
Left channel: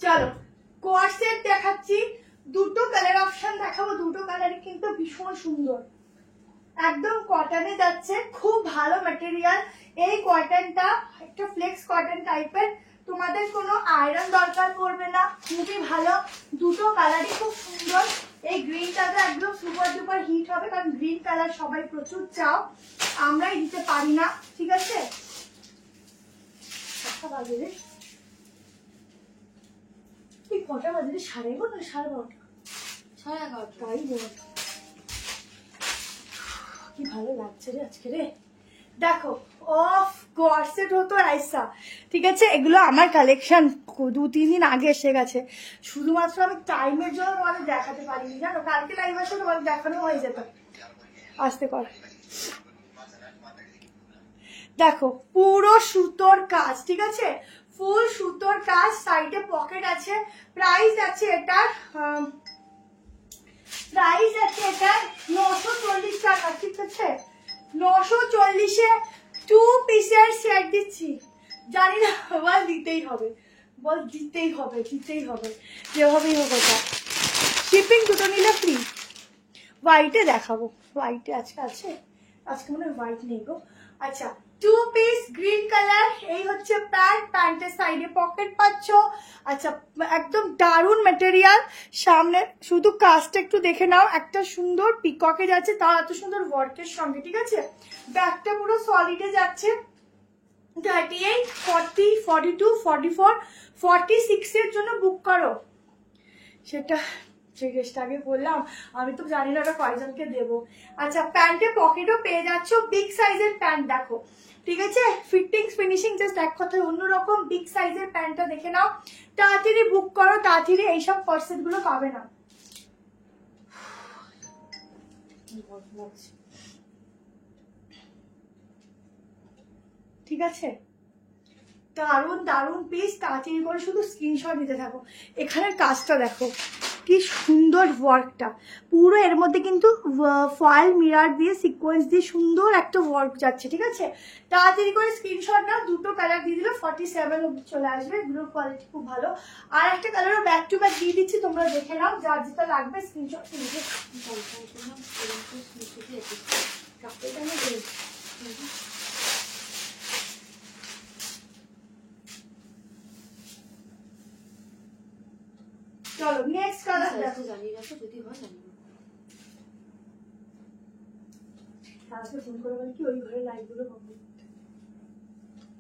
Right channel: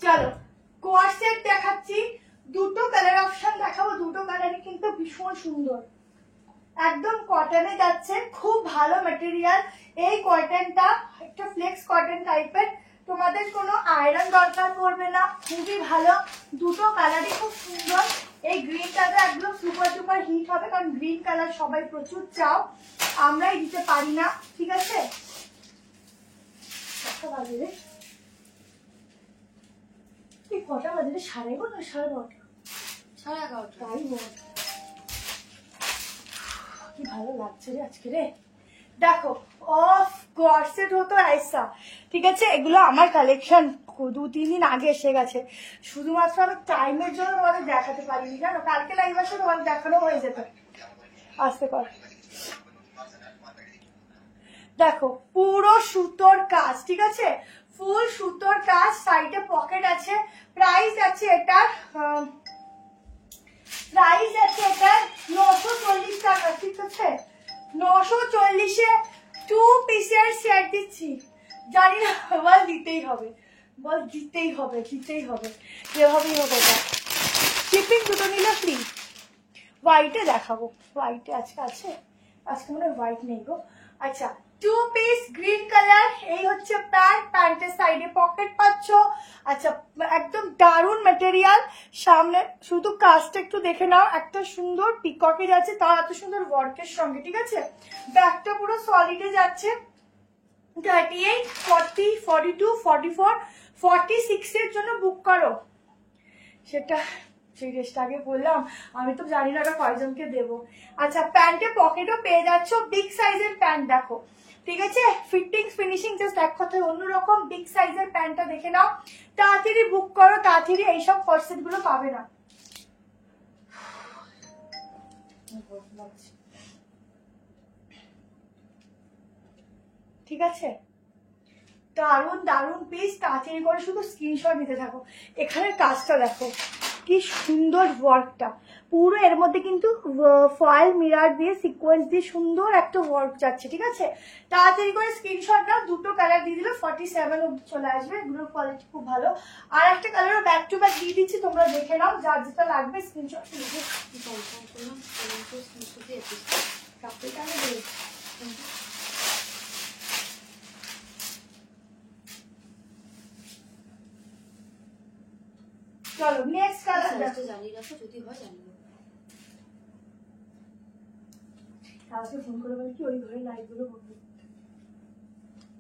চলো কোয়ার সেট দেখাচ্ছি, দুটো কালার অপশন দেখাবো, দুটো কালারই কিন্তু ভীষণ সুন্দর, একদম কটনে যাচ্ছে, খুব ভালো ম্যাটেরিয়াল। এই কটনটা একটা ফ্লেক্স কটন টাইপের, তোমাদের কোনো আয়রন দরকার পড়বে না, খুবই ভালো, দুটো কালারই খুব সুন্দর। এই গ্রিন কালার একদম সুপার ডুপার হিট হবে, কারণ গ্রিন কালার সবাই প্রচুর চাও, আমরাই দিতে পারি না, ঠিক আছে। কটা বাজে রে, তুই কটা বাজে রে, 11:30 11:30? তাই বল, কি ভালো লাগছে রে আজকে রে। দেখো অফ কর্সেট হতো ऐसा, ঠিক আছে, এগুলো আমার কালেকশন 2-3 দিন আগে এসে গেছে, শুধুমাত্র আমি টাইমের জন্য তোমাদের দেখাতে পারিনি, জানো, কালকে লাইভ আসে তোমাদের দেখানো হয়ে যেত। আসতে পার, দেখো পুরো সুতোর কাজ, ঠিক আছে, ফুল সুতোর কাজ, সাইডে পকেট আছে, প্রাইস আছে এটার, প্রাইস আছে এটার 940 টাকা, ঠিক আছে, 940-এ 2 পিসের সেট দিচ্ছি, জানি না, বল দিতেই হবে, বল দিতেই হবে, দিতেই হবে, যেভাবেই হোক এটা, শিপিং দুটো নিলে ফ্রি। হোয়াইটে দেখাবো, হোয়াইটে আজকে আছে, আজকে মনে হয় হোয়াইট নেই গো। আচ্ছা 2 পিস গ্রিন কালার, এই হচ্ছে প্যান্ট, প্যান্টের সাইডে পকেট পাচ্ছ, আচ্ছা একদম দারুণ ম্যাটেরিয়াল, সামনে শুধু কাজটা একটু দেখে নাও, একটা সুন্দর পিককে যাচ্ছে, তাও এত সুন্দর ওয়ার্কের সঙ্গে, ঠিক আছে, ব্যাগটা পুরো সলিডে যাচ্ছে, 38, 40, 42, 44, 46 এর জন্য বুক করো, সেটা যে ড্রেসটা আগে বললাম, আমি তো জানি না ওটা কয়জনকে দেবো। আচ্ছা প্যান্টে পকেটও পেয়ে যাচ্ছ, বিগ সাইজের প্যান্ট দেখো, ঠিক আছে, ফিটিংস ফিনিশিং জাস্ট এক কথায় অন্যরকম, বিগ সাইজের প্যান্টটা দেখে নাও, তাড়াতাড়ি বুক করো, তাড়াতাড়ি এইসব কর্সেট গুলো পাবে না। ঠিক আছে, দারুন দারুন পিস, তাড়াতাড়ি করে শুধু স্ক্রিনশট নিতে থাকো। এখানের কাজটা দেখো কি সুন্দর ওয়ার্কটা, পুরো এর মধ্যে কিন্তু ফয়েল মিরার দিয়ে সিকোয়েন্স দিয়ে সুন্দর একটা ওয়ার্ক যাচ্ছে, ঠিক আছে, তাড়াতাড়ি করে স্ক্রিনশট নাও, দুটো কালার দিয়ে দিলে 47 অব্দি চলে আসবে, এগুলোর কোয়ালিটি খুব ভালো, আর একটা কালারও ব্যাক টু ব্যাক দিয়ে দিচ্ছি, তোমরা দেখে নাও, যার যেটা লাগবে স্ক্রিনশট নিয়ে চলো নেক্সট কালার দেখো, জানিয়ে রাখো, যদি হয় জানিয়ে আজকে ফোন করে বলি কি ওই ঘরে লাইট গুলো হবে,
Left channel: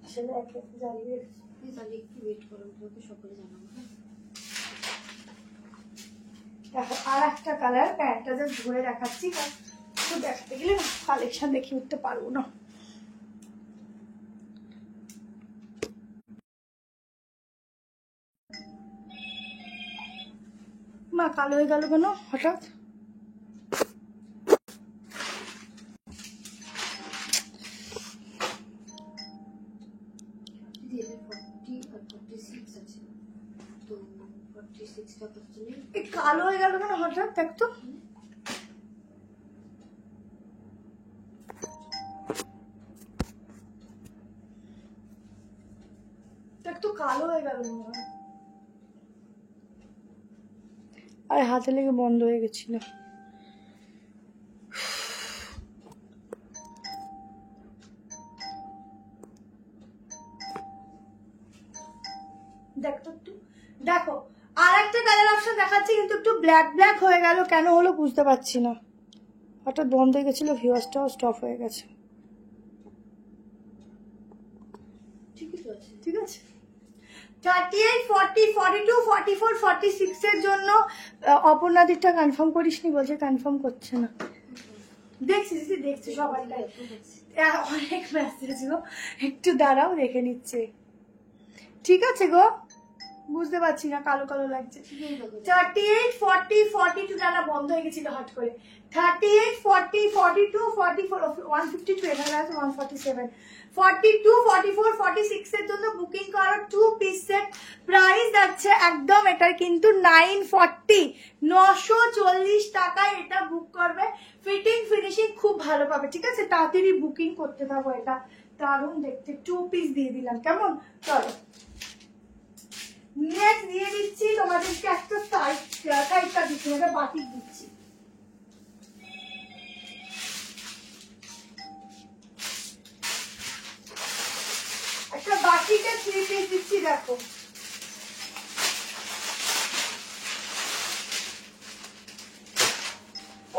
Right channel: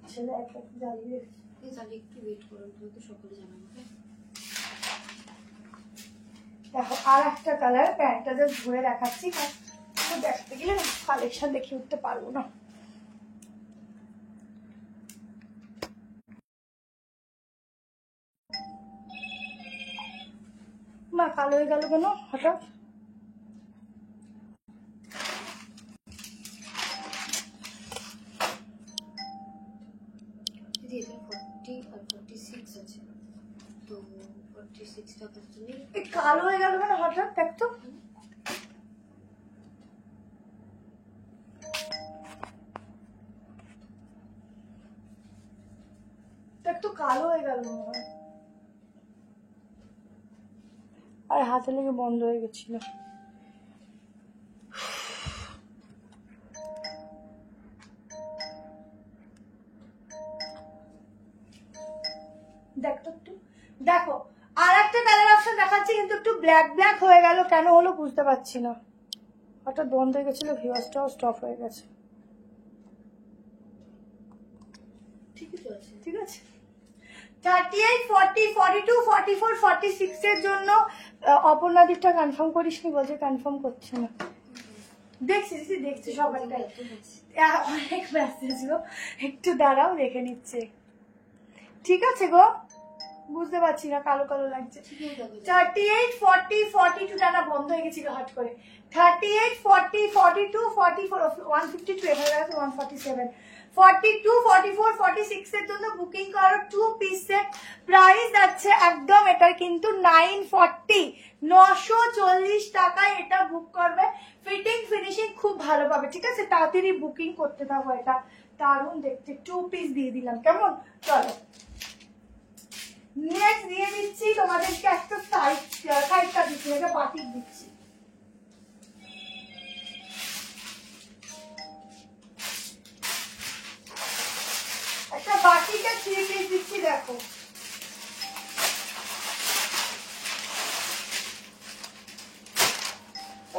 আসলে এক একটা জ্বালিয়ে রেখেছি, প্লিজ আগে একটু ওয়েট করো, তো সকলে জানাবো। দেখো আর একটা কালার, প্যান্টটা জাস্ট ঘুরে দেখাচ্ছি, তো দেখতে গেলে কালেকশন দেখে উঠতে পারবো না। মা কালো হয়ে গেল কেন হঠাৎ, দিদি এটা 40 আর 46 আছে, তো 46টা করতে কালো হয়ে গেল কেন হঠাৎ, দেখ তো, দেখ তো কালো হয়ে গেল মনে হয়, আর হাতে লেগে বন্ধ হয়ে গেছিল। দেখো একটু, দেখো আর একটা কালার অপশন দেখাচ্ছে কিন্তু একটু ব্ল্যাক ব্ল্যাক হয়ে গেল, কেন হলো বুঝতে পারছি না, হঠাৎ বন্ধ হয়ে গেছিল, ভিউয়ার্সটাও স্টপ হয়ে গেছে। ঠিকই তো আছে। ঠিক আছে 38, 40, 42, 44, 46 এর জন্য অপর্ণাদিকটা কনফার্ম করিসনি, বলছে কনফার্ম করছে না। দেখছি দেখছি সবাইটাই, অনেক মেসেজ গো, একটু দাঁড়াও দেখে নিচ্ছে। ঠিক আছে গো, বুঝতে পারছি না, কালো কালো লাগছে। 38, 40, 42 টানা বন্ধ হয়ে গেছিল হট করে। 38, 40, 42, 44, 152 এখানে আছে 147, 42, 44, 46 এর জন্য বুকিং করো 2 পিস সেট। প্রাইস যাচ্ছে একদম এটার কিন্তু 940, 940 টাকায় এটা বুক করবে। ফিটিং ফিনিশিং খুব ভালো পাবে, ঠিক আছে? তাড়াতাড়ি বুকিং করতে থাকো, এটা দারুণ দেখতে। 2 পিস দিয়ে দিলাম, কেমন? চলো নেক্সট দিয়ে দিচ্ছি তোমাদেরকে একটা সাইডটা দিচ্ছি, এটা বাটিক দিচ্ছি। একটা বাটিকে 3 পিস দিচ্ছি, দেখো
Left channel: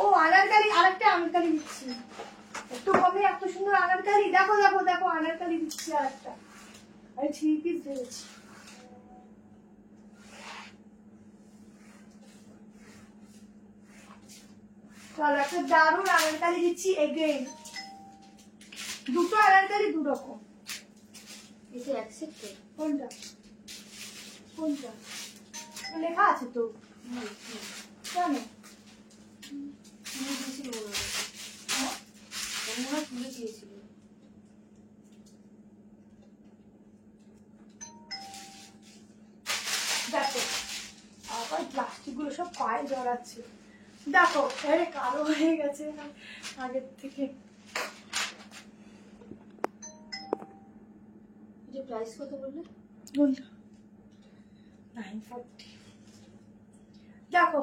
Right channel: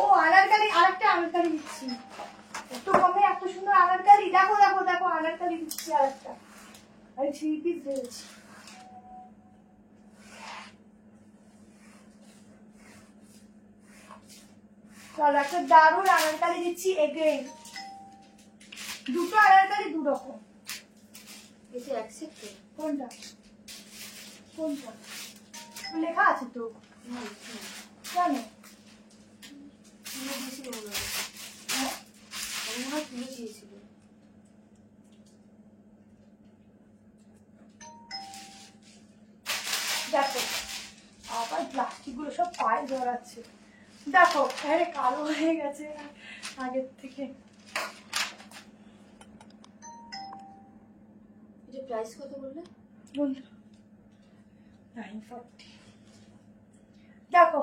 ও আনারকালি, আরেকটা আনারকালি দিচ্ছি একটু কমে, এত সুন্দর আনারকালি। দেখো দেখো দেখো আনারকালি দিচ্ছি আরেকটা, আমি 3 পিস দিয়েছি। চলো একটা দারুণ আনারকালি দিচ্ছি এগেইন, দুটো আনারকালি দু রকম। এটা অ্যাকসেপ্টেড। কোনটা কোনটা লেখা আছে তো, কেন তুলে দিয়েছিল মনে হয়, হ্যাঁ? মনে হয় তুলে দিয়েছিল। দেখো আবার প্লাস্টিক গুলো সব পায়ে জড়াচ্ছে, দেখো আরে কালো হয়ে গেছে আগের থেকে। এটা প্রাইস কত বললে? 940। দেখো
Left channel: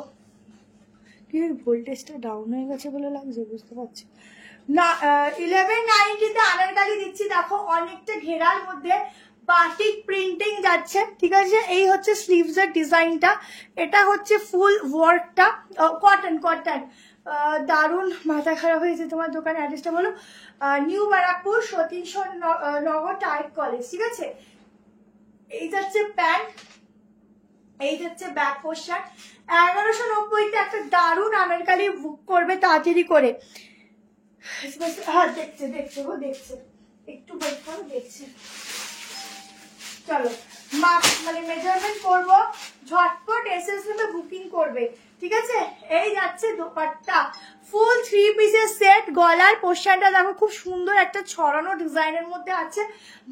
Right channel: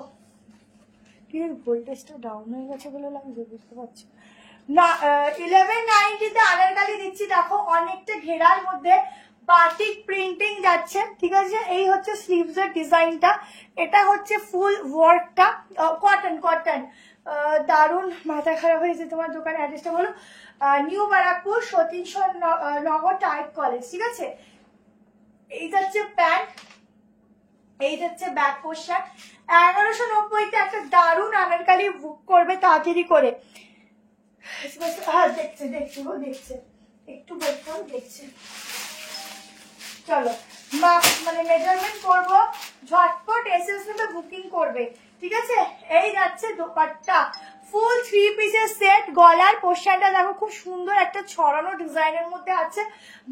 কি ভোল্টেজটা ডাউন হয়ে গেছে বলে লাগছে, বুঝতে পারছি না। 1190 তে আনারকালি দিচ্ছি, দেখো অনেকটা ঘেরার মধ্যে বাটিক প্রিন্টিং যাচ্ছে, ঠিক আছে? এই হচ্ছে স্লিভস এর ডিজাইনটা, এটা হচ্ছে ফুল ওয়ার্কটা, কটন কটন, দারুণ। মাথা খারাপ হয়েছে, তোমার দোকানের অ্যাড্রেসটা বলো। নিউ ব্যারাকপুর, সতীশ নগর টাইপ কলেজ, ঠিক আছে? এই যাচ্ছে প্যান্ট, এই যাচ্ছে ব্যাক পোর্শন। 1190 একটা দারুণ আনারকালি বুক করবে তাড়াতাড়ি করে। হ্যাঁ দেখছে দেখছে গো দেখছে, একটু ওয়েট করো, দেখছে। চলো মানে মেজারমেন্ট করবো, ঝটপট এসএসএস তে বুকিং করবে, ঠিক আছে? এই যাচ্ছে দোপাট্টা, ফুল 3 পিসের সেট। গলার পোর্শনটা দেখো খুব সুন্দর একটা ছড়ানো ডিজাইনের মধ্যে আছে,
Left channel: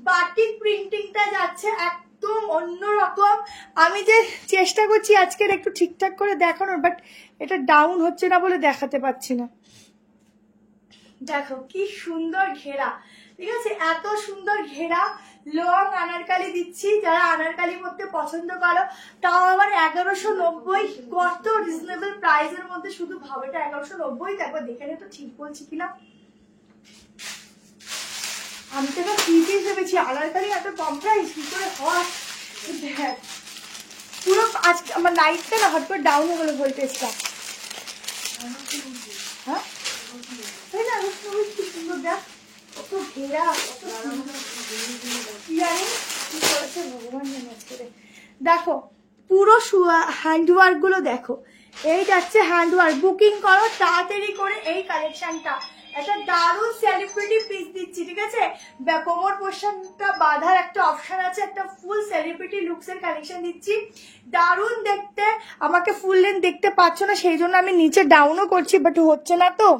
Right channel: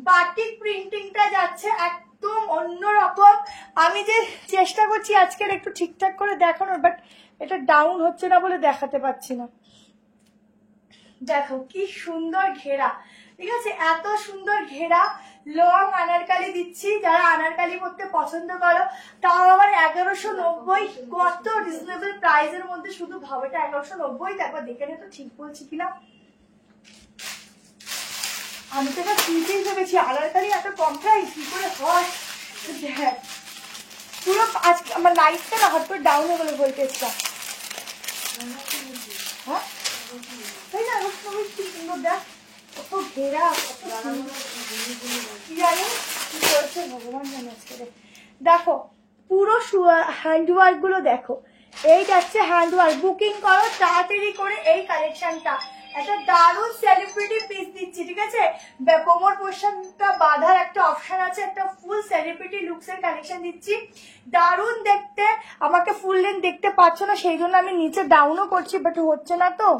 বাটিক প্রিন্টিংটা যাচ্ছে একদম অন্যরকম। আমি যে চেষ্টা করছি আজকের একটু ঠিকঠাক করে দেখানোর, বাট এটা ডাউন হচ্ছে না বলে দেখাতে পাচ্ছি না। দেখো কি সুন্দর ঘেরা, ঠিক আছে? এত সুন্দর ঘেরা লং আনারকালি দিচ্ছি, যারা আনারকালি পরতে পছন্দ করো, তাও আবার 1190, কত রিজনেবল প্রাইসের মধ্যে। শুধু ভাবেটা 1190, তারপর দেখে নে তো ঠিক বলছি কিনা। আমি তো এবার 3 পিস ভেবেছি, আনারকালি এত কম প্রাইস কি করে হয়? দেখ পুরো আজকে আমার লাইটটা না হট করে ডাউন হয়ে গেলো ভোল্টেজটা, হ্যাঁ তাই না? কি সুন্দর দেখ, কত ঘেরা, কত কি জানি কি করেছে ভগবান জানে আজকে। দেখো পুরো হ্যান্ডওয়ার্ক গুলো দেখো, এই যাচ্ছে হ্যান্ডওয়ার্ক। বুকিং করো তাড়াতাড়ি করে এই কালেকশনটা, একটা দারুণ সেলিব্রিটি পিস দিচ্ছি, ঠিক আছে? কোমর পোর্শনটা বাঁধার একটা অপশন আছে, একটা ফুল সেলিব্রিটি লুকস এর কালেকশন দিচ্ছি, দারুণ দেখতে। আমাকে ফুল লেন্থ দেখতে পাচ্ছ না, সেই জন্য আমি নিচে ডাউনও করছি, বাট হচ্ছে না তো,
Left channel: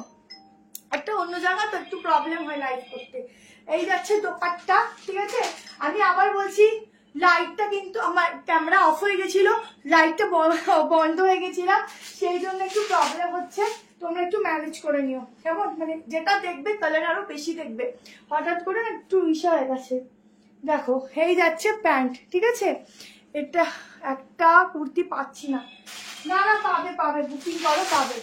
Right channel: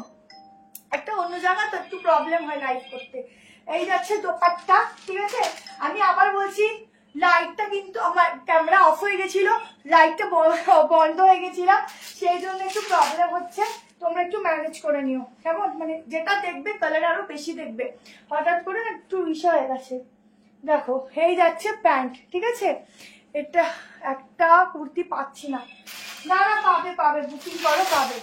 একটা অন্য জায়গা তো একটু প্রবলেম হয় লাইভ করতে। এই যাচ্ছে দোপাট্টা, ঠিক আছে? আমি আবার বলছি, লাইটটা কিন্তু আমার ক্যামেরা অফ হয়ে গেছিল, লাইটটা বন্ধ হয়ে গেছিল, সেই জন্য একটু প্রবলেম হচ্ছে, তোমরা একটু ম্যানেজ করে নিও, কেমন? মানে যেটা দেখবে কালার আরো বেশি দেখবে, হঠাৎ করে একটু ইসা হয়ে গেছে। দেখো এই যাচ্ছে প্যান্ট, ঠিক আছে? এটা একটা কুর্তি পাচ্ছি না, না না পাবে পাবে, বুকিং করো পাবে।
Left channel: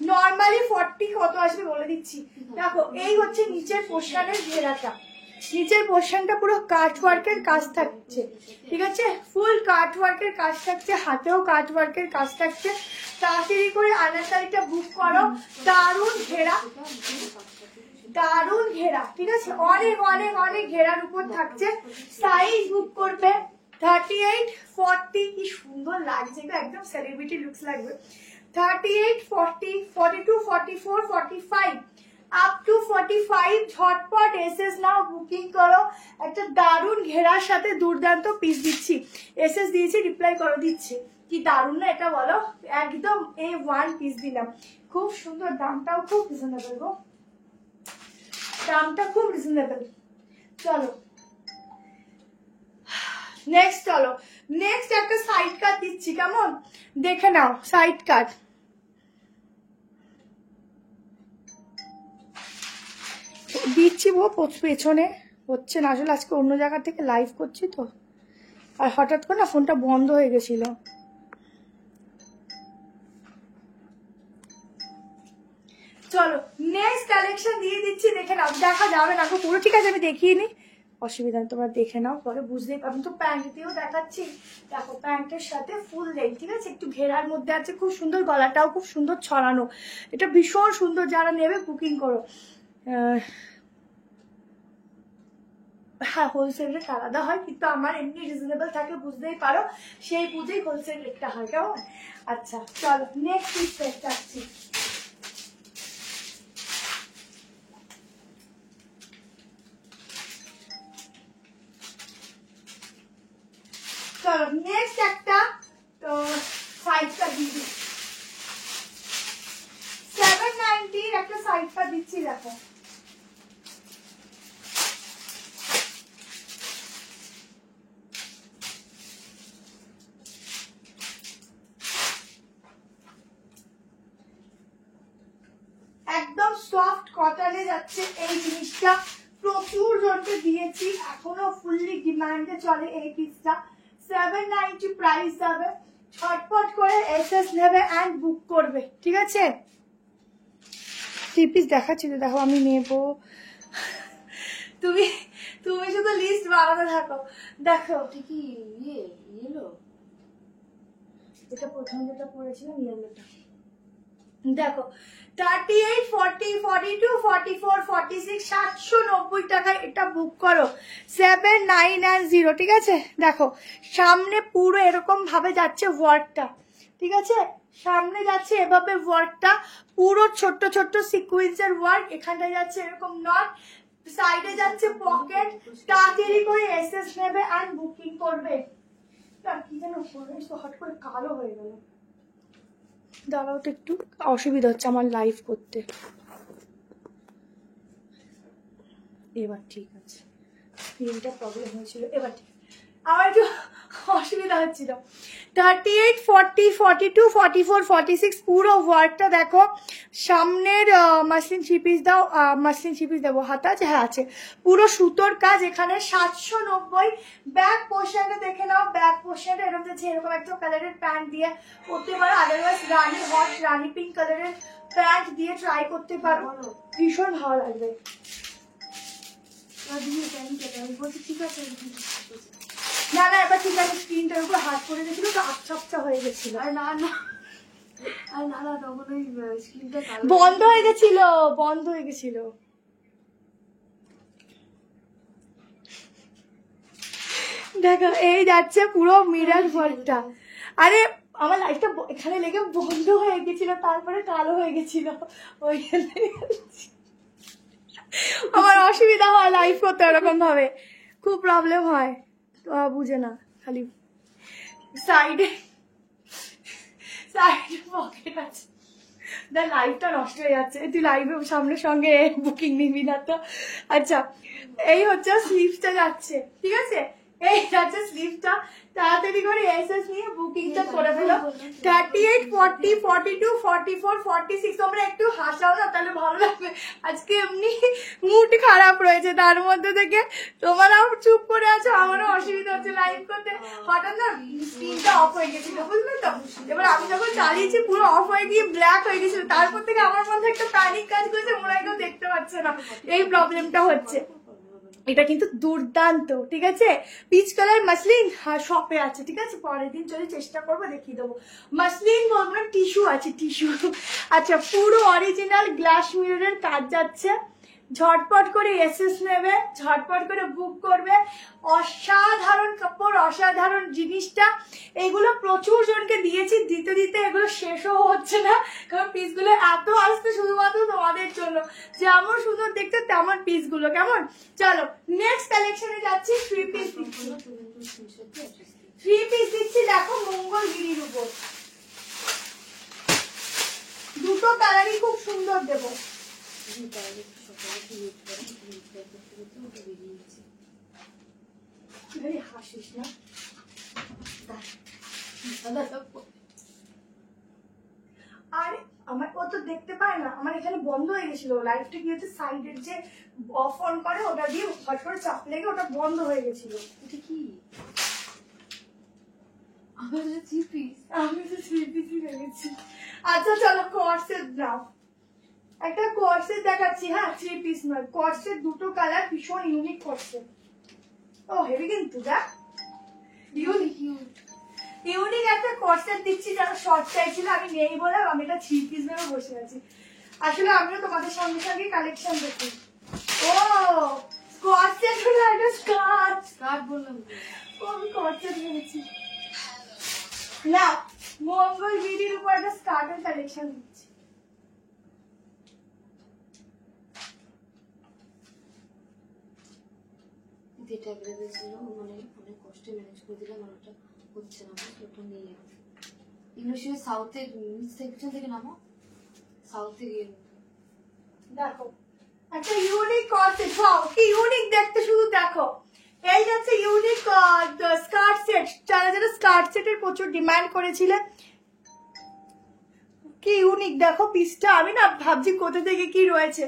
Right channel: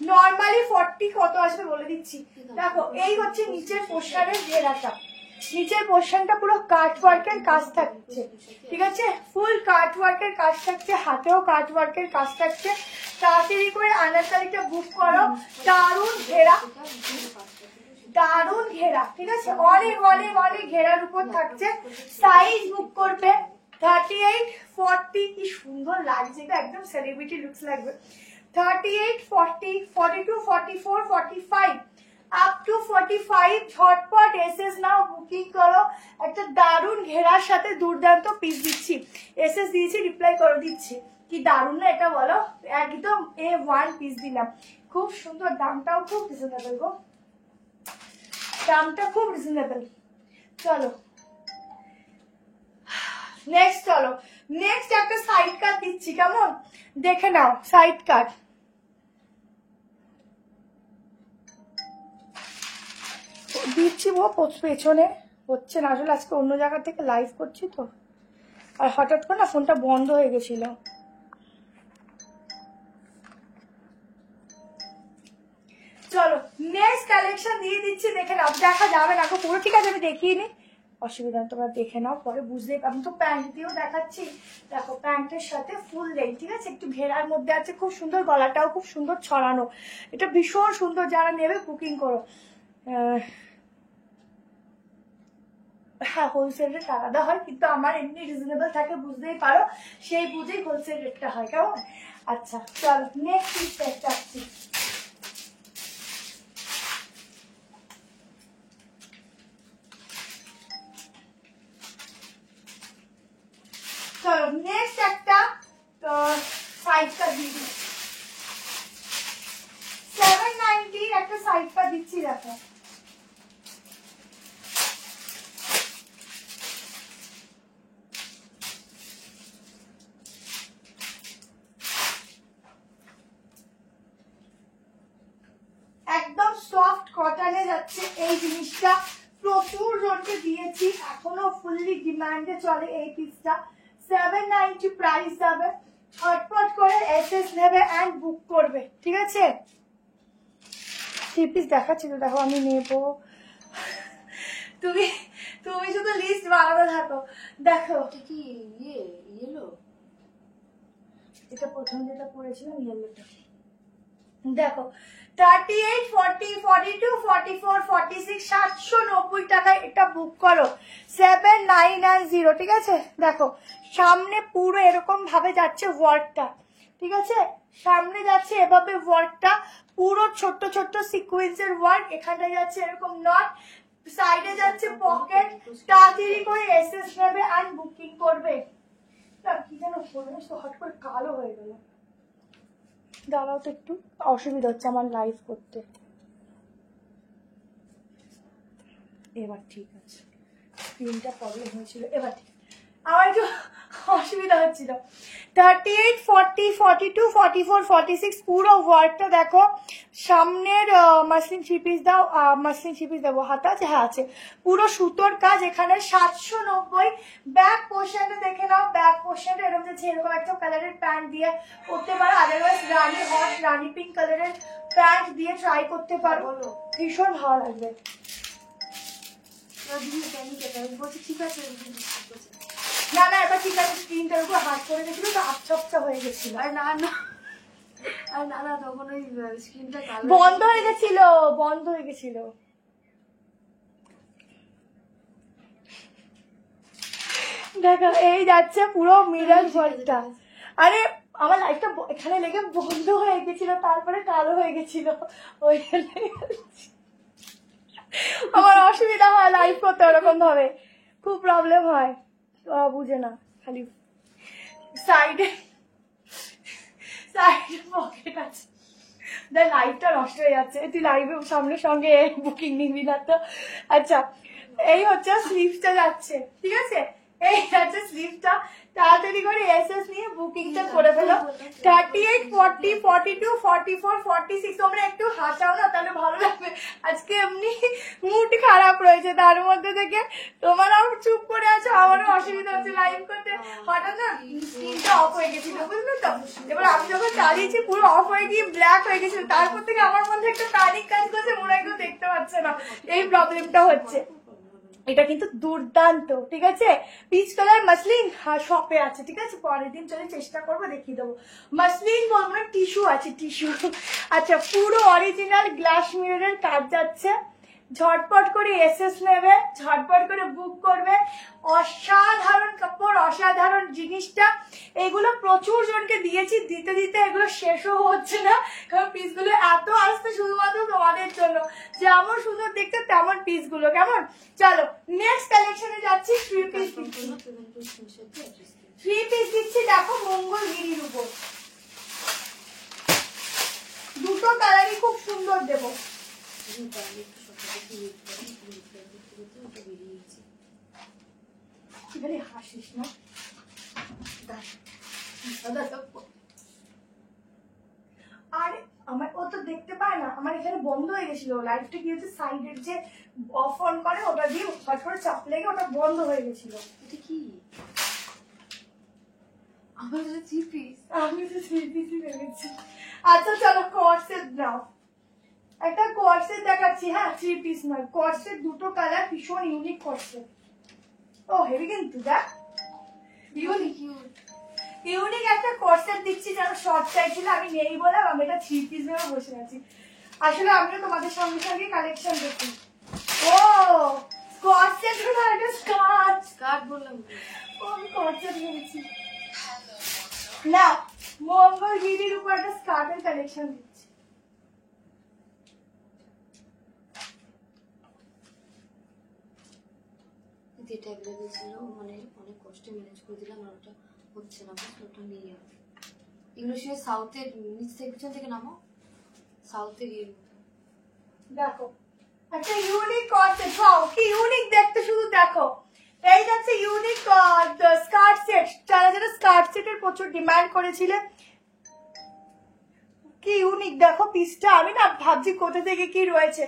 নর্মালি 40 কত আসবে বলে দিচ্ছি। দেখো এই হচ্ছে নিচের পোশাকের ঘেরাটা, নিচের পোর্শনটা পুরো কাট ওয়ার্কের কাজ থাকছে, ঠিক আছে, ফুল কাট ওয়ার্কের কাজ থাকছে, হাতেও কাট ওয়ার্কের কাজ থাকছে। তাড়াতাড়ি করে আনারকালিটা বুক করো। দারুণ ঘেরা, দারুণ ঘেরা, ঠিক আছে, অনেক অনেক অনেক ঘেরার উপর থাকছে। সাইজ বুক করবে 38, 40, কি সুন্দর লাগছে, এটা একদম সেলিব্রিটি লুকস লাগবে। 38, 40, 42, 44, 45 আপ টু 45 ঝটপট এসএস নাও, বুকিং করো। একটা দারুণ ঘেরার সাথে দুর্দান্ত পিস দিচ্ছি, এসএস দিয়েছি, রিপ্লাই করো, দিচ্ছি। কি দারুণ না এটা বলো, একদম A1 পিস দিলাম, খুব সুন্দর, দামটাও খুব রিজনেবল গো, দামটা খুব রিজনেবল। চলো নেক্সট, চলো নেক্সট একটা সাইড কাট দিচ্ছি, কেমন দেখে নাও, সাইড কাট। দিচ্ছি পেছনে হচ্ছে না, আসলে আজকে অন্য জায়গা থেকে লাইভ করছি তো, আর হঠাৎ করে না ফোনটা বন্ধ হয়ে গেছিল। চলো নেক্সট কালেকশন দিয়ে দিচ্ছি, দেখে নাও, দেখা যাবে না পুরো, ঠিক আছে আমি দেখিয়ে নি, অসুবিধা নেই, তোমরা দেখে নাও, পরে বুঝলেই, আমি তো প্যান্ট দিয়েও দেখাচ্ছি। দেখো প্যান্টের সাথে ফুল লেগ, ঠিক আছে, একটু ঘেরার মধ্যে আছে, খুব সুন্দর, গলাটাও খুব সুন্দর ছড়ানো, এটা ভীষণ সুন্দর, যারা নেবে বুকিং করো। হ্যাঁ হোলসেল রেট আলাদা হয়, কিন্তু আমার এমনি রিজনেবল থাকে, বুঝতেই পারো, সেই বুঝেই হোলসেল রেটটা হয়, কেমন। আচ্ছা চলো নেক্সট পিস চাচ্ছি। চলো নেক্সট একটা সাইডটা দিয়ে দিই, 790 একটা সাইডটা দিচ্ছি, দেখো একদম সফট কটনে যাচ্ছে এই জিনিসটা, প্রচুর জনকে দিয়েছি, এখনো ফুললি ডিমান্ডে চলে এই পিসটা। 790 প্রাইস যাবে, ছটপট করে এসএস নেবে এন্ড বুক করবে, ঠিক আছে। থ্রি পিস দেখাচ্ছি তো, দেখো আমি নেবো, তুমি তুমি শুধু লিস্ট বানাতে থাকো। দেখো কি ইয়েলো, এটা প্রথম যেটা পড়েছিলাম ইয়েলোটা, দেখো 38, 40, 42, 44, 46 790 টাকায় এটা বুক করো, 7990, ঠিক আছে। দেখো সামনে পুরো এরকম ভাবে যাচ্ছে ওয়ার্কটা, ঠিক আছে, সামনে যাচ্ছে এভাবে ওয়ার্কটা, পুরো ছোট্ট ছোট্ট সিকুয়েন্সের ওয়ার্ক, এখানটা যাচ্ছে এরকম নট, সাইডে যাচ্ছে পকেট। তাড়াতাড়ি করে এসএস নেবে আর বুকিং করবে। কি যেন হট করে কালো হয়ে গেল, দাঁড়াও তো একটু, অসুবিধা হচ্ছে আমার লাইভ করতে। এবার ঠিক আছে, স্ক্রিনটা প্রবলেম হয়েছিল, এবার ঠিক, আমার একটু অসুবিধা হচ্ছিল। 38, 40, 42, 44, 46 পুরো ওয়ার্কটা দেখো, সামনের মাসলিন থ্রি পিস দাও, মাসলিন থ্রি পিস দেবো, হাতা আছে, হ্যাঁ আছে, পুরো সুতোর কাজ এখানে 790। ব্যাক পোর্শনটা দেখে নাও, ব্যাক পোর্শনটা এরকম যাচ্ছে, এরকম একটা কালারের প্যান্ট দিয়ে পরতে পারো, আদারওয়াইজ রানি হট রানি পিঙ্ক কালারের প্যান্ট দিয়ে ট্রাই করতে পারো, ভীষণ ভালো লাগবে। ঠিক আছে না না, এবার ঠিক আছে, স্ক্রিনটার উপর হাত পড়ে গেছিল তো, আচ্ছা হয়ে গেছিল, আর না না আর না না, তখন ওই স্ক্রিনটা বন্ধ হয়ে গেছিল, বন্ধ হয়ে গেছিল। দেখো এই যাচ্ছে পুরো মিরর ওয়ার্কটা, আরে আমার লাইটটা এখানে লেগে বন্ধ হয়ে গেছিল, তারপরে কালো হয়ে গেছিল, ওইখানে আমার অসুবিধা হয় লাইভ করতে, ওরকম ভাবে খুব প্রবলেম হয়, বুঝে না, খালি সাইডে সাইডে পকেট আছে, দেখ লাইভটা নষ্ট হয়ে যাচ্ছে, তুই লাইভের সামনে সঙ্গে বুকিং নিবি না তো। আচ্ছা এই হচ্ছে স্লিভসটা যাচ্ছে, ঠিক আছে, এই যাচ্ছে স্লিভসটা, তাড়াতাড়ি করে এসএস নিয়ে বুকিংটা করে ফেলো। 38, 40, 42, 44, 46 তোমরা একটু হাসাও না, তাহলে ভালো লাগবে। আজকে এমনি মুড খারাপ রয়েছে, তার মধ্যে থেকে তোমরাও চুপ করে আছো, আমারও অসুবিধা হচ্ছে লাইভ করতে, হঠাৎ না স্ক্রিনটা অফ হয়ে গেছিল, বুঝলে তো। এবার আমি যখন চালিয়েছি পুরো অফ হয়ে গিয়ে ব্ল্যাক হয়ে গেছিল, তারপর থেকে আমার মধ্যে একটা প্যানিক কাজ করছে, মনে হয় কেউ দেখতে পাচ্ছে না, এই প্রবলেমটা হচ্ছে। এটা কিন্তু দুর্দান্ত, ঠিক আছে। পিচ কালার মাসলিন শপে আছে, ঠিক আছে, পরের দিন চলে চেষ্টা করবো দেখিয়ে দেবো। মাসলিন বলবো, টিস্যু আছে, টিস্যু। আচ্ছা, পুরো অরিজিনাল গ্লাস মিররের কাজ যাচ্ছে। ঝটপট করে এসএস নেবে, ঝটপট করে বুক করবে। অসাধারণ কাপড়, অসাধারণ জিনিসটা। এগুলো প্রচুর জনকে দিয়েছি, দিতে দিতে এগুলো শেষও হচ্ছে না, কারণ পিসগুলো এত আসছে শুধুমাত্র তোমাদের জন্য। যেমন সুন্দর দেখতে তেমন পিসগুলো, কেমন। চলো নেক্সট কালেকশনে যাচ্ছি। থ্রি পিস দিচ্ছি, দেখো মঙ্গলগিরির উপর। দুটো কালারই খুব সুন্দর দেবো। হাসিস না, আরে আমার ও তো দেখতে পায় না, আমার এখানে বন্ধ হয়ে গেছিল লাইটটা, কি হচ্ছে সাইডের যে অফ অন করে ওটা দিয়ে হট করে চাপ লেগে ওটা বন্ধ হয়ে গেছিল। এটা কি আমার থ্রি পিস? আমি তো থ্রি পিসই ভেবেছি। আচ্ছা চলো কর্সেট নাও, একটা কর্সেট দেখাচ্ছি। হ্যাঁ, থ্রি পিস নয়, কর্সেট, দুটো কালার, ভীষণ ইউনিক কর্সেট। ও হেভি কিন্তু, দেখ ইউনিক একটা কর্সেট দিচ্ছি। যারা শর্ট চাইছিল, আমি নেই বলে আমি এটা থ্রি পিস ভেবে বসে আছি। আসলে আমিও তোমাদের সঙ্গে সঙ্গে কালেকশন দেখি। ও কর্সেট হলো একটা স্কার্ট। স্কার্ট বললাম, আমি কর্সেট ভেবেছি। না, মঙ্গলগিরির উপর একটা স্কার্টের কালেকশন দিচ্ছি। যেটা অ্যাভেলেবেল ছিল মানে অনেক কষ্টে ম্যানেজ করে দিলাম, আর ওটা হচ্ছে না, ওটা নেই আর। এগুলো সে সাউথের নিচ থেকে পিছন থেকে নামো, সাউথে গিয়ে দেখো একটা ইউনিক কনসেপ্ট। হাও কি ইউনিক দেখতে, শুধু দেখো। এই যাচ্ছে ইউনিক স্কার্ট সেট। যারা যারা স্কার্ট সেটের প্রচুর ডিমান্ড করেছিলে, কি ইউনিক দেখো পিসটা। আমি না ভাবছি কোথা থেকে কি রয়েছে।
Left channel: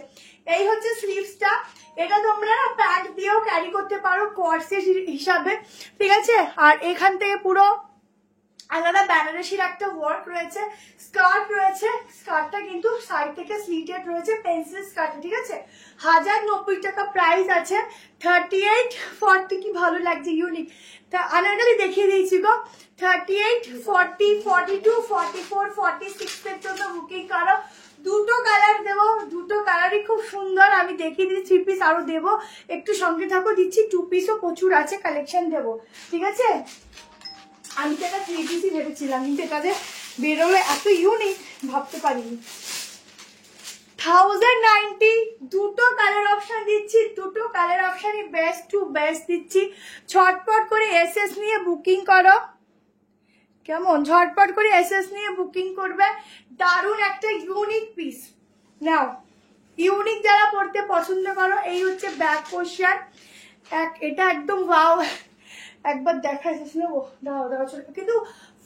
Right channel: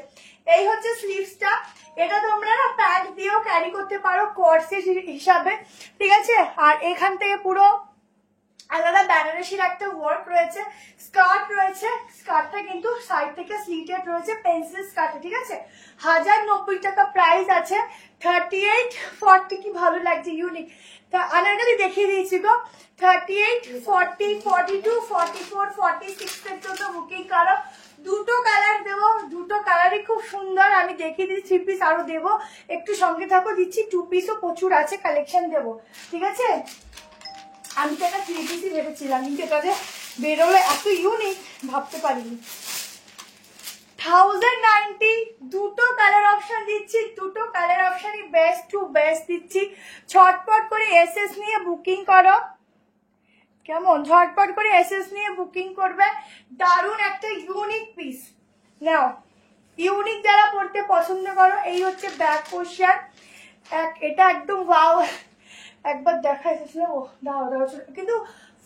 এই হচ্ছে স্লিভসটা। এটা তোমরা প্যান্ট দিয়েও ক্যারি করতে পারো কর্সেট হিসাবে, ঠিক আছে। আর এখান থেকে পুরো আলাদা বেনারসির একটা ওয়ার্ক রয়েছে, স্কার্ট রয়েছে। স্কার্টটা কিন্তু সাইড থেকে স্লিটেড রয়েছে, পেন্সিল স্কার্ট, ঠিক আছে। 1090 টাকা প্রাইস আছে। 38, 40 কি ভালো লাগছে, ইউনিক। তা আনারকলি দেখিয়ে দিয়েছি গো। 38, 40, 42, 44, 46 এর জন্য বুকিং করো। দুটো কালার দেবো, দুটো কালারই খুব সুন্দর। আমি দেখিয়ে দিচ্ছি, থ্রি পিস আরো দেবো, একটু সঙ্গে থাকো, দিচ্ছি। টু পিসও প্রচুর আছে, কালেকশন দেবো, ঠিক আছে। আমি তো এটা থ্রি পিসই ভেবেছিলাম, কিন্তু এটা যে বেরোলে এত ইউনিক ভাবতে পারিনি। 1090, দুটো কালার অপশন দিচ্ছি, দুটো কালার অপশনই বেস্ট টু বেস্ট দিচ্ছি। ঝটপট করে এসএস নিয়ে বুকিং করো, কেমন। ঝটপট করে এসএস নিয়ে বুকিং করবে। দারুণ একটা ইউনিক পিস। নাও, ইউনিক যারা পড়তে পছন্দ করো, এই হচ্ছে ব্যাক পোর্শন। এটা একদম ওয়াও, একবার দেখা এসেছিল। ও দাও দাও, কিন্তু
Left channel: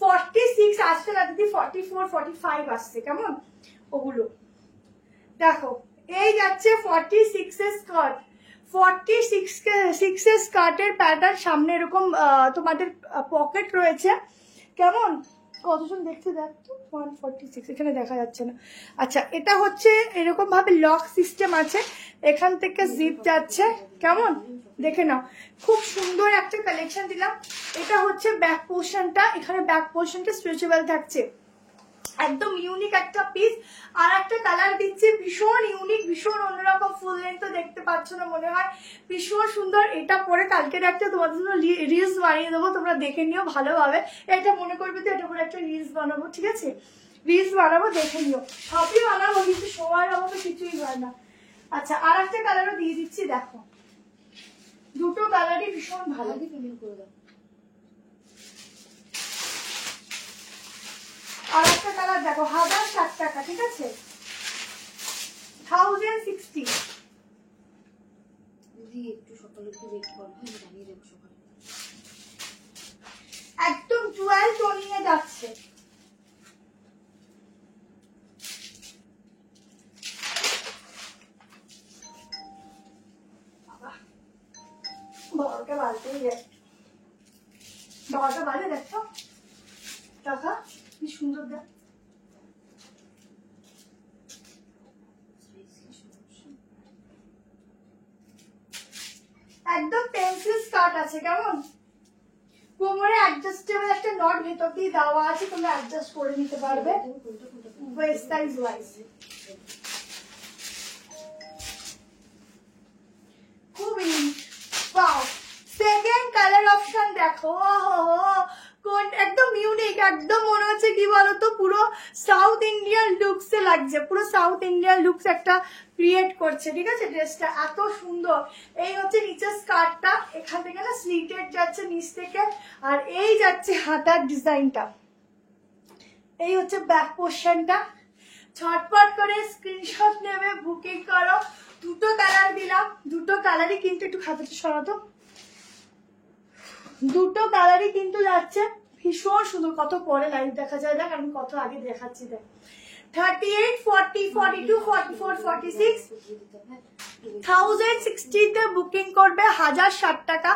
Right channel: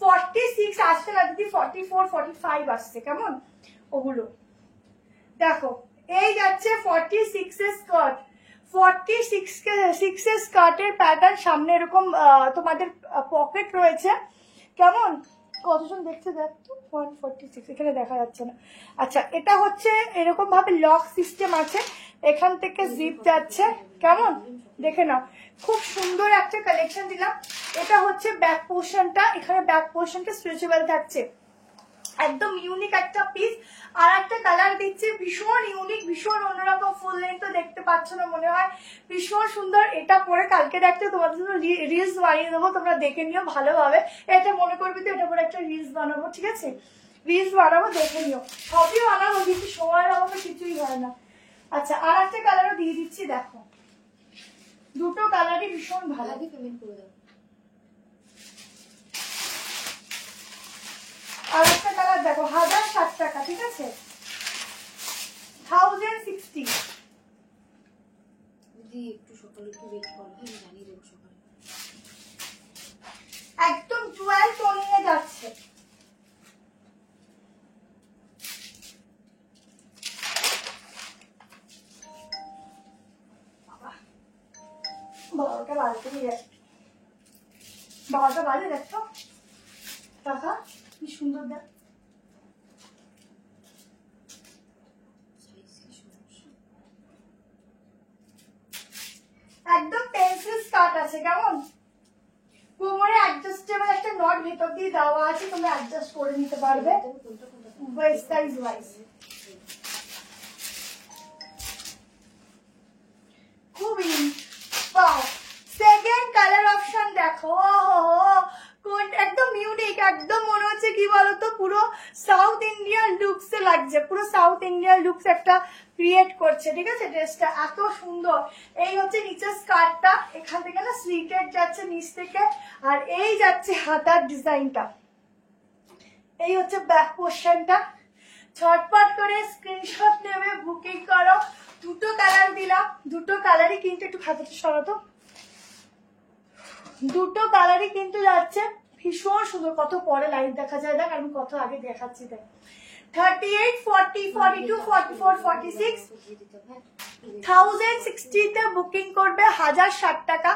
46 আসছে না দিদি, 44, 45 আসছে, কেমন ওগুলো। দেখো এই যাচ্ছে 46 এর স্কার্ট। 46 এর স্কার্টের প্যাটার্ন, সামনে এরকম তোমাদের পকেট রয়েছে, কেমন। কতজন দেখছে দেখ তো, 146 এখানে দেখা যাচ্ছে না। আচ্ছা, এটা হচ্ছে এরকম ভাবে লক সিস্টেম আছে, এখান থেকে জিপ যাচ্ছে, কেমন দেখে নাও। খুব সুন্দর একটা কালেকশন দিলাম। এটা হচ্ছে ব্যাক পোর্শনটা, এখানে ব্যাক পোর্শনটা স্ট্রেচেবল থাকছে, একদম ইউনিক একটা পিস। আর একটা কালার দিচ্ছি, ভীষণ ইউনিক, ভীষণ অন্যরকম। ফুল লেন্থ দেখতে পাচ্ছ না মনে হয়, ভীষণ সুন্দর। এটা পরে কালকে একটা তোমাদের জন্য রিলস বানিয়ে দেবো, তোমরা দেখে নিও ভালোভাবে। এটা মনে করবি তো এটা পরে একটা রিলস বানাবো, ঠিক আছে। রিলস বানাবো, দেখে নিও। সবই বানাবো, কিন্তু সময়ের অভাবে কিছুই হয় না। আচ্ছা, আর একটা কালারও দিয়ে দিচ্ছি, দেখো দুটো কালারই ভীষণ ভালো। পেমেন্ট করে দাও। আর একটা কালার দেখো, 1060 টাকা, ঠিক আছে। 1060। দিদি একটু সকালে একটু ওয়েট করো, আমি জানিয়ে দেবো সকালে। একদম 12 টোনিং এ যাচ্ছে। বাবাকে বাজতেই যায়, বাবাকে বাজে, দেখছো টাকা কি সুন্দর। দেখ আছে, কেমন? কোমরে অ্যাডজাস্টেবল একটা নট ভেতর দিয়ে দেওয়া আছে, তোমরা অ্যাডজাস্ট করে নিতে পারবে ওয়েস্ট সাইজ ওয়াইজ। খুবই বাও। সেকেন্ড কালার অপশন দেখো, কোন একদম ইউনিক, একদম মনে হচ্ছে কি বলতো পুরো সাউথ ইন্ডিয়ান লুকসে লাগছে, পুরো সাউথ ইন্ডিয়ান লুকস একটা ক্রিয়েট করছে, ঠিক আছে? ড্রেসটা এত সুন্দর। এই হচ্ছে নিচের স্কার্টটা, এখান থেকে না স্লিটেড যাচ্ছে নিচ থেকে, আর এই যাচ্ছে হাতার ডিজাইনটা, এই হচ্ছে ব্যাক পোর্শনটা। ছটপট করে স্ক্রিনশট নেবে, বুকিং করো। দুটো কালার দিলাম, দুটো কালারই কিন্তু, একটু খাতাটা সরাতো, দুটো কালারই কিন্তু যাচ্ছে ভীষণ সুন্দর। কত পরে লাইভ দেখা যায়, দেখ আমি কত আগে দেখাচ্ছি, দেখ 38, 40, 42, 44, 46 1060 তে বুকিং করবে, 1060 টাকা।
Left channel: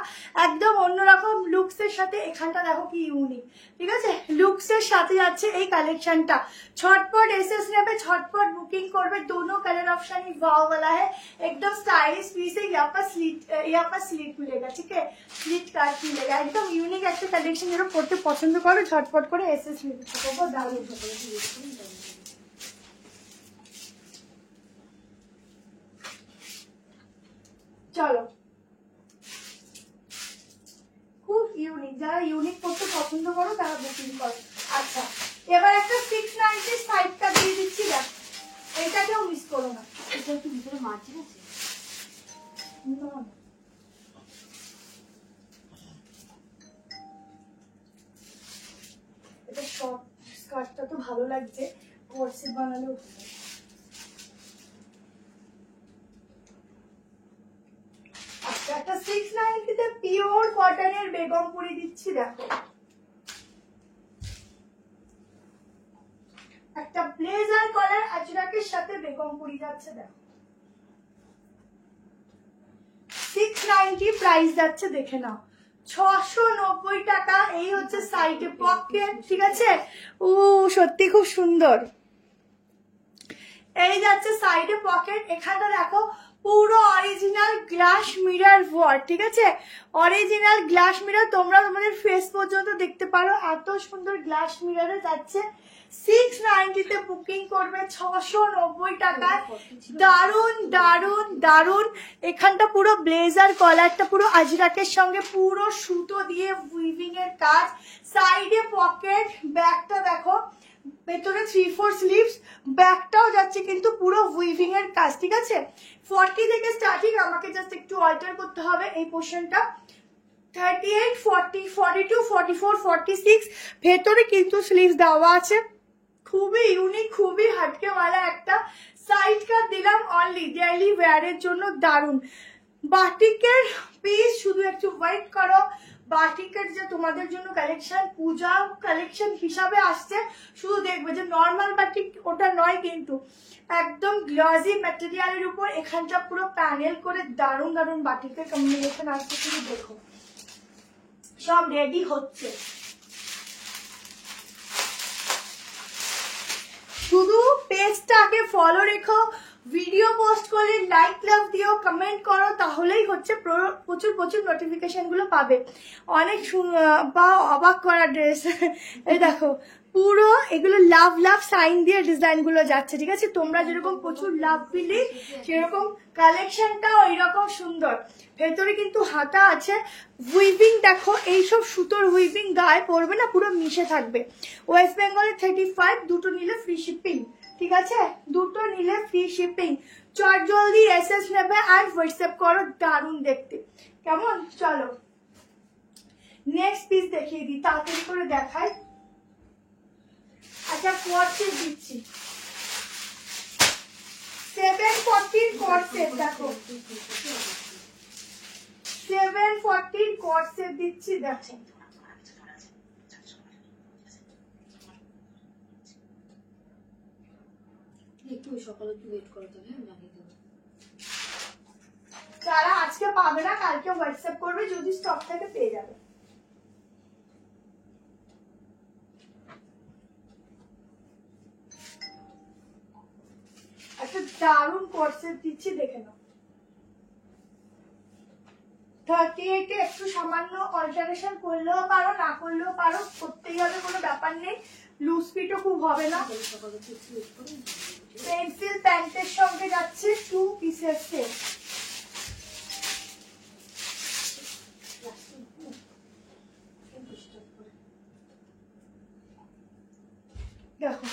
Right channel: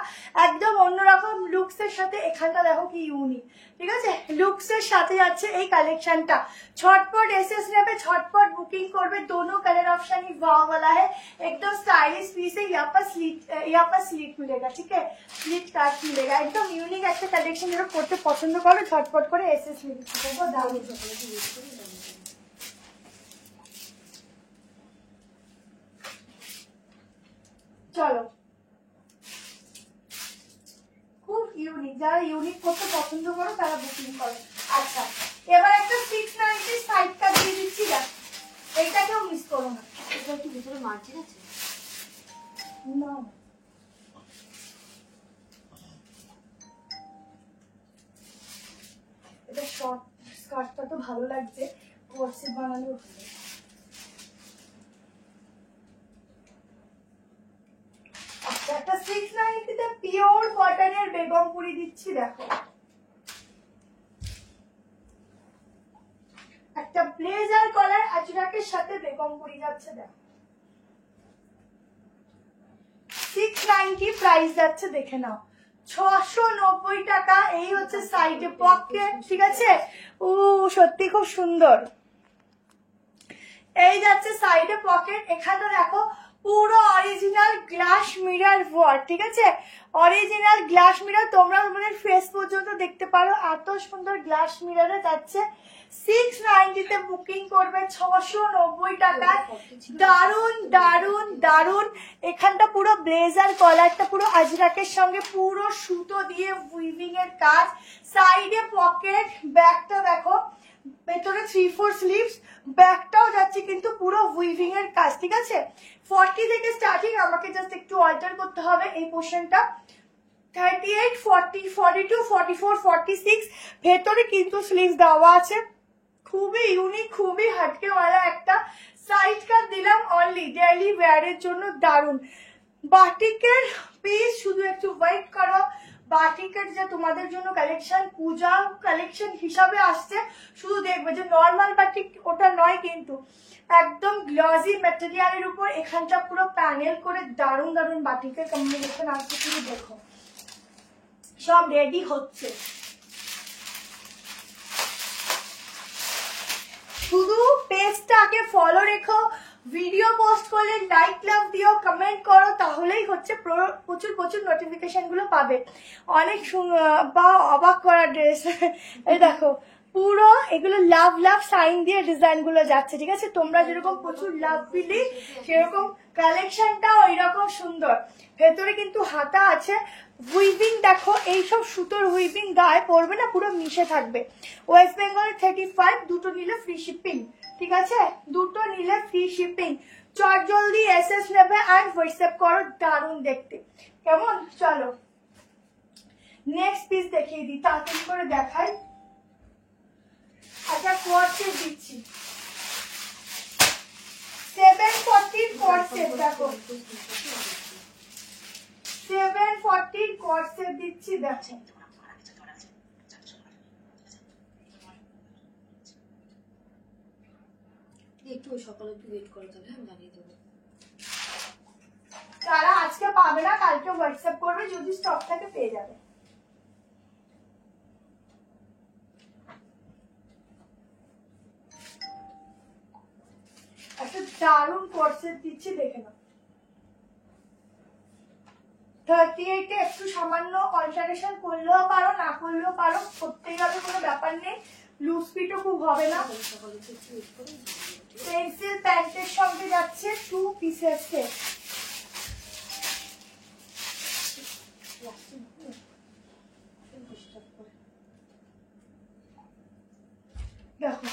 একদম অন্যরকম লুকস এর সাথে, এখানটা দেখো কি ইউনিক, ঠিক আছে? লুকস এর সাথে যাচ্ছে এই কালেকশনটা। ছটপট एसएस নেবে, ছটপট বুকিং করবে। दोनों कलर ऑप्शन ही वाव वाला है, एकदम स्टाइलिश पीस है। यहाँ पर स्लीट मिलेगा, ठीक है? स्लीट काट मिलेगा, एकदम यूनिक একটা কালেকশন। যারা পড়তে পছন্দ করে ছটপট করে एसएस নিতে পারবে। দারুণ। চলো, খুব ইউনিক, যারা ইউনিক করতে পছন্দ করো তারা বুকিং করো। আচ্ছা, এবার একটা 690 সাইডটা দিয়ে দিচ্ছি, দেখ এইটাকেও মিস করো না। এটা কি ভিতরে মার্জিন আছে? না, এটা শর্ট স্কার্টটা তো ভালো লাগছে, কোর্সেট বানালেও ভালো। আচ্ছা, একটা 690 তে পিওর কটনের বেগমপুরি দিচ্ছি, দেখো একটা ব্লেজার কলার আজরাকের সাথে বেগমপুরি যাচ্ছে, দেখো 690 প্রাইস যাচ্ছে, দেখে নাও 690 টাকা। এই হচ্ছে সাইডে পকেট, ঠিক আছে? ও সত্যি খুব সুন্দর। এই যাচ্ছে সাইডে পকেট, এখানটা দেখো পুরো অরিজিনাল গ্লাস মিরর ওয়ার্ক, ঠিক আছে? অরিজিনাল গ্লাস মিরর, তোমরা তোমাদের ফেস পর্যন্ত দেখতে পারো, এত সুন্দর গ্লাস মিররে যাচ্ছে। 690 তে বুকিং করবে, 690 টাকায়। দারুন দারুন দারুন। এখানটা পুরো ব্লেজার কলারটা পুরো আজরাকের সঙ্গে পুরো সুতো দিয়ে উইভিং এর কাজ, সাইডে পকেট, ব্যাকটা দেখো ভেতরে 3/4 স্লিভস, ব্যাকটাও যাচ্ছে কিন্তু পুরো উইভিং এর কাজ, ঠিক আছে? 40 থেকে স্টার্টিং, আমাকে জাস্ট একটু অল্টার করতে হবে এই পোর্শনটা। 38, 40, 42, 44, 46 ভেতরে কিন্তু স্লিভস দেওয়া আছে। খুবই ইউনিক, খুবই হাটকেওয়ালা একটা সাইড কাট দিলাম অনলি ডেইলি ওয়্যারের জন্য, দারুন। বাটিকের পিস, শুধু একটু ওয়েট করো। বাটিকের যে তোমাদের জন্য কালেকশন, পূজা কালেকশন হিসাবে আসছে, শুধু দেখবে যে নর্মাল বাটিক ওটা নয়, কিন্তু একদম গ্লসি ম্যাটেরিয়ালের উপর এখানটা পুরো প্যানেল করে দারুন দারুন বাটিকের কম্বিনেশন আসছে, শুধু দেখো সব রেডি হচ্ছে। শুধু পেজটাকে ফলো রেখো, ভিডিও পোস্ট করলে লাইক লাভ দিও, কমেন্ট করো, তাহলেই হচ্ছে প্রচুর প্রচুর নোটিফিকেশন গুলো পাবে। অনেক বা অবাক করা ড্রেস, এই দেখো পুরো এগুলো লাভ লাভ সাইন দিয়ে ডিজাইন গুলো যাচ্ছে, ঠিক আছে? তোমরা যেরকম প্রচুর লাভ দিলি সেরকম কালেকশনটাও এইরকম সুন্দর। ভেতরে কিন্তু হাতা আছে, উইভিং দেখো, এইসব সুতোর উইভিং গায়ে পড়বে না, পুরো মিশে থাকবে। ওয়েস্ট বেঙ্গলে 35, দুটো নিলে ফ্রি শিপিং, ঠিক আছে? দুটো নিলে ফ্রি শিপিং। চট জলদি এসএস নেবে আর হোয়াটসঅ্যাপ করো, দারুন দেখতে, কেমন? চলো নেক্সট পিস দেখিয়ে দিই, তাড়াতাড়ি করে দেখাই। আচ্ছা, কোয়ার্সেট দিচ্ছি 740 কোয়ার্সেট, দেখো 740 কোয়ার্সেট দিচ্ছি, দেখো একটু সকালে একটু ওয়েট করো, তাহলে আমি জানিয়ে দেবো। যারা আজকে পাবে না কালকে হোয়াটসঅ্যাপ করবে, যদি স্টক থাকে পেয়ে যাবে। একটা দারুণ কোর্সেট দিচ্ছি, দেখে নাও 38 একটু সামান্য অল্টারেশন করলেও পারো, না করলেও পারো, করতেই হবে, কোনো ব্যাপার নেই। লুজ ফিটও খুব হবে না। পেন্সিল প্যান্টের সঙ্গে যাচ্ছে 2 পিসের সেট। দেখো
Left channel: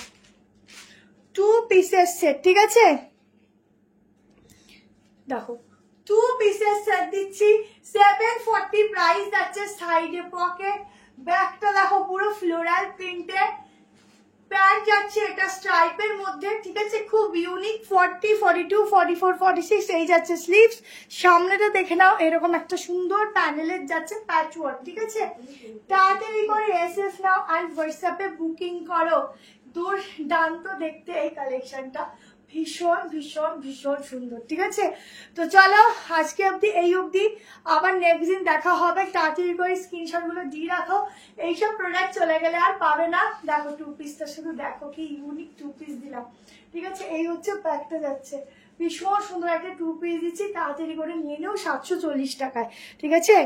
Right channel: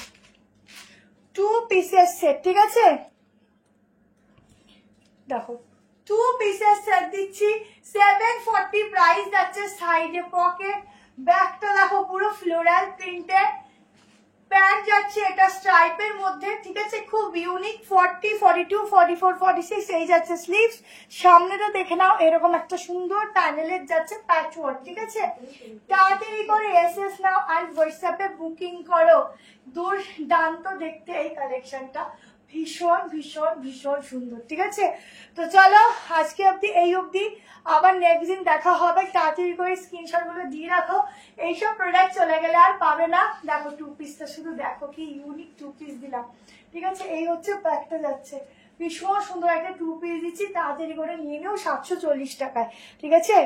2 পিসের সেট, ঠিক আছে? দেখো 2 পিসের সেট দিচ্ছি 740 প্রাইস যাচ্ছে। সাইডে পকেট, ব্যাকটা দেখো পুরো ফ্লোরাল প্রিন্টের, প্যান্ট যাচ্ছে এটা স্ট্রাইপের মধ্যে, ঠিক আছে? খুব ইউনিক। 40, 42, 44, 46 এই যাচ্ছে স্লিভস। সামনেটা দেখে নাও, এরকম একটা সুন্দর প্যানেলের যাচ্ছে প্যাচওয়ার্ক, ঠিক আছে? তাড়াতাড়ি করে এসএস নাও অ্যান্ড হোয়াটসঅ্যাপে বুকিং করো। দুর্দান্ত দেখতে এই কালেকশনটা, ভীষণ ভীষণ ভীষণ সুন্দর, ঠিক আছে? তো চলো আজকে অব্দি এই অবধি, আবার নেক্সট দিন দেখা হবে। তাড়াতাড়ি করে স্ক্রিনশট গুলো দিয়ে রাখো, এইসব প্রোডাক্ট চলে গেলে আর পাবে না। দেখো 2 পিসটা শুধু দেখো, কি ইউনিক 2 পিস দিলাম, ঠিক আছে? এই হচ্ছে প্যাকটা যাচ্ছে, ভীষণ সুন্দর একটা 2 পিস দিচ্ছি, তাড়াতাড়ি করে নিয়ে নিও 740 টাকায়, ঠিক আছে?